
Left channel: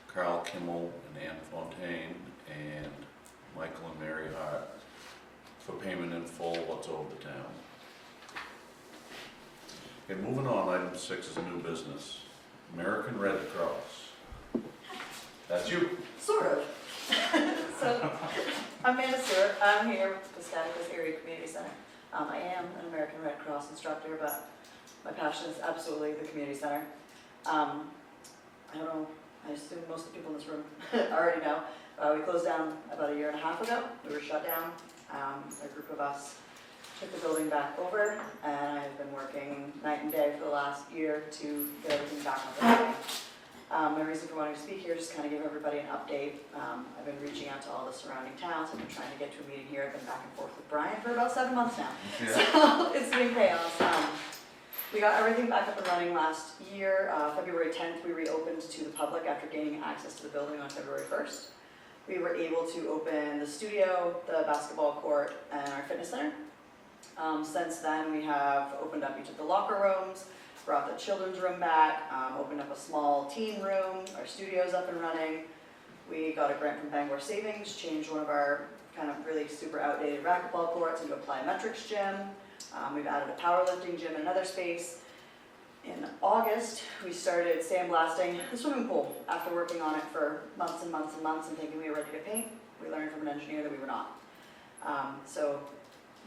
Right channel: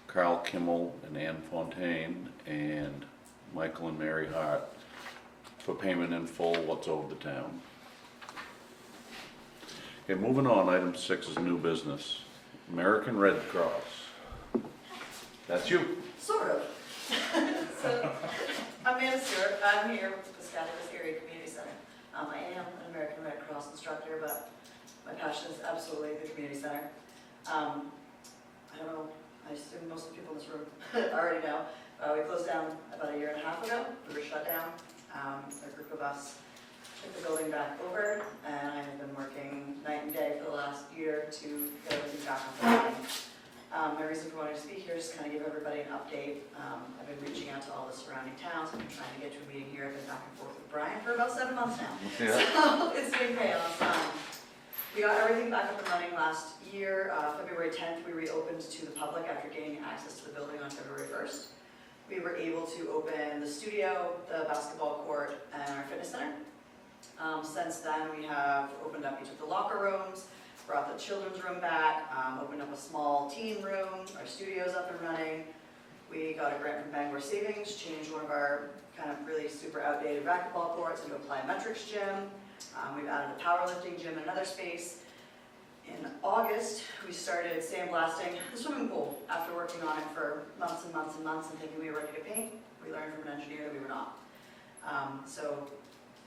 Carl Kimmel and Ann Fontaine and Michael and Mary Hart for payment in full, what's owed the town. Okay, moving on, item 6 is new business. American Red Cross. That's you. Sort of. So, I'm Amanda Stewart. I'm here with the Piscataquis Area Community Center. I am an American Red Cross instructor, but my passion is absolutely the community center. I don't know, I assume most of the people in this room already know. We closed down about a year and a half ago. We were shut down. A group of us took the building back over, and I've been working night and day for the last year to get everything back up and running. My reason for wanting to speak here is just kind of give everybody an update. I've been reaching out to all the surrounding towns. I've been trying to get to a meeting here. I've been back and forth with Brian for about 7 months now. Yeah. So it's been chaos. We got everything back up and running last year. February 10th, we reopened to the public after gaining access to the building on February 1st. We were able to open the studio, the basketball court, and our fitness center. Since then, we have opened up each of the locker rooms, brought the children's room back, opened up a small teen room, our studio's up and running. We got a grant from Bangor Savings, changed one of our kind of really super outdated racquetball courts into a plyometrics gym. We've added a powerlifting gym in another space. In August, we started sandblasting the swimming pool. After working on it for months and months and months and thinking we were ready to paint, we learned from an engineer that we were not. So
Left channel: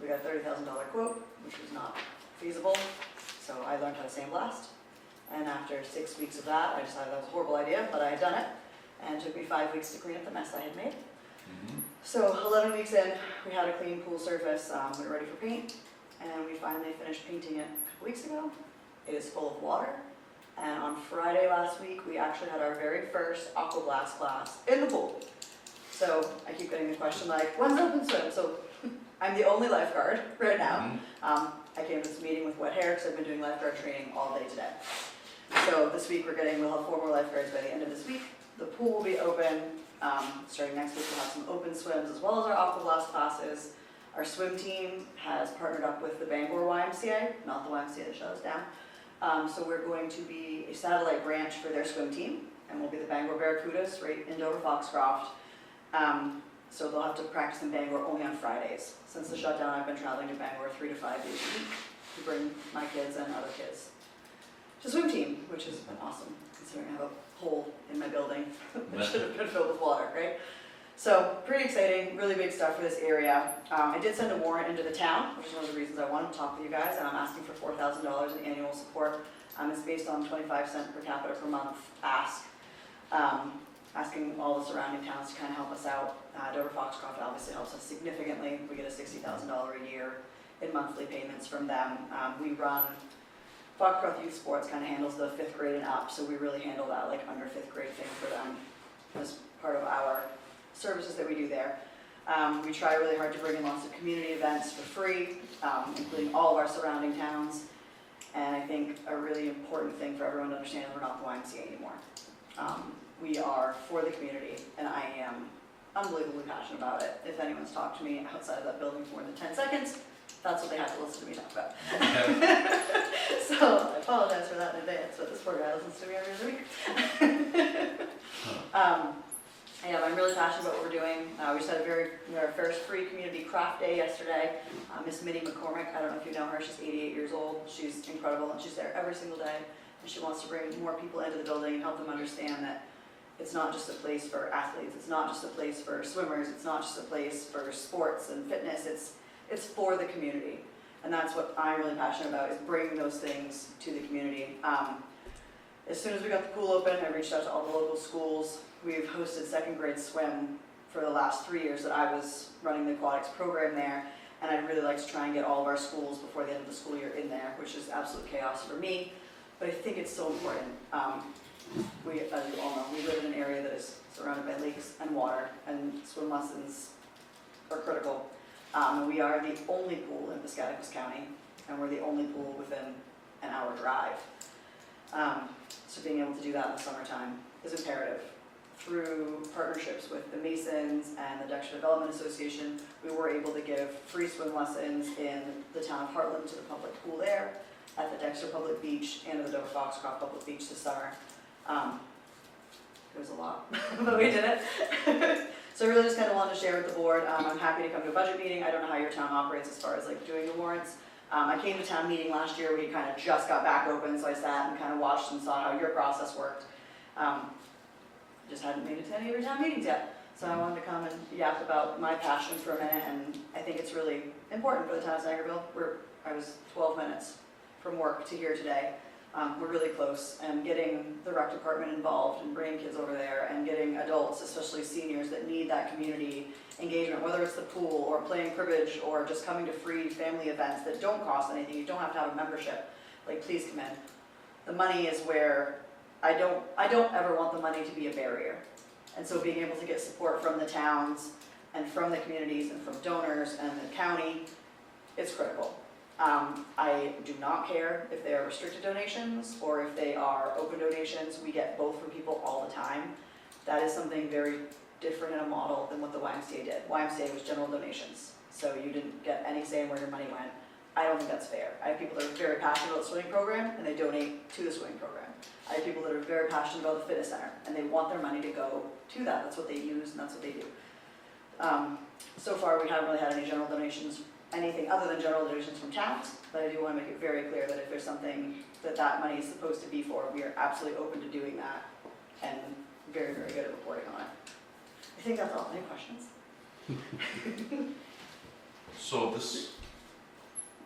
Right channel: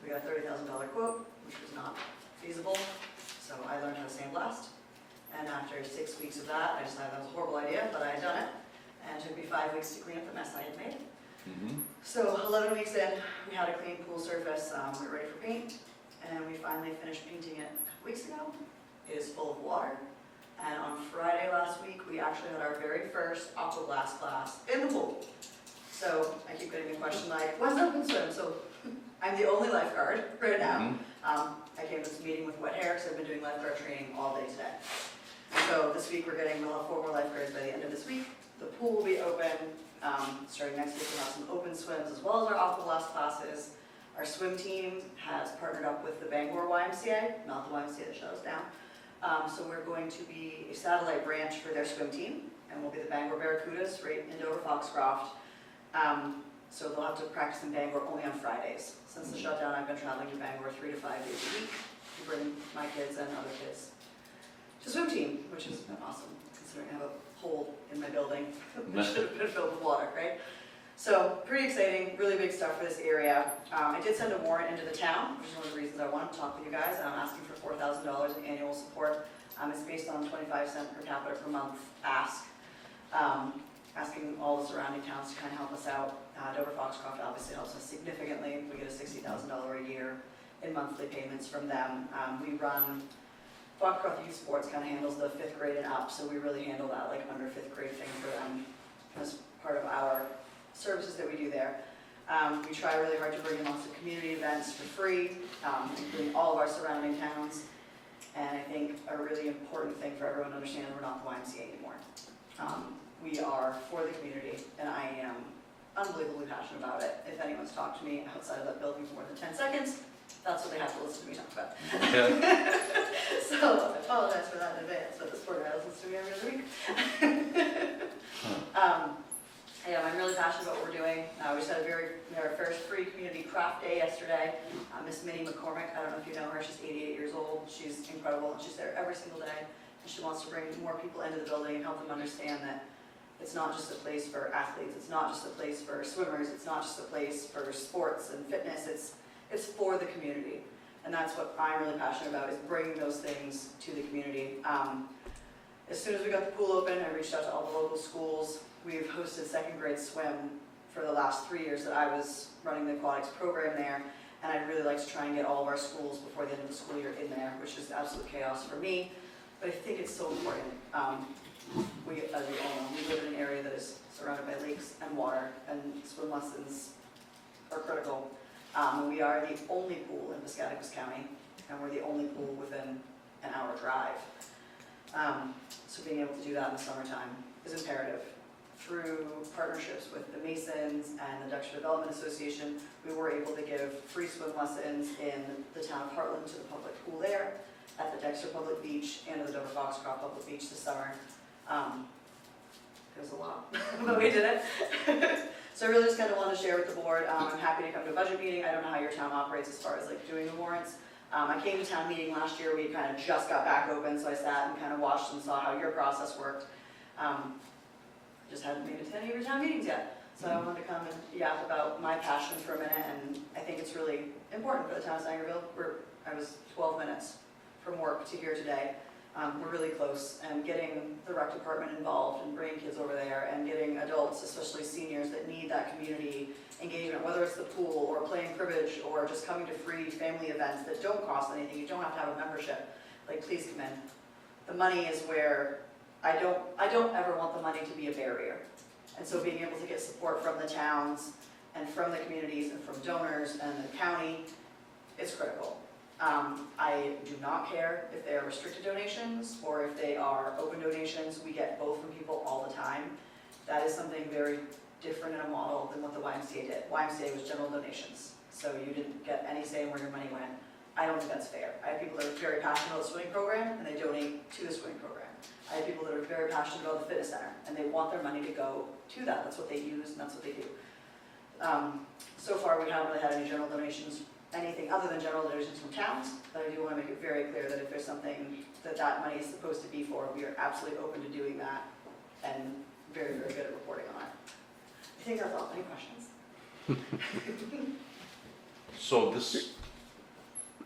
we got a $30,000 quote, which was not feasible. So I learned how to sandblast. And after 6 weeks of that, I decided that was a horrible idea, but I had done it. And it took me 5 weeks to clean up the mess I had made. So 11 weeks in, we had a clean pool surface. We were ready for paint. And we finally finished painting it a couple weeks ago. It is full of water. And on Friday last week, we actually had our very first aquablast class in the pool. So I keep getting the question like, when's that been swim? So I'm the only lifeguard right now. I came to this meeting with wet hair because I've been doing lifeguard training all day today. So this week we'll have 4 more lifeguards by the end of this week. The pool will be open. Starting next week we'll have some open swims as well as our aquablast classes. Our swim team has partnered up with the Bangor YMCA, not the YMCA that shut us down. So we're going to be a satellite branch for their swim team, and we'll be the Bangor Barracudas right in Dover Foxcroft. So they'll have to practice in Bangor only on Fridays. Since the shutdown, I've been traveling to Bangor 3 to 5 days a week to bring my kids and other kids to the swim team, which has been awesome, considering I have a hole in my building, which should have been filled with water, right? So, pretty exciting, really big stuff for this area. I did send a warrant into the town, which is one of the reasons I wanted to talk with you guys, and I'm asking for $4,000 in annual support. It's based on 25 cents per capita per month ask. Asking all the surrounding towns to kind of help us out. Dover Foxcroft obviously helps us significantly. We get a $60,000 a year in monthly payments from them. We run, Foxcroft Youth Sports kind of handles the 5th grade and up, so we really handle that like under 5th grade thing for them as part of our services that we do there. We try really hard to bring in lots of community events for free, including all of our surrounding towns. And I think a really important thing for everyone to understand, we're not the YMCA anymore. We are for the community, and I am unbelievably passionate about it. If anyone's talked to me outside of that building for more than 10 seconds, that's what they have to listen to me talk about. So I apologize for that in advance, but this poor guy listens to me every other week. Yeah, I'm really passionate about what we're doing. We just had our first free community craft day yesterday. Miss Minnie McCormick, I don't know if you know her, she's 88 years old. She's incredible, and she's there every single day. And she wants to bring more people into the building and help them understand that it's not just a place for athletes, it's not just a place for swimmers, it's not just a place for sports and fitness, it's for the community. And that's what I'm really passionate about, is bringing those things to the community. As soon as we got the pool open, I reached out to all the local schools. We've hosted 2nd grade swim for the last 3 years that I was running the aquatics program there. And I'd really like to try and get all of our schools before the end of the school year in there, which is absolute chaos for me. But I think it's so important. As we all know, we live in an area that is surrounded by lakes and water, and swim lessons are critical. We are the only pool in Piscataquis County, and we're the only pool within an hour drive. So being able to do that in the summertime is imperative. Through partnerships with the Masons and the Dexter Development Association, we were able to give free swim lessons in the town of Heartland to the public pool there, at the Dexter Public Beach, and at the Dover Foxcroft Public Beach this summer. It was a lot, but we did it. So I really just kind of wanted to share with the board. I'm happy to come to a budget meeting. I don't know how your town operates as far as like doing the warrants. I came to town meeting last year. We kind of just got back open, so I sat and kind of watched and saw how your process worked. Just hadn't made it to any of your town meetings yet. So I wanted to come and yap about my passion for a minute, and I think it's really important for the town of Sangerville. I was 12 minutes from work to here today. We're really close, and getting the rec department involved and bringing kids over there and getting adults, especially seniors, that need that community engagement, whether it's the pool or playing cribbage or just coming to free family events that don't cost anything. You don't have to have a membership. Like, please come in. The money is where I don't ever want the money to be a barrier. And so being able to get support from the towns and from the communities and from donors and the county is critical. I do not care if they are restricted donations or if they are open donations. We get both from people all the time. That is something very different in a model than what the YMCA did. YMCA was general donations, so you didn't get any say in where your money went. I don't think that's fair. I have people that are very passionate about the swimming program and they donate to the swimming program. I have people that are very passionate about the fitness center and they want their money to go to that. That's what they use and that's what they do. So far we haven't really had any general donations, anything other than general donations from towns, but I do want to make it very clear that if there's something that money is supposed to be for, we are absolutely open to doing that and very, very good at reporting on it. I think that's all. Any questions? So this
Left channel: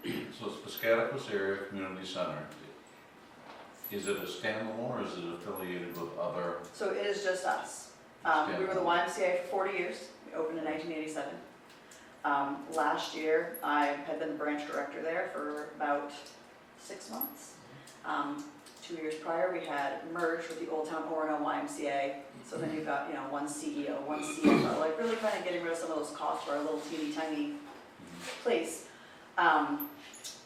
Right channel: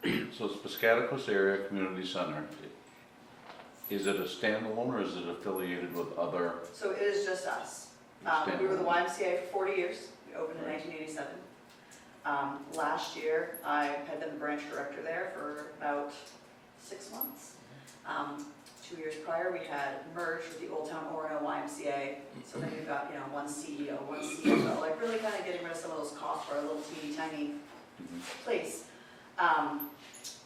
Piscataquis Area Community Center, is it a standalone or is it affiliated with other? So it is just us. We were the YMCA for 40 years. We opened in 1987. Last year, I had been branch director there for about 6 months. 2 years prior, we had merged with the Old Town Orono YMCA. So then you've got, one CEO, one CFO, like really kind of getting rid of some of those costs for our little teeny tiny place.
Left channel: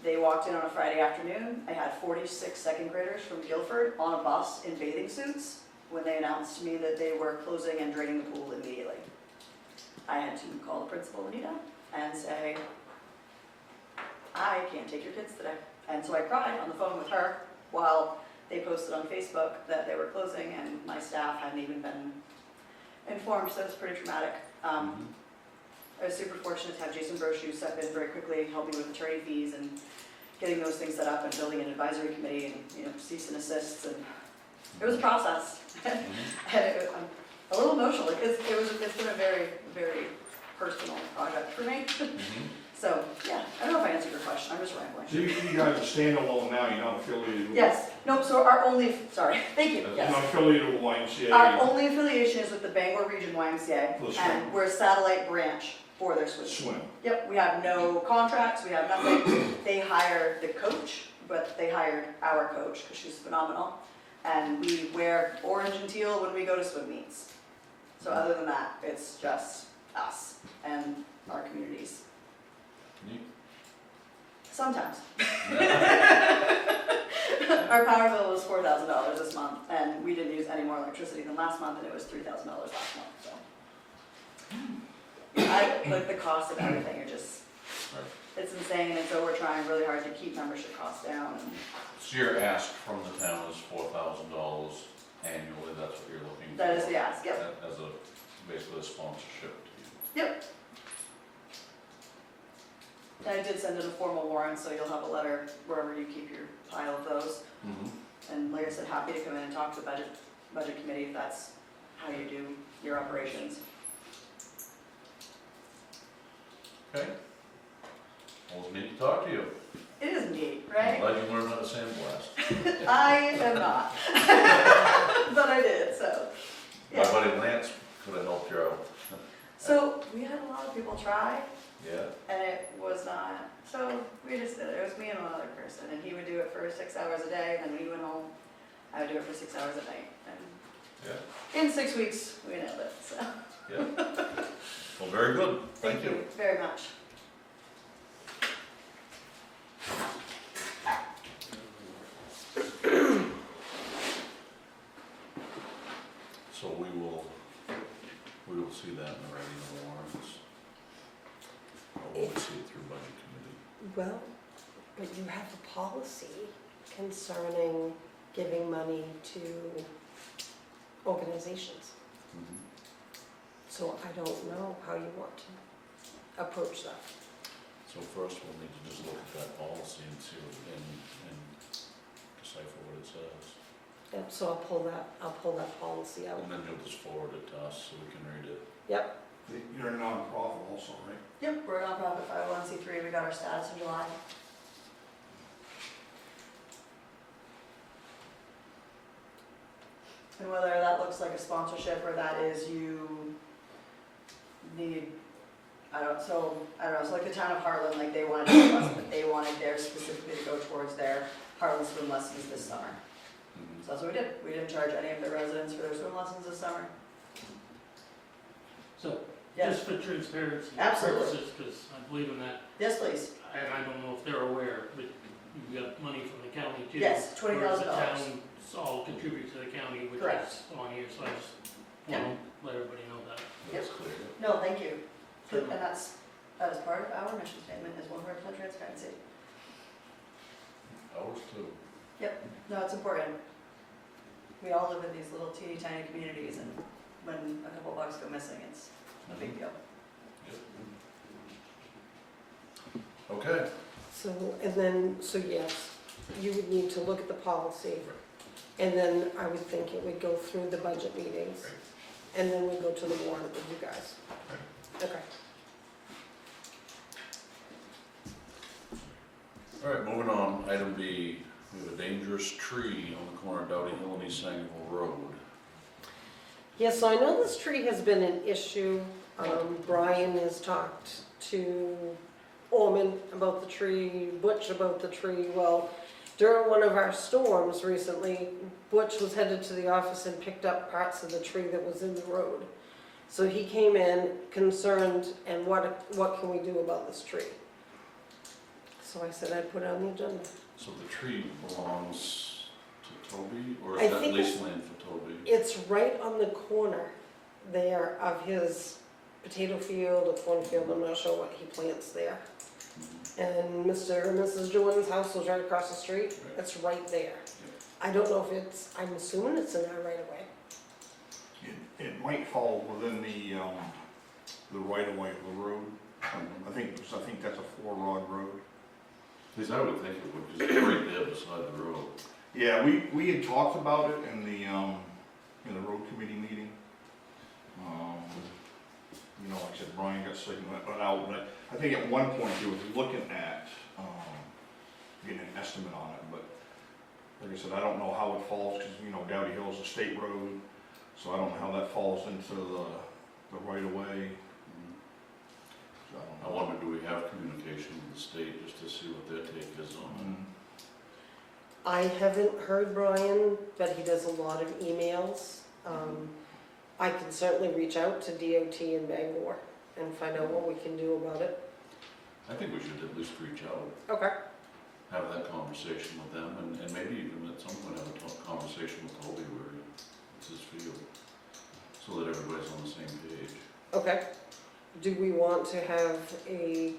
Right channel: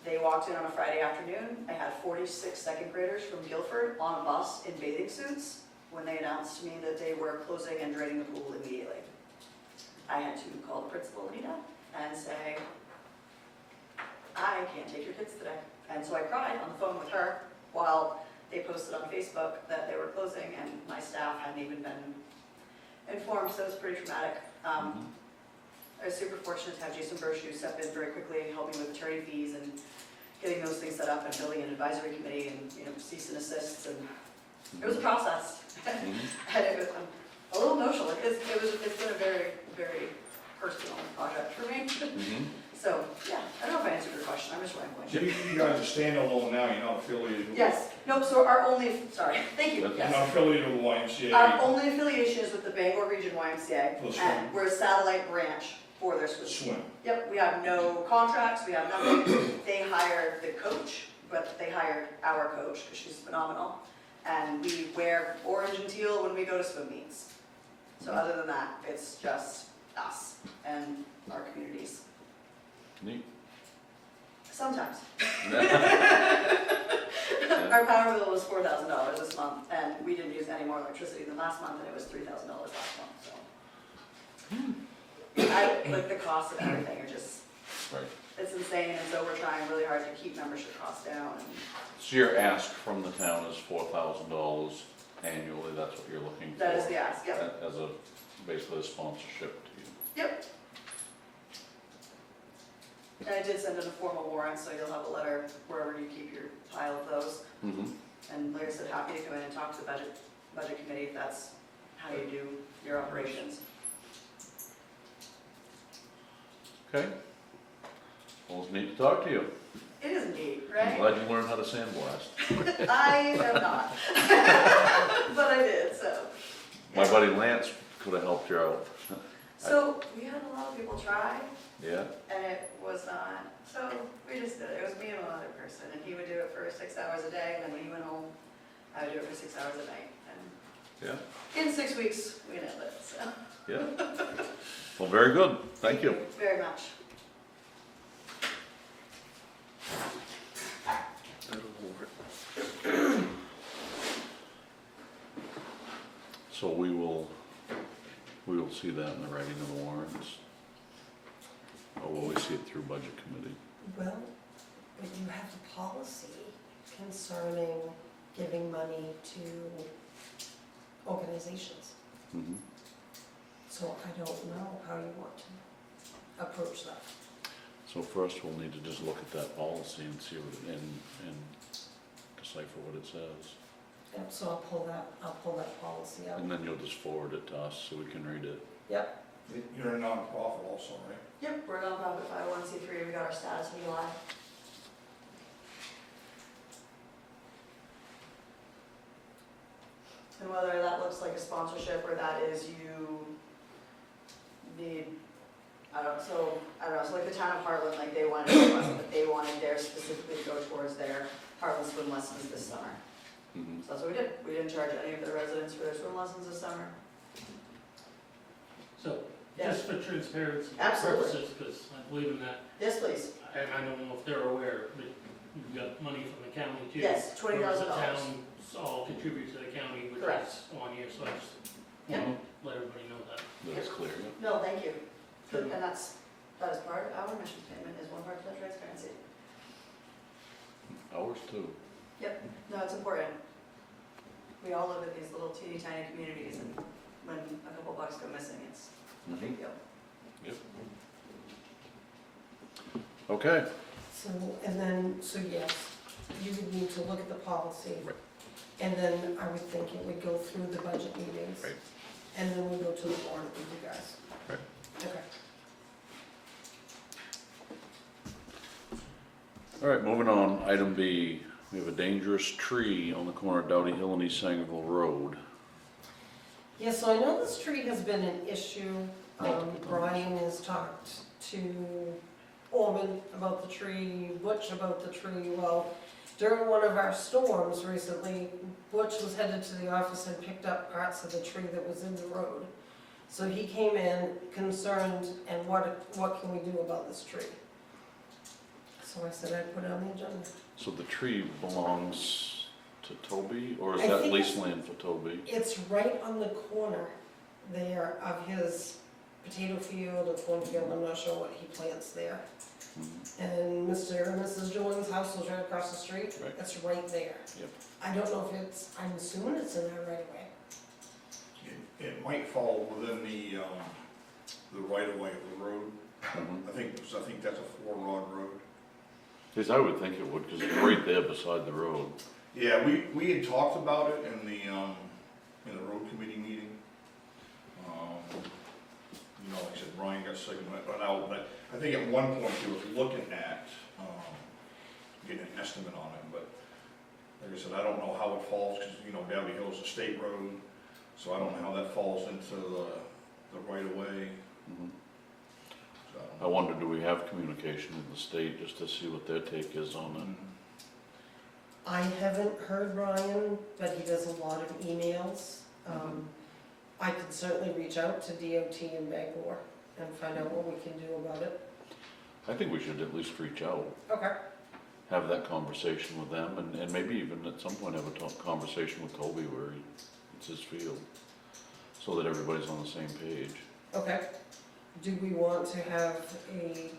They walked in on a Friday afternoon. I had 46 second graders from Guilford on a bus in bathing suits when they announced to me that they were closing and draining the pool immediately. I had to call the principal, Anita, and say, I can't take your kids today. And so I cried on the phone with her while they posted on Facebook that they were closing and my staff hadn't even been informed, so it was pretty traumatic. I was super fortunate to have Jason Brochu step in very quickly, help me with attorney fees and getting those things set up and building an advisory committee and, you know, cease and desist, and it was a process. And I'm a little emotional, like, it's been a very, very personal project for me. So, yeah, I don't know if I answered your question, I'm just rambling. So you guys are standalone now, you're not affiliated with? Yes, no, so our only, sorry, thank you, You're yes. not affiliated with YMCA? Our only affiliation is with the Bangor Region YMCA, For the swim. and we're a satellite branch for their swim. Swim. Yep, we have no contracts, we have nothing. They hire the coach, but they hired our coach, because she's phenomenal. And we wear orange and teal when we go to swim meets. So other than that, it's just us and our communities. Neat. Sometimes. Our power bill was $4,000 this month, and we didn't use any more electricity than last month, and it was $3,000 last month, so. Like the cost of everything are just, Right. it's insane, and so we're trying really hard to keep membership costs down, and So your ask from the town is $4,000 annually, that's what you're looking for? that is the ask, yep, As a, basically a sponsorship to you. yep. And I did send in a formal warrant, so you'll have a letter wherever you keep your pile of those. And like I said, happy to come in and talk to the budget committee if that's how you do your operations. Okay. Well, it's neat to talk to you. It is neat, I'm right? glad you learned how to sandblast. I am not. But I did, so. My buddy Lance could have helped you out. So we had a lot of people try, Yeah? and it was not, so we just did it. It was me and one other person, and he would do it for 6 hours a day, and then we went home. I would do it for 6 hours a night, and Yeah. in 6 weeks, we nailed it, so. Yeah. Well, very good. Thank you. Very much. So we will see that in the writing of the warrants. Or will we see it through budget committee? Well, but you have a policy concerning giving money to organizations. Mhm. So I don't know how you want to approach that. So first, we'll need to just look at that policy and see what, and decipher what it says. Yep, so I'll pull that policy out. And then you'll just forward it to us so we can read it. Yep, You're a non-profit also, right? Yep, we're a nonprofit 501c3, we got our status in July. And whether that looks like a sponsorship or that is you need, I don't know, so like the town of Heartland, like they wanted to give us, but they wanted theirs specifically to go towards their Heartland swim lessons this summer. Mhm. So that's what we did, we didn't charge any of their residents for their swim lessons this summer. So, Yes. just for transparency Absolutely. purposes, because I believe in that, Yes, please. and I don't know if they're aware, but you've got money from the county too. Yes, $20,000. Whereas the towns all contribute to the county, which Correct. is on here, so I just want to let everybody know that. That's clear, yeah. No, thank you. And that is part of our mission statement, is one of our flood transparency. Ours too. No, it's important. We all live in these little teeny tiny communities, and when a couple bucks go missing, it's a big deal. Okay. so, and then, so yes, you would need to look at the policy. Right. And then I would think it would go through the budget meetings. Right. And then we go to the warrant with you guys. Right. Okay. All right, moving on. Item B, we have a dangerous tree on the corner of Dowdy Hill and East Sangerville Road. Yeah, so I know this tree has been an issue. Brian has talked to Orman about the tree, Butch about the tree. Well, during one of our storms recently, Butch was headed to the office and picked up parts of the tree that was in the road. So he came in concerned, and what can we do about this tree? So I said I'd put it on the agenda. So the tree belongs to Toby, or is I that think lease it's- land for Toby? It's right on the corner there of his potato field or cornfield, I'm not sure what he plants there. And Mr. and Mrs. Jordan's house was right across the street, Right. it's right there. Yep. I don't know if it's, I'm assuming it's in there right away. It might fall within the right of way of the road. Mhm. I think that's a 4-rod road. Because I would think it would, because it's right there beside the road. Yeah, we had talked about it in the road committee meeting. You know, like I said, Brian got sick and went out, but I think at one point he was looking at, getting an estimate on it, but like I said, I don't know how it falls, because, you know, Dowdy Hill is a state road, so I don't know how that falls into the right of way. Mhm. So I don't I know. wonder, do we have communication with the state just to see what their take is on it? I haven't heard Brian, but he does a lot of emails. I can certainly reach out to DOT in Bangor and find out what we can do about it. I think we should at least reach out, Okay. have that conversation with them, and maybe even at some point have a conversation with Toby where it's his field, so that everybody's on the same page. Okay. Do we want to have a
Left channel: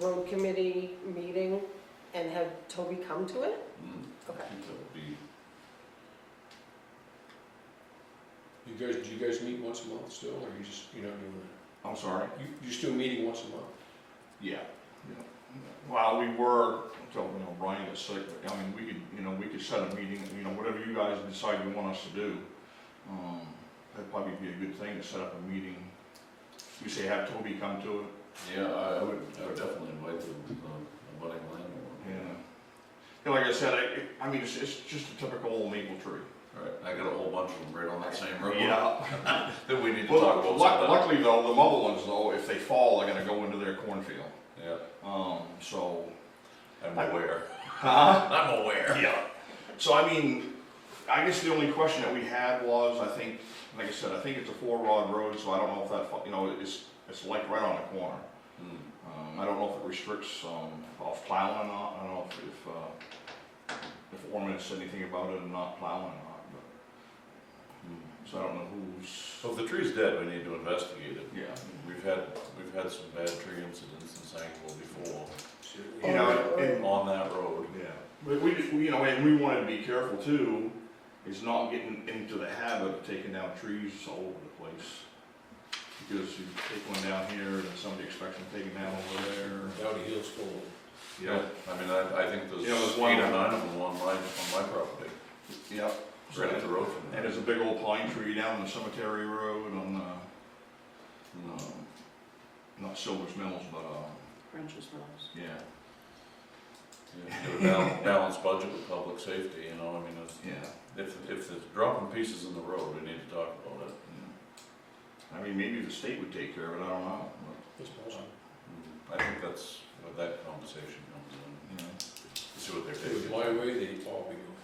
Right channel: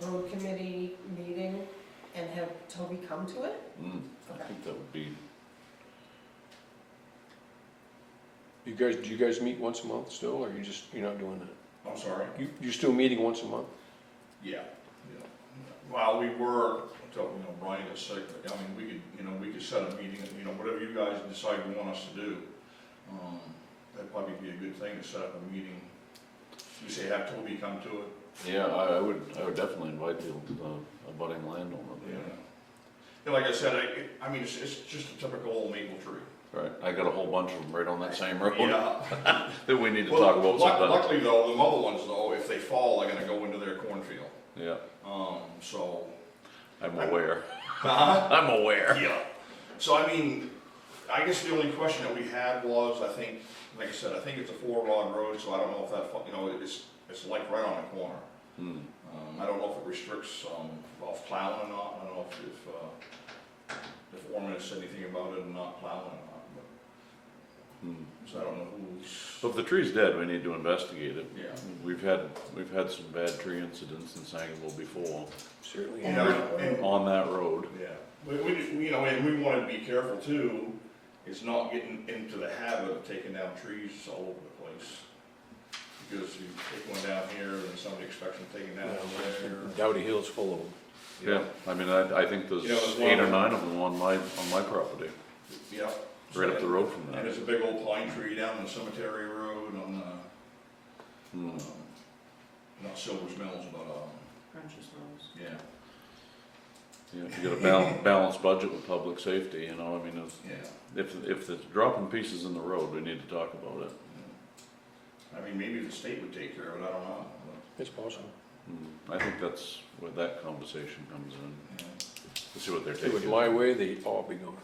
road committee meeting and have Toby come to it? I Okay. think that would be, Do you guys meet once a month still, or you're not doing that? I'm sorry? You still meeting once a month? Yeah. Well, we were, until, you know, Brian got sick, but, I mean, we could set a meeting, you know, whatever you guys decide you want us to do. That'd probably be a good thing to set up a meeting. You say have Toby come to it? yeah, I would definitely invite the budding landowner. Yeah, like I said, I mean, it's just a typical old maple tree. Right, I got a whole bunch of them right on that same road Yeah. that we need to Well, talk about sometime. Luckily though, the mother ones though, if they fall, they're gonna go into their cornfield. Yeah, So. I'm aware. Huh? I'm aware. Yeah. So I mean, I guess the only question that we had was, I think, like I said, I think it's a 4-rod road, so I don't know if that, you know, it's like right on the corner. Hmm. I don't know if it restricts, off plowing or not, I don't know if the foreman has said anything about it and not plowing or not, but, so I don't know who's, So if the tree's dead, we need to investigate it. yeah. We've had some bad tree incidents in Sangerville before, Certainly. You know, and, on that road. yeah, but we just, you know, and we wanted to be careful too, is not getting into the habit of taking down trees all over the place. Because you take one down here and somebody expects them taken down over there. Dowdy Hill's full of them. Yeah, I mean, I think there's Yeah, there's one 8 or on- 9 of them on my property, Yeah. right up the road from And there. there's a big old pine tree down the cemetery road on Hmm. not Silver's Mills, but, yeah. Yeah, if you get a balanced budget with public safety, you know, I mean, Yeah. if it's dropping pieces in the road, we need to talk about it. I mean, maybe the state would take care of it, I don't know. It's possible. I think that's where that conversation comes in, But, yeah. to see what they're If it was taking. my way, they'd all be gone.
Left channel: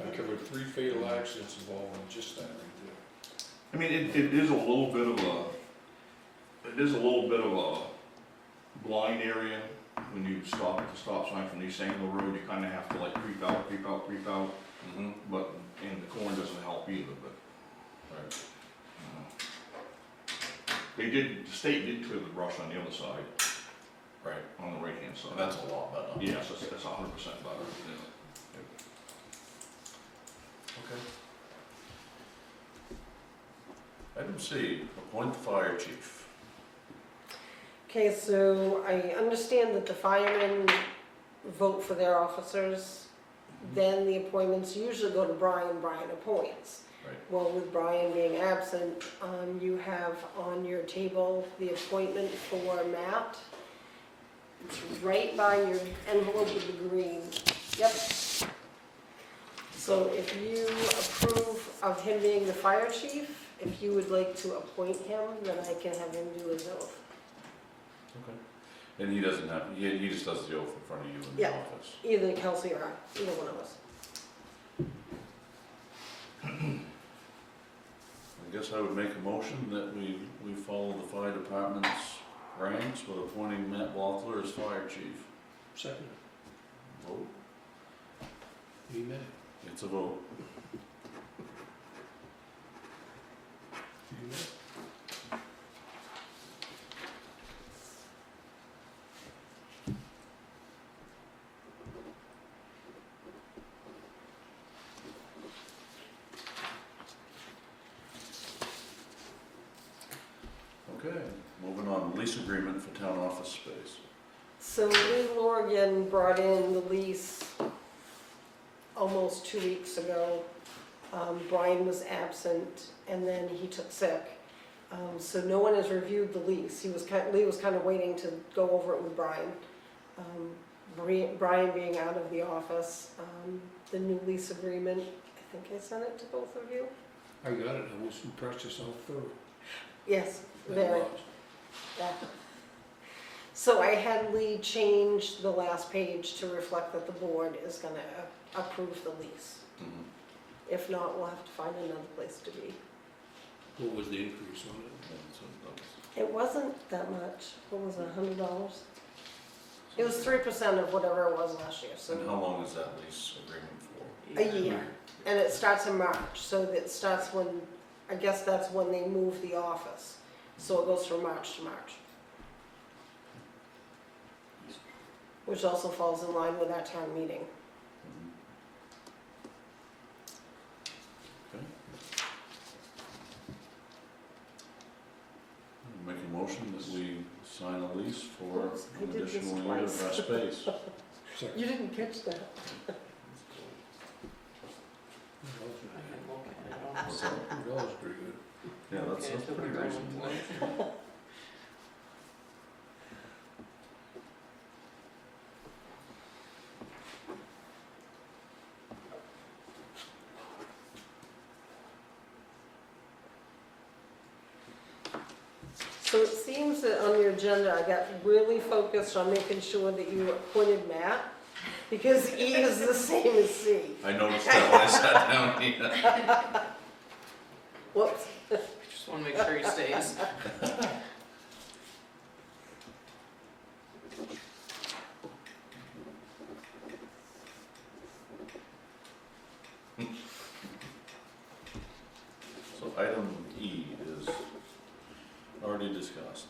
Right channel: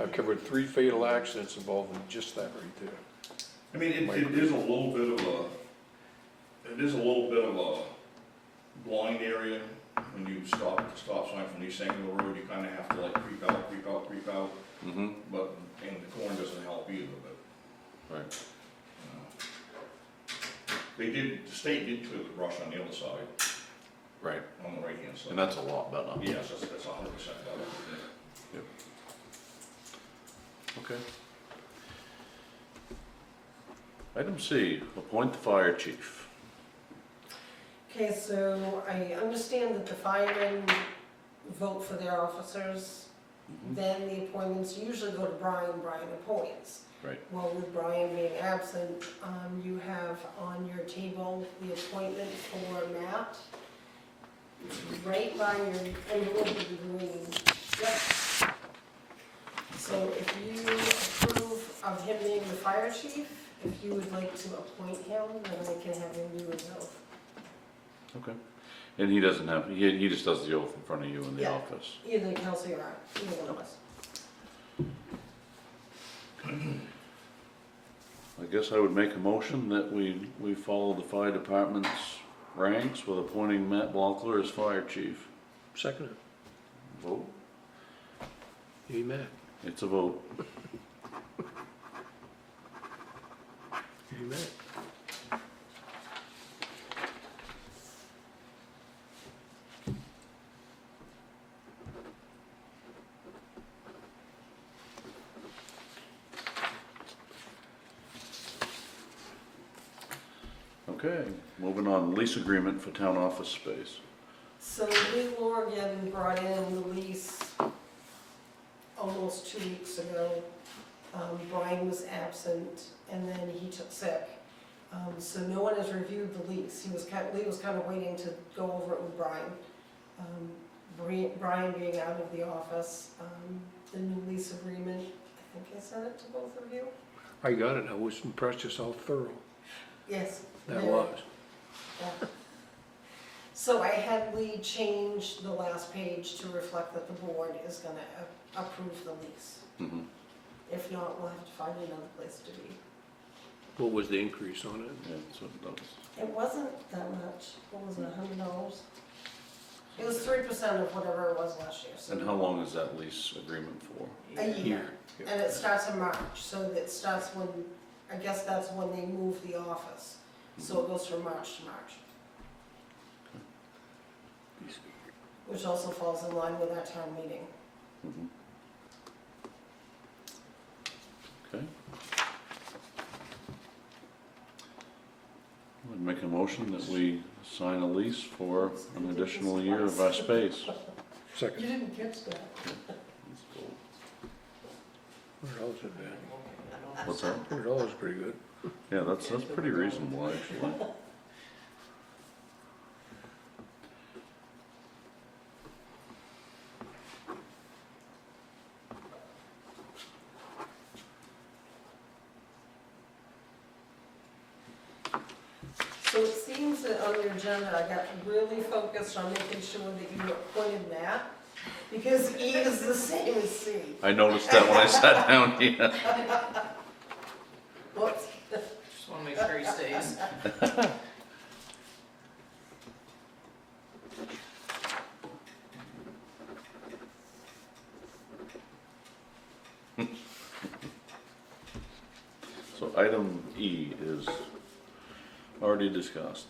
I've covered 3 fatal accidents involving just that right there. I mean, it is a little bit of a blind area. When you stop at the stop sign from East Sangerville Road, you kinda have to like creep out, Mm-hmm, but, and the corn doesn't help either, but. right. The state did clear the brush on the other side, Right, on the right-hand side. and that's a lot better. Yes, that's 100% better. Okay. Item C, appoint the fire chief. Okay, so I understand that the firemen vote for their officers, then the appointments usually go to Brian, Brian appoints. Right. Well, with Brian being absent, you have on your table the appointment for Matt. It's right by your envelope with the green. Yep. So if you approve of him being the fire chief, if you would like to appoint him, then I can have him do his oath. Okay. And he doesn't have, he just does the oath in front of you in the Yeah. office. Either Kelsey or I, either one of us. I guess I would make a motion that we follow the fire department's ranks with appointing Matt Blockler as fire chief. Second, Vote, you met. it's a vote. You met. Okay, moving on, lease agreement for town office space. So Lee Morgan brought in the lease almost 2 weeks ago. Brian was absent and then he took sick. So no one has reviewed the lease. Lee was kind of waiting to go over it with Brian. Brian being out of the office, the new lease agreement, I think I sent it to both of you. I got it, I was impressed just how thorough Yes. that very. was. Yeah. So I had Lee change the last page to reflect that the board is gonna approve the lease. Mhm. If not, we'll have to find another place to be. What was the increase on it? Yeah, so that was, It wasn't that much, what was it, $100? It was 3% of whatever it was last year, so. and how long is that lease agreement for? A year, and it starts in March, so it starts when, I guess that's when they move the office. So it goes from March to March. Which also falls in line with our town meeting. Mhm. Okay. I'd make a motion that we sign a lease for an additional year of our space. Second. You didn't catch that. What's that? $100 is pretty good. Yeah, that's pretty reasonable, actually. So it seems that on your agenda, I got really focused on making sure that you appointed Matt, because E is the same as C. I noticed that when I sat down here. Whoops. Just wanna make sure he stays. So item E is already discussed.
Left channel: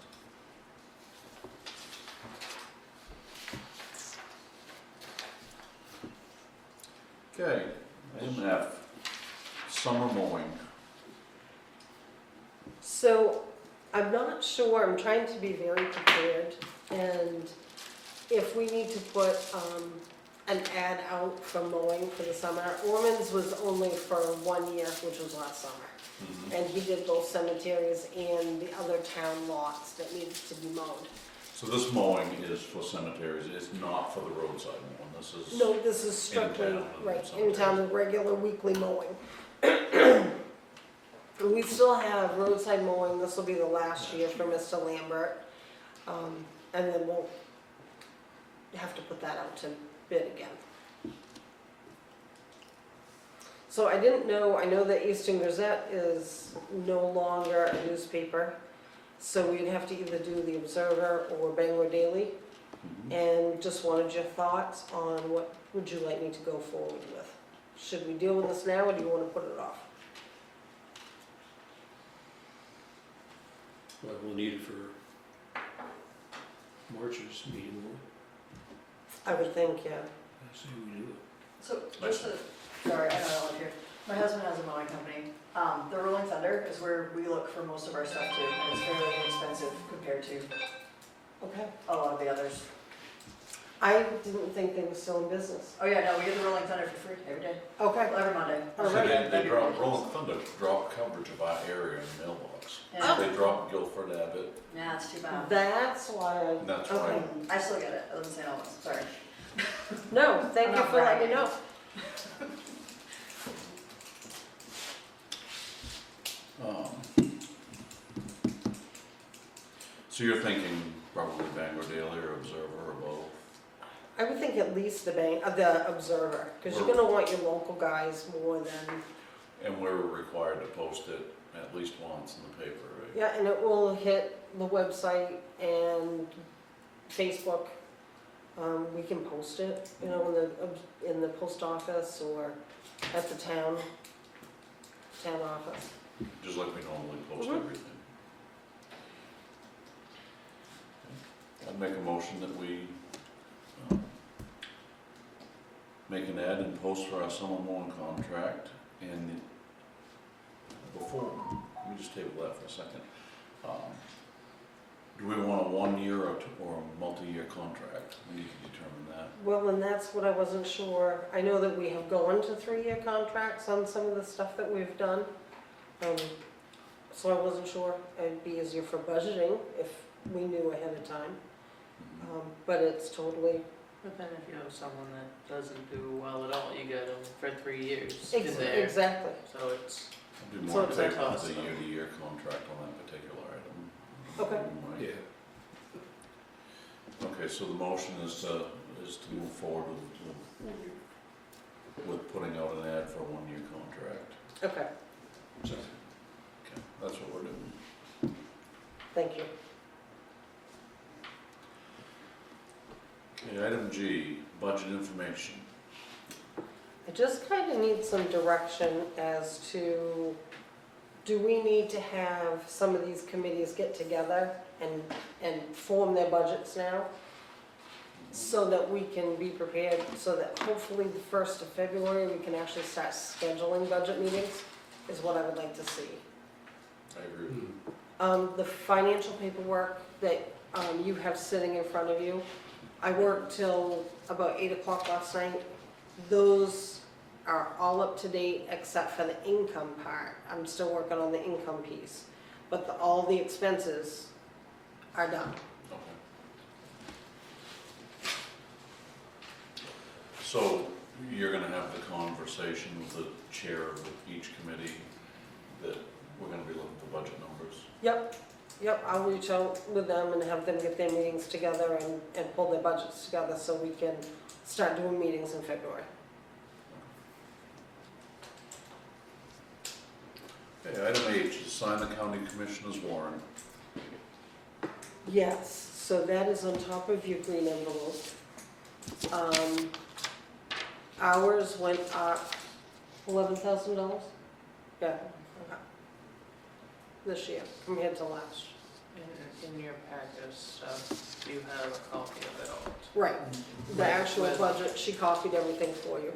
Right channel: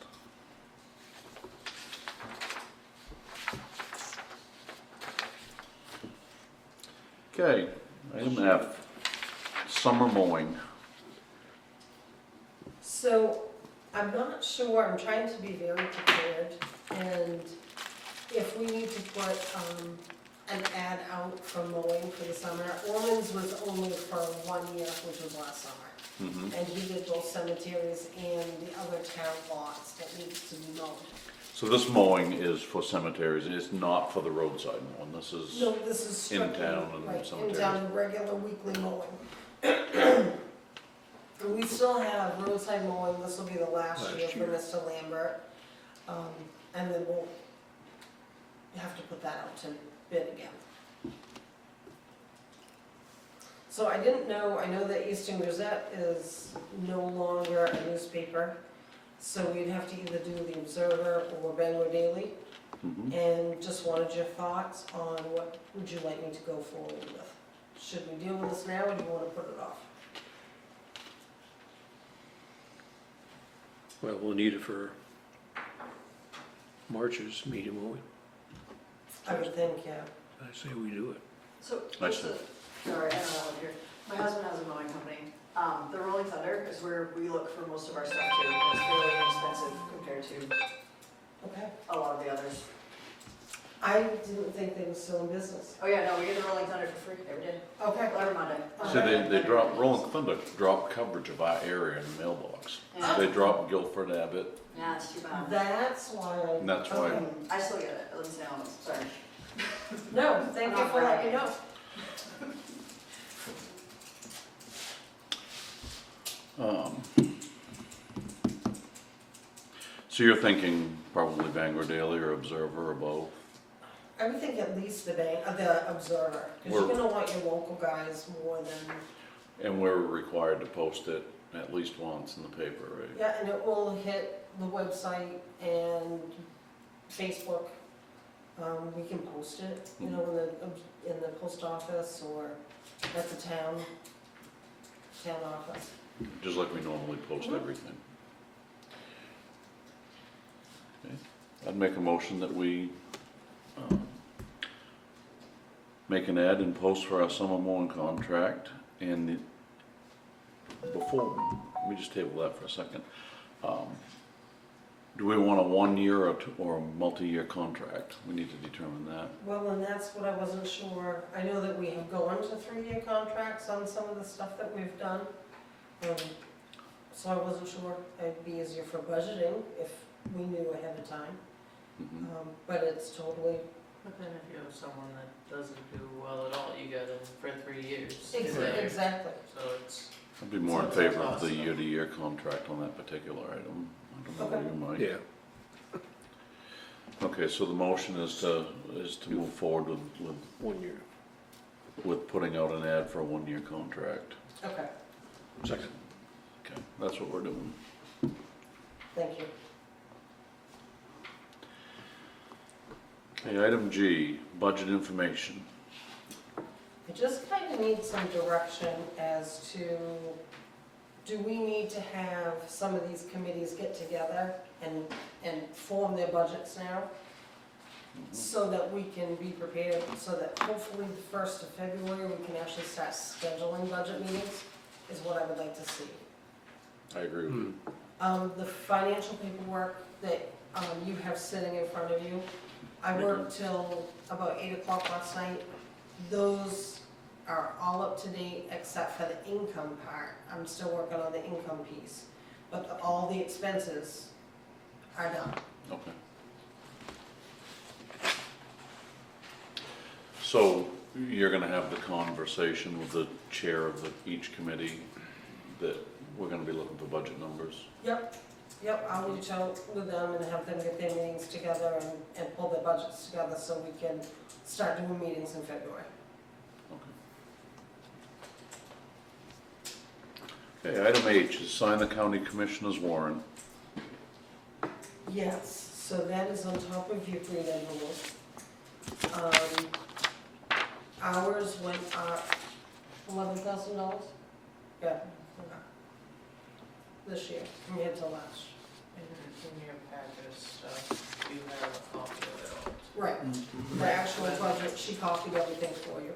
Okay, item F, summer mowing. So I'm not sure, I'm trying to be very prepared, and if we need to put an ad out for mowing for the summer, Orman's was only for 1 year, which was last summer. Mhm. And he did both cemeteries and the other town lots that needs to be mowed. So this mowing is for cemeteries, it's not for the roadside mowing, this is. No, this is In strictly, town and right, in cemeteries. town, and regular weekly mowing. We still have roadside mowing, this will be the last year for Mr. Lambert. And then we'll have to put that out to bid again. So I didn't know, I know that Eastern Gazette is no longer a newspaper, so we'd have to either do the Observer or Bangor Daily. Mhm. And just wanted your thoughts on what would you like me to go forward with? Should we deal with this now, or do you wanna put it off? Well, we'll need it for March's meeting, won't we? I would think, yeah. I say we do it. So, I just see. sorry, I don't know if you're, my husband has a mowing company. The Rolling Thunder is where we look for most of our stuff too, and it's fairly inexpensive compared to Okay. a lot of the others. I didn't think they were still in business. Oh yeah, no, we get the Rolling Thunder for free every day, Okay. every Monday. So they drop, Rolling Thunder drop coverage of our area in the mailbox. Yeah. They drop Guilford, Abbott, Yeah, it's too bad. That's why. and that's why, Okay. I still get it, I live in St. Albans, sorry. No, thank I'm you not for letting me bragging. know. So you're thinking probably Bangor Daily or Observer or both? I would think at least the Observer, because you're We're- gonna want your local guys more than, And we're required to post it at least once in the paper, right? yeah, and it will hit the website and Facebook. We can post it, you know, in the post office or at the town office. Just like we normally post Mhm. everything. Okay. I'd make a motion that we make an ad and post for our summer mowing contract, and before, let me just table that for a second. Do we want a 1 year or a multi-year contract? We need to determine that. Well, and that's what I wasn't sure. I know that we have gone to 3-year contracts on some of the stuff that we've done. So I wasn't sure. It'd be easier for budgeting if we knew ahead of time. Mhm. But it's totally, But then if you have someone that doesn't do well at all, you get them for 3 years. exactly. So it's, I'd be more in So it's favor of the awesome. year-to-year contract on that particular item. I don't know what you might. Yeah, Okay, so the motion is to move forward with 1 year. with putting out an ad for a 1-year contract. Okay, Second. Okay, that's what we're doing. thank you. Okay, item G, budget information. I just kind of need some direction as to, do we need to have some of these committees get together and form their budgets now? So that we can be prepared, so that hopefully the 1st of February, we can actually start scheduling budget meetings, is what I would like to see. I agree with you. The financial paperwork that you have sitting in front of you, I worked till about 8 o'clock last night. Those are all up to date except for the income part. I'm still working on the income piece. But all the expenses are done. Okay. So you're gonna have the conversation with the chair of each committee that we're gonna be looking for budget numbers? Yep, I'll reach out with them and have them get their meetings together and pull their budgets together so we can start doing meetings in February. Okay, item H is sign the county commissioner's warrant. Yes, so that is on top of your green envelope. Ours went up $11,000? Yeah. Okay. This year compared to last. in your packet stuff, you have a copy of it all. Right. The actual budget, she copied everything for you.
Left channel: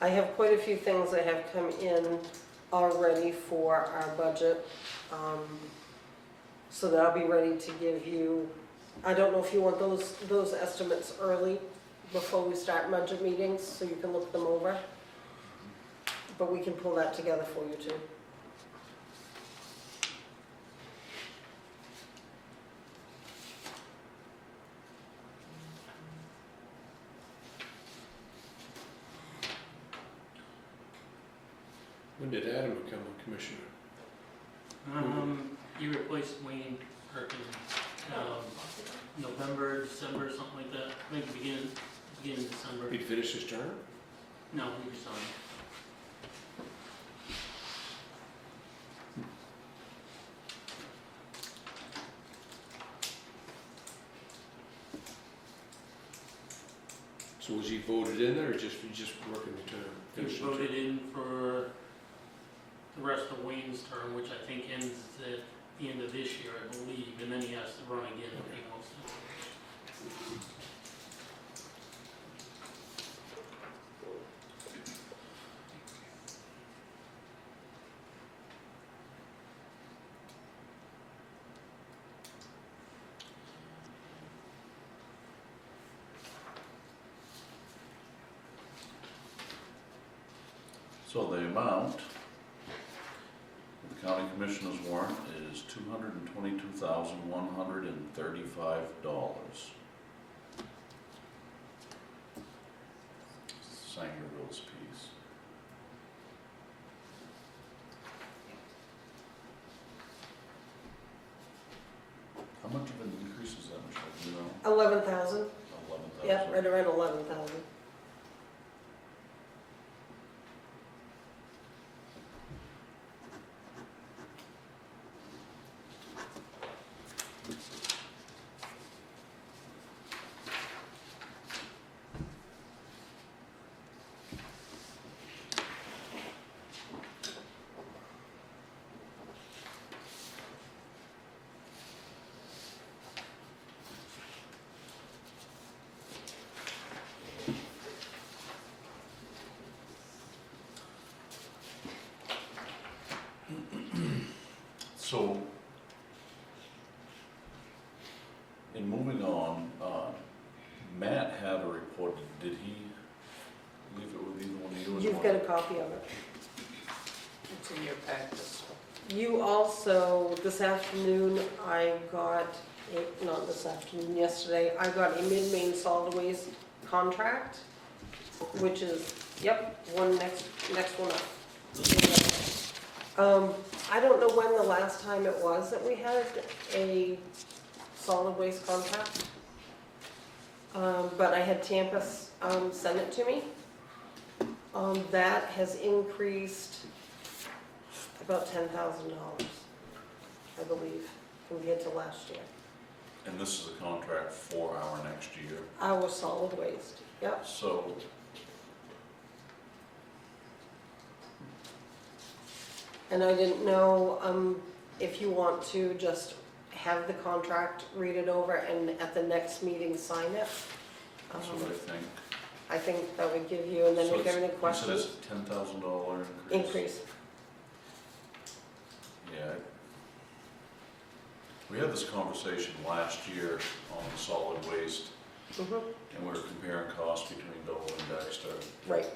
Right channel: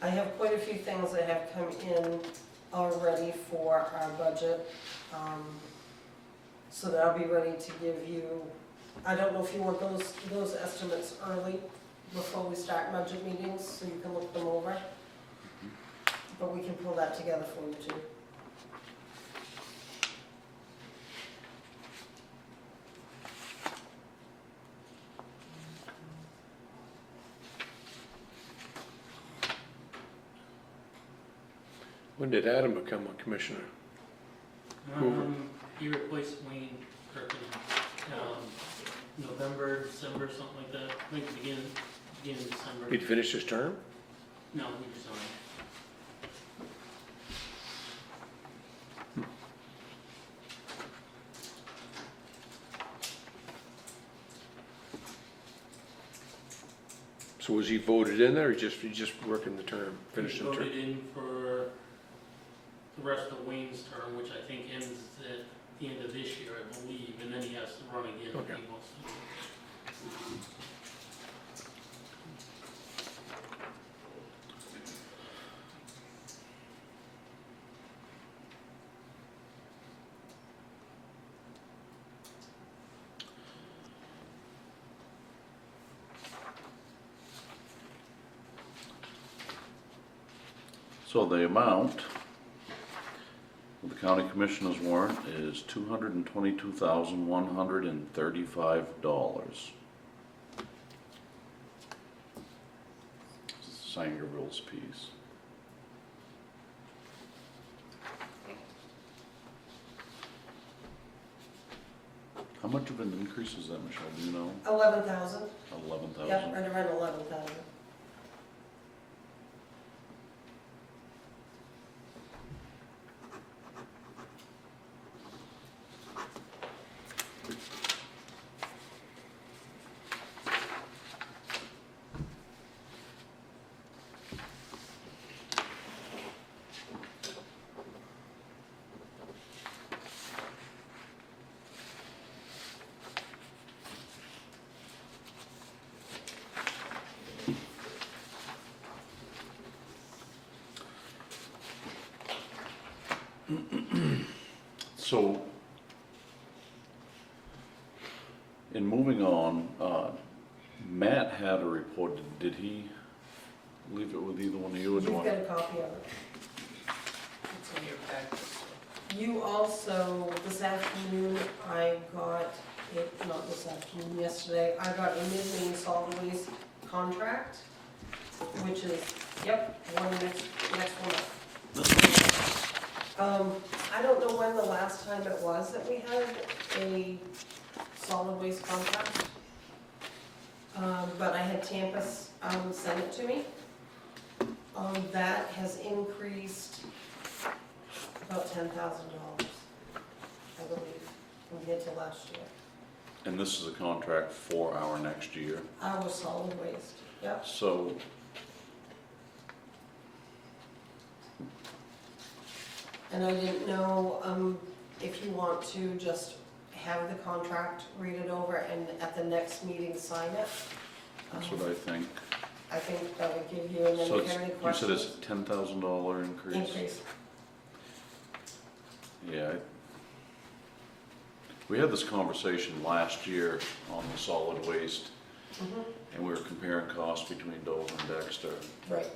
I have quite a few things that have come in already for our budget, so that I'll be ready to give you, I don't know if you want those estimates early before we start budget meetings, so you can look them over. But we can pull that together for you too. When did Adam become a commissioner? He replaced Wayne Kirkin, November, December, something like that, I think beginning of December. He'd finished his term? No, he resigned. So was he voted in there, or he just working the term, He finishing the term? voted in for the rest of Wayne's term, which I think ends at the end of this year, I believe, and then he has to run again if he wants to. So the amount of the county commissioner's warrant is $222,135. Sign your rules piece. How much of an increase is that, Michelle? Do you know? 11,000, 11,000? yep, right around 11,000. So, in moving on, Matt had a report, did he leave it with either one of you? Or do You've I- got a copy of it. It's in your packet. You also, this afternoon, I got, not this afternoon, yesterday, I got a Mid-Maine Solid Waste contract, which is, yep, next one up. I don't know when the last time it was that we had a solid waste contract. But I had Tampa, send it to me. That has increased about $10,000, I believe, compared to last year. And this is a contract for our next year. Our solid waste, yep. So, And I didn't know, if you want to just have the contract, read it over, and at the next meeting, sign it. that's what I think. I think that would give you, and then So if there are any you said questions. it's a $10,000 increase? Increase. Yeah. We had this conversation last year on the solid waste, Mhm. and we were comparing costs between Dover and Dexter. Right,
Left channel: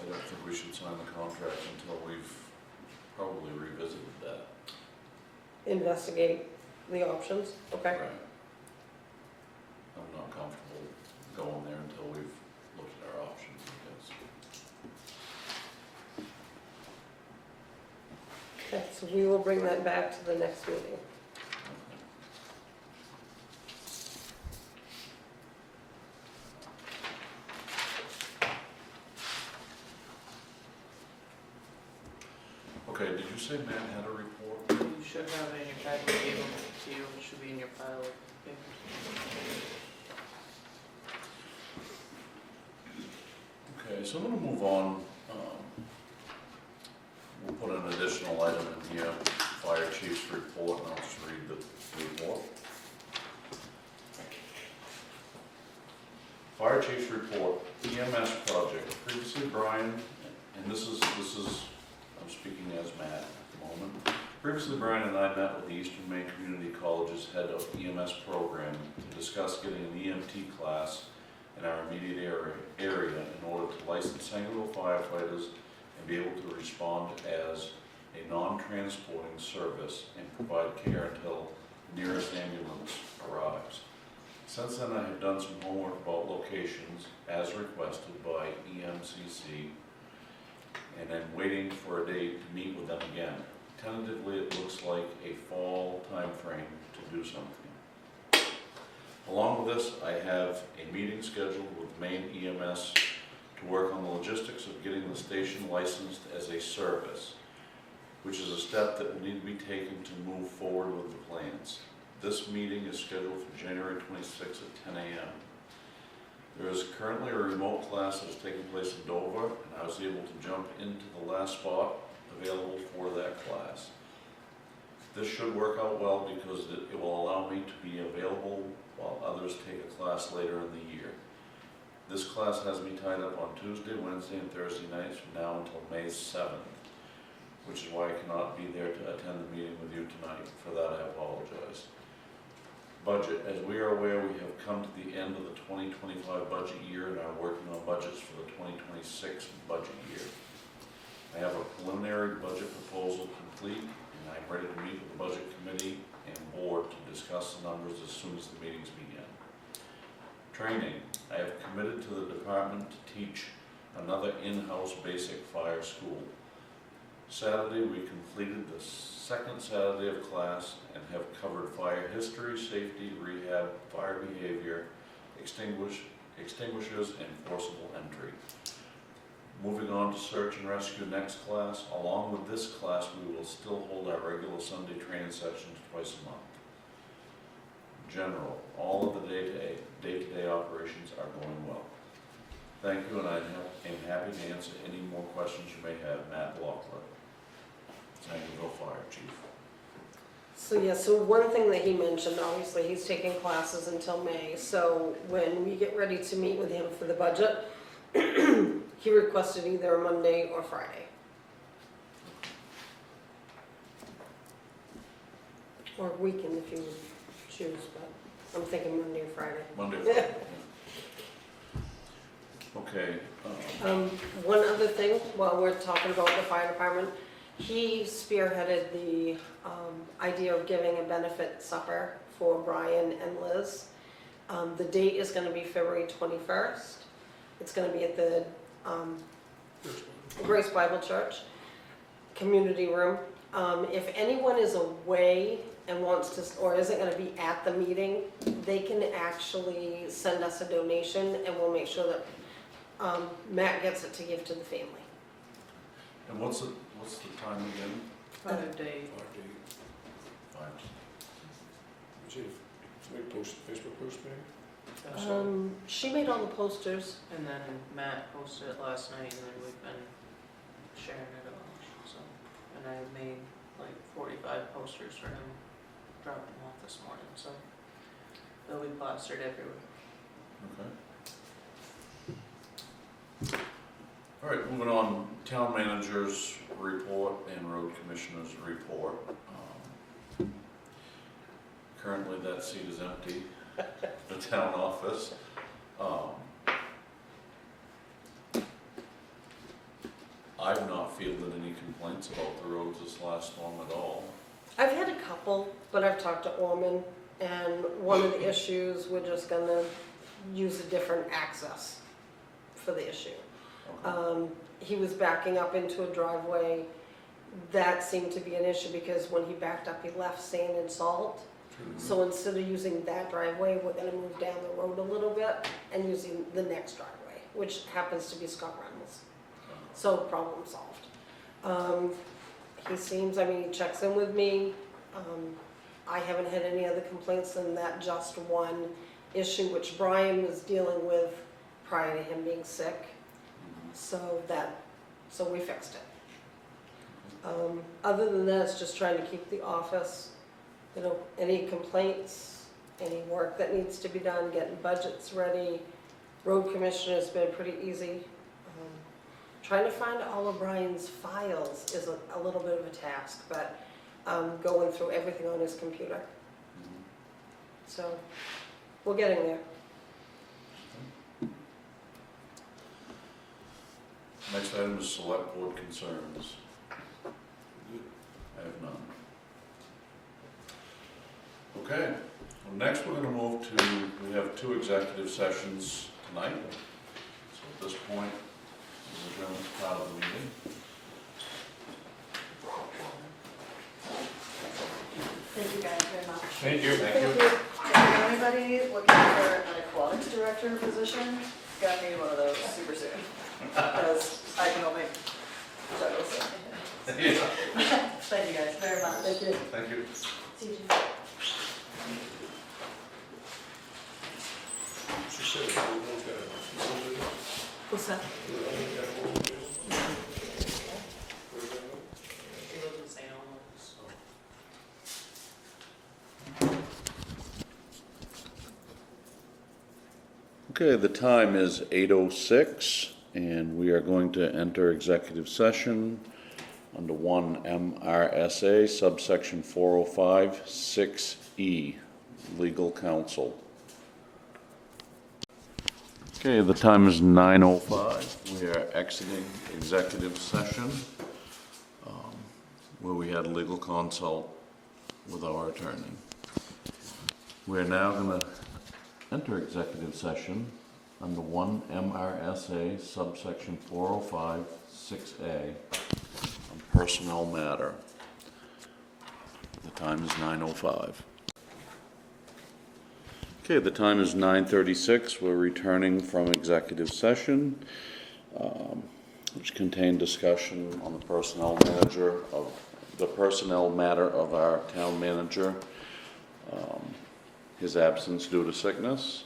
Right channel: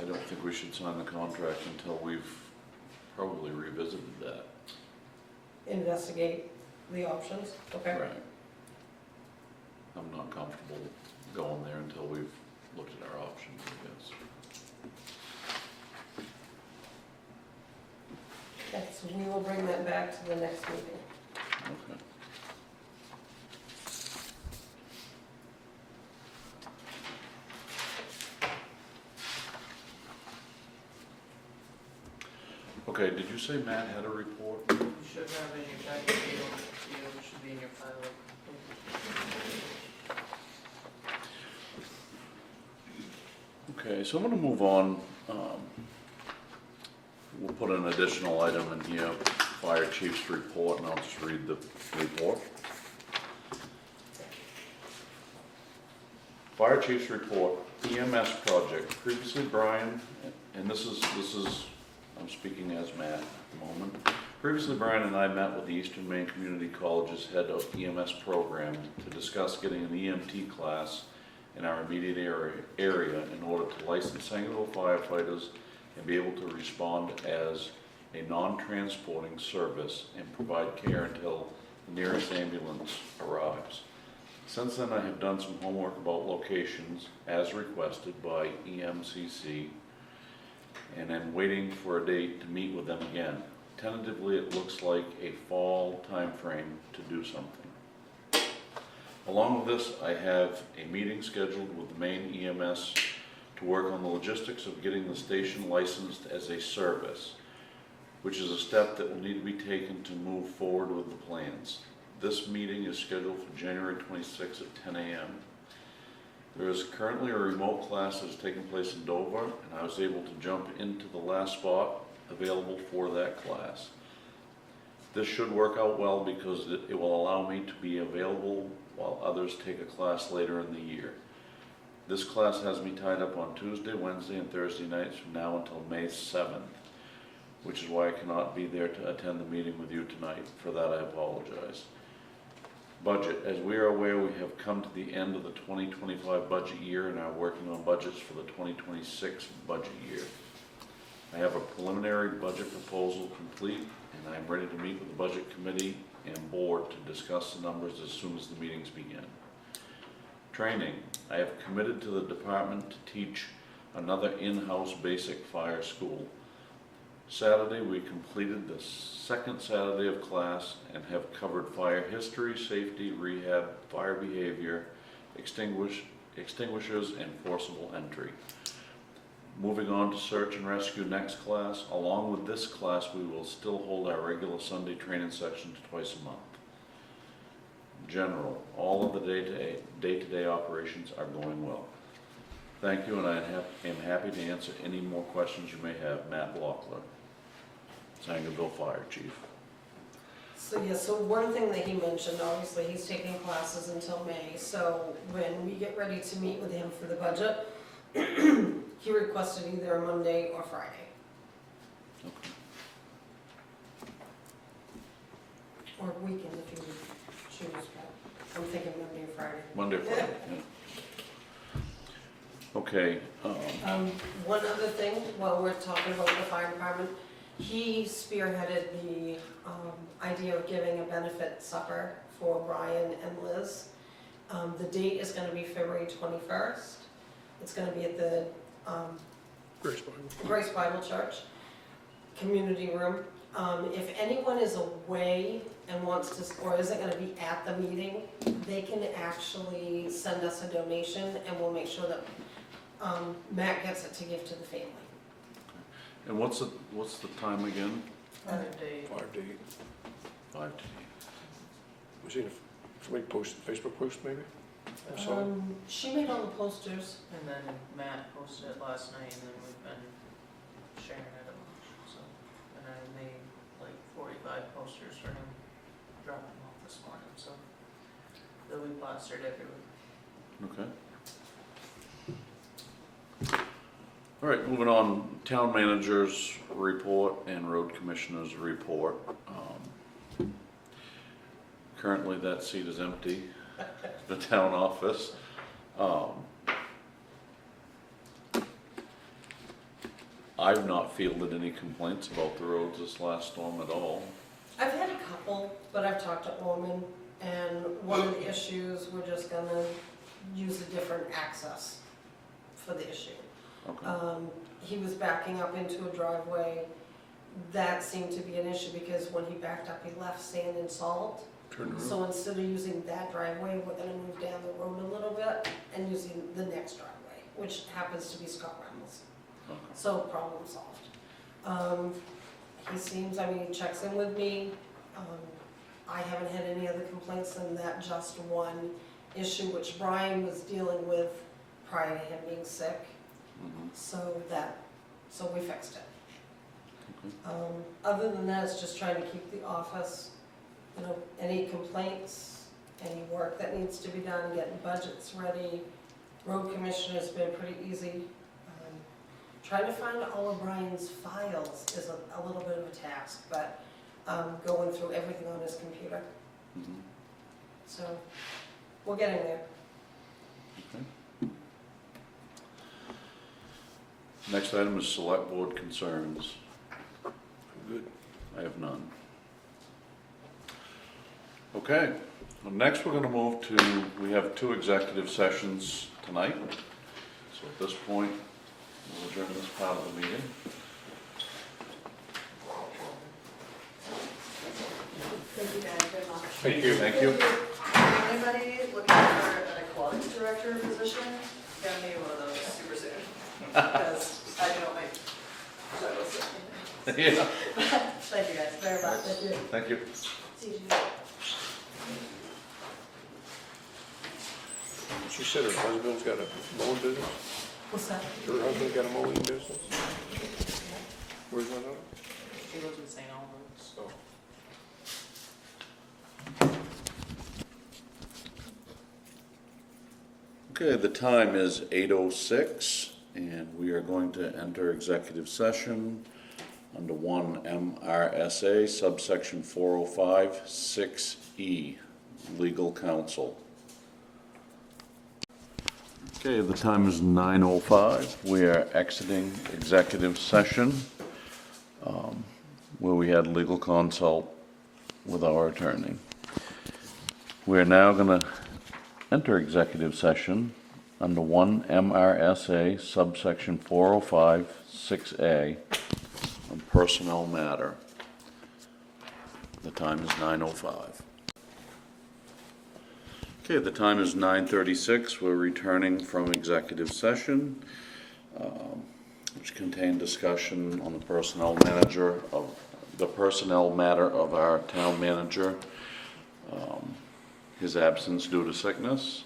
I don't think we should sign the contract until we've probably revisited that. investigate the options, okay? Right. I'm not comfortable going there until we've looked at our options, I guess. Okay, so we will bring that back to the next meeting. Okay. Okay, did you say Matt had a report? You should have it in your packet, it should be in your file. Okay, so I'm gonna move on. We'll put an additional item in here, fire chief's report, and I'll just read the report. Fire chief's report, EMS project. Previously, Brian, and this is, I'm speaking as Matt at the moment. Previously, Brian and I met with the Eastern Maine Community College's head of EMS program to discuss getting an EMT class in our immediate area in order to license Sangerville firefighters and be able to respond as a non-transporting service and provide care until the nearest ambulance arrives. Since then, I have done some homework about locations as requested by EMCC, and I'm waiting for a date to meet with them again. Tentatively, it looks like a fall timeframe to do something. Along with this, I have a meeting scheduled with the Maine EMS to work on the logistics of getting the station licensed as a service, which is a step that will need to be taken to move forward with the plans. This meeting is scheduled for January 26th at 10 a.m. There is currently a remote class that is taking place in Dover, and I was able to jump into the last spot available for that class. This should work out well because it will allow me to be available while others take a class later in the year. This class has me tied up on Tuesday, Wednesday, and Thursday nights from now until May 7th, which is why I cannot be there to attend the meeting with you tonight. For that, I apologize. Budget. As we are aware, we have come to the end of the 2025 budget year and are working on budgets for the 2026 budget year. I have a preliminary budget proposal complete, and I'm ready to meet with the budget committee and board to discuss the numbers as soon as the meetings begin. Training. I have committed to the department to teach another in-house basic fire school. Saturday, we completed the second Saturday of class and have covered fire history, safety, rehab, fire behavior, extinguishers, and forcible entry. Moving on to search and rescue next class. Along with this class, we will still hold our regular Sunday training sessions twice a month. General, all of the day-to-day operations are going well. Thank you, and I am happy to answer any more questions you may have. Matt Lockler, Sangerville Fire Chief. So yeah, so one thing that he mentioned, obviously, he's taking classes until May, so when we get ready to meet with him for the budget, he requested either a Monday or Friday. Or weekend if you choose, but I'm thinking Monday or Friday. Monday, Friday. Okay, One other thing, while we're talking about the fire department, he spearheaded the, idea of giving a benefit supper for Brian and Liz. The date is gonna be February 21st. It's gonna be at the, Grace Bible Church, community room. If anyone is away and wants to, or isn't gonna be at the meeting, they can actually send us a donation and we'll make sure that Matt gets it to give to the family. and what's the time again? 5 days. 5 days. 5 to Was it, somebody posted, Facebook post maybe? She made all the posters. And then Matt posted it last night, and then we've been sharing it a bunch, so. And I made like 45 posters for him, dropped them off this morning, so. They'll be plastered everywhere. 8. Okay. All right, moving on, town manager's report and road commissioner's report. Currently, that seat is empty, the town office. I've not fielded any complaints about the roads this last storm at all. I've had a couple, but I've talked to Orman, and one of the issues, we're just gonna use a different access for the issue. Okay. He was backing up into a driveway. That seemed to be an issue because when he backed up, he left sand and salt. So instead of using that driveway, we're gonna move down the road a little bit and using the next driveway, which happens to be Scott Reynolds. Okay. So problem solved. He seems, I mean, he checks in with me. I haven't had any other complaints than that just one issue, which Brian was dealing with prior to him being sick. Mhm. So we fixed it. Other than that, it's just trying to keep the office, you know, any complaints, any work that needs to be done, getting budgets ready. Road commissioner's been pretty easy. Trying to find all of Brian's files is a little bit of a task, but going through everything on his computer. Mhm. So we're getting there. Next item is select board concerns. Good. I have none. Okay, well, next we're gonna move to, we have 2 executive sessions tonight. So at this point, we'll adjourn this part of the meeting. Thank you guys very much. Thank you. Thank you. Anybody looking for an aquatics director position, got me one of those super soon. Because I don't think that was it. Yeah, Thank you guys very much. Thank you. thank you. See you. She said her husband's got a mowing business? What's that? Her husband got a mowing business? Where's that at? She lives in St. Albans. Oh. Okay, the time is 8:06, and we are going to enter executive session under 1 MRSA subsection 405 6E, legal counsel. Okay, the time is 9:05. We are exiting executive session, where we had legal consult with our attorney. We're now going to enter executive session under 1 MRSA subsection 405 6A on personnel matter. The time is 9:05. Okay, the time is 9:36. We're returning from executive session, which contained discussion on the personnel matter of our town manager, his absence due to sickness.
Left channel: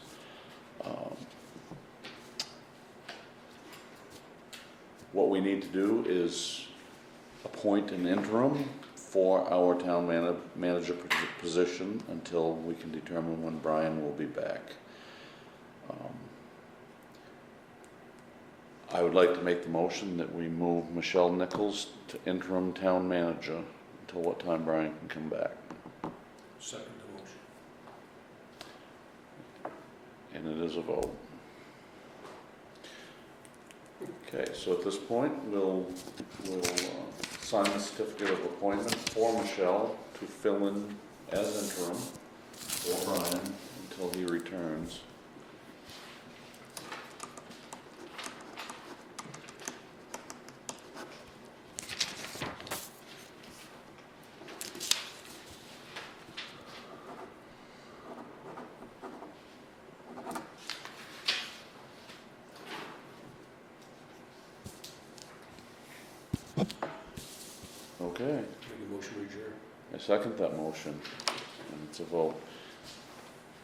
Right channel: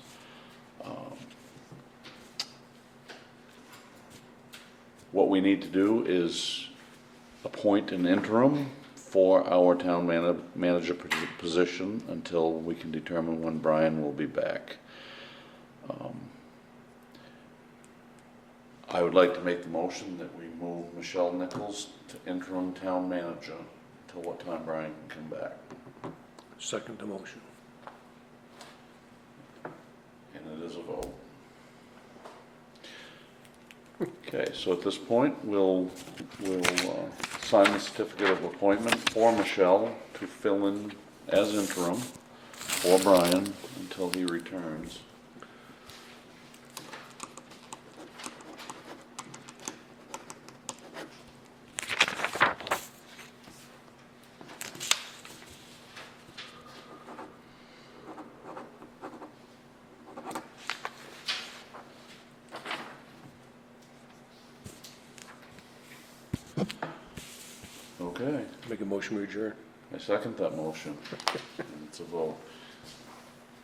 What we need to do is appoint an interim for our town manager position until we can determine when Brian will be back. I would like to make the motion that we move Michelle Nichols to interim town manager until what time Brian can come back. Second the motion. And it is a vote. Okay, so at this point, we'll sign the certificate of appointment for Michelle to fill in as interim for Brian until he returns. Okay, Make a motion, we adjourn. I second that motion, and it's a vote.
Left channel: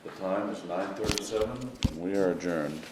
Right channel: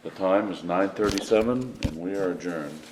The time is 9:37, and we are adjourned.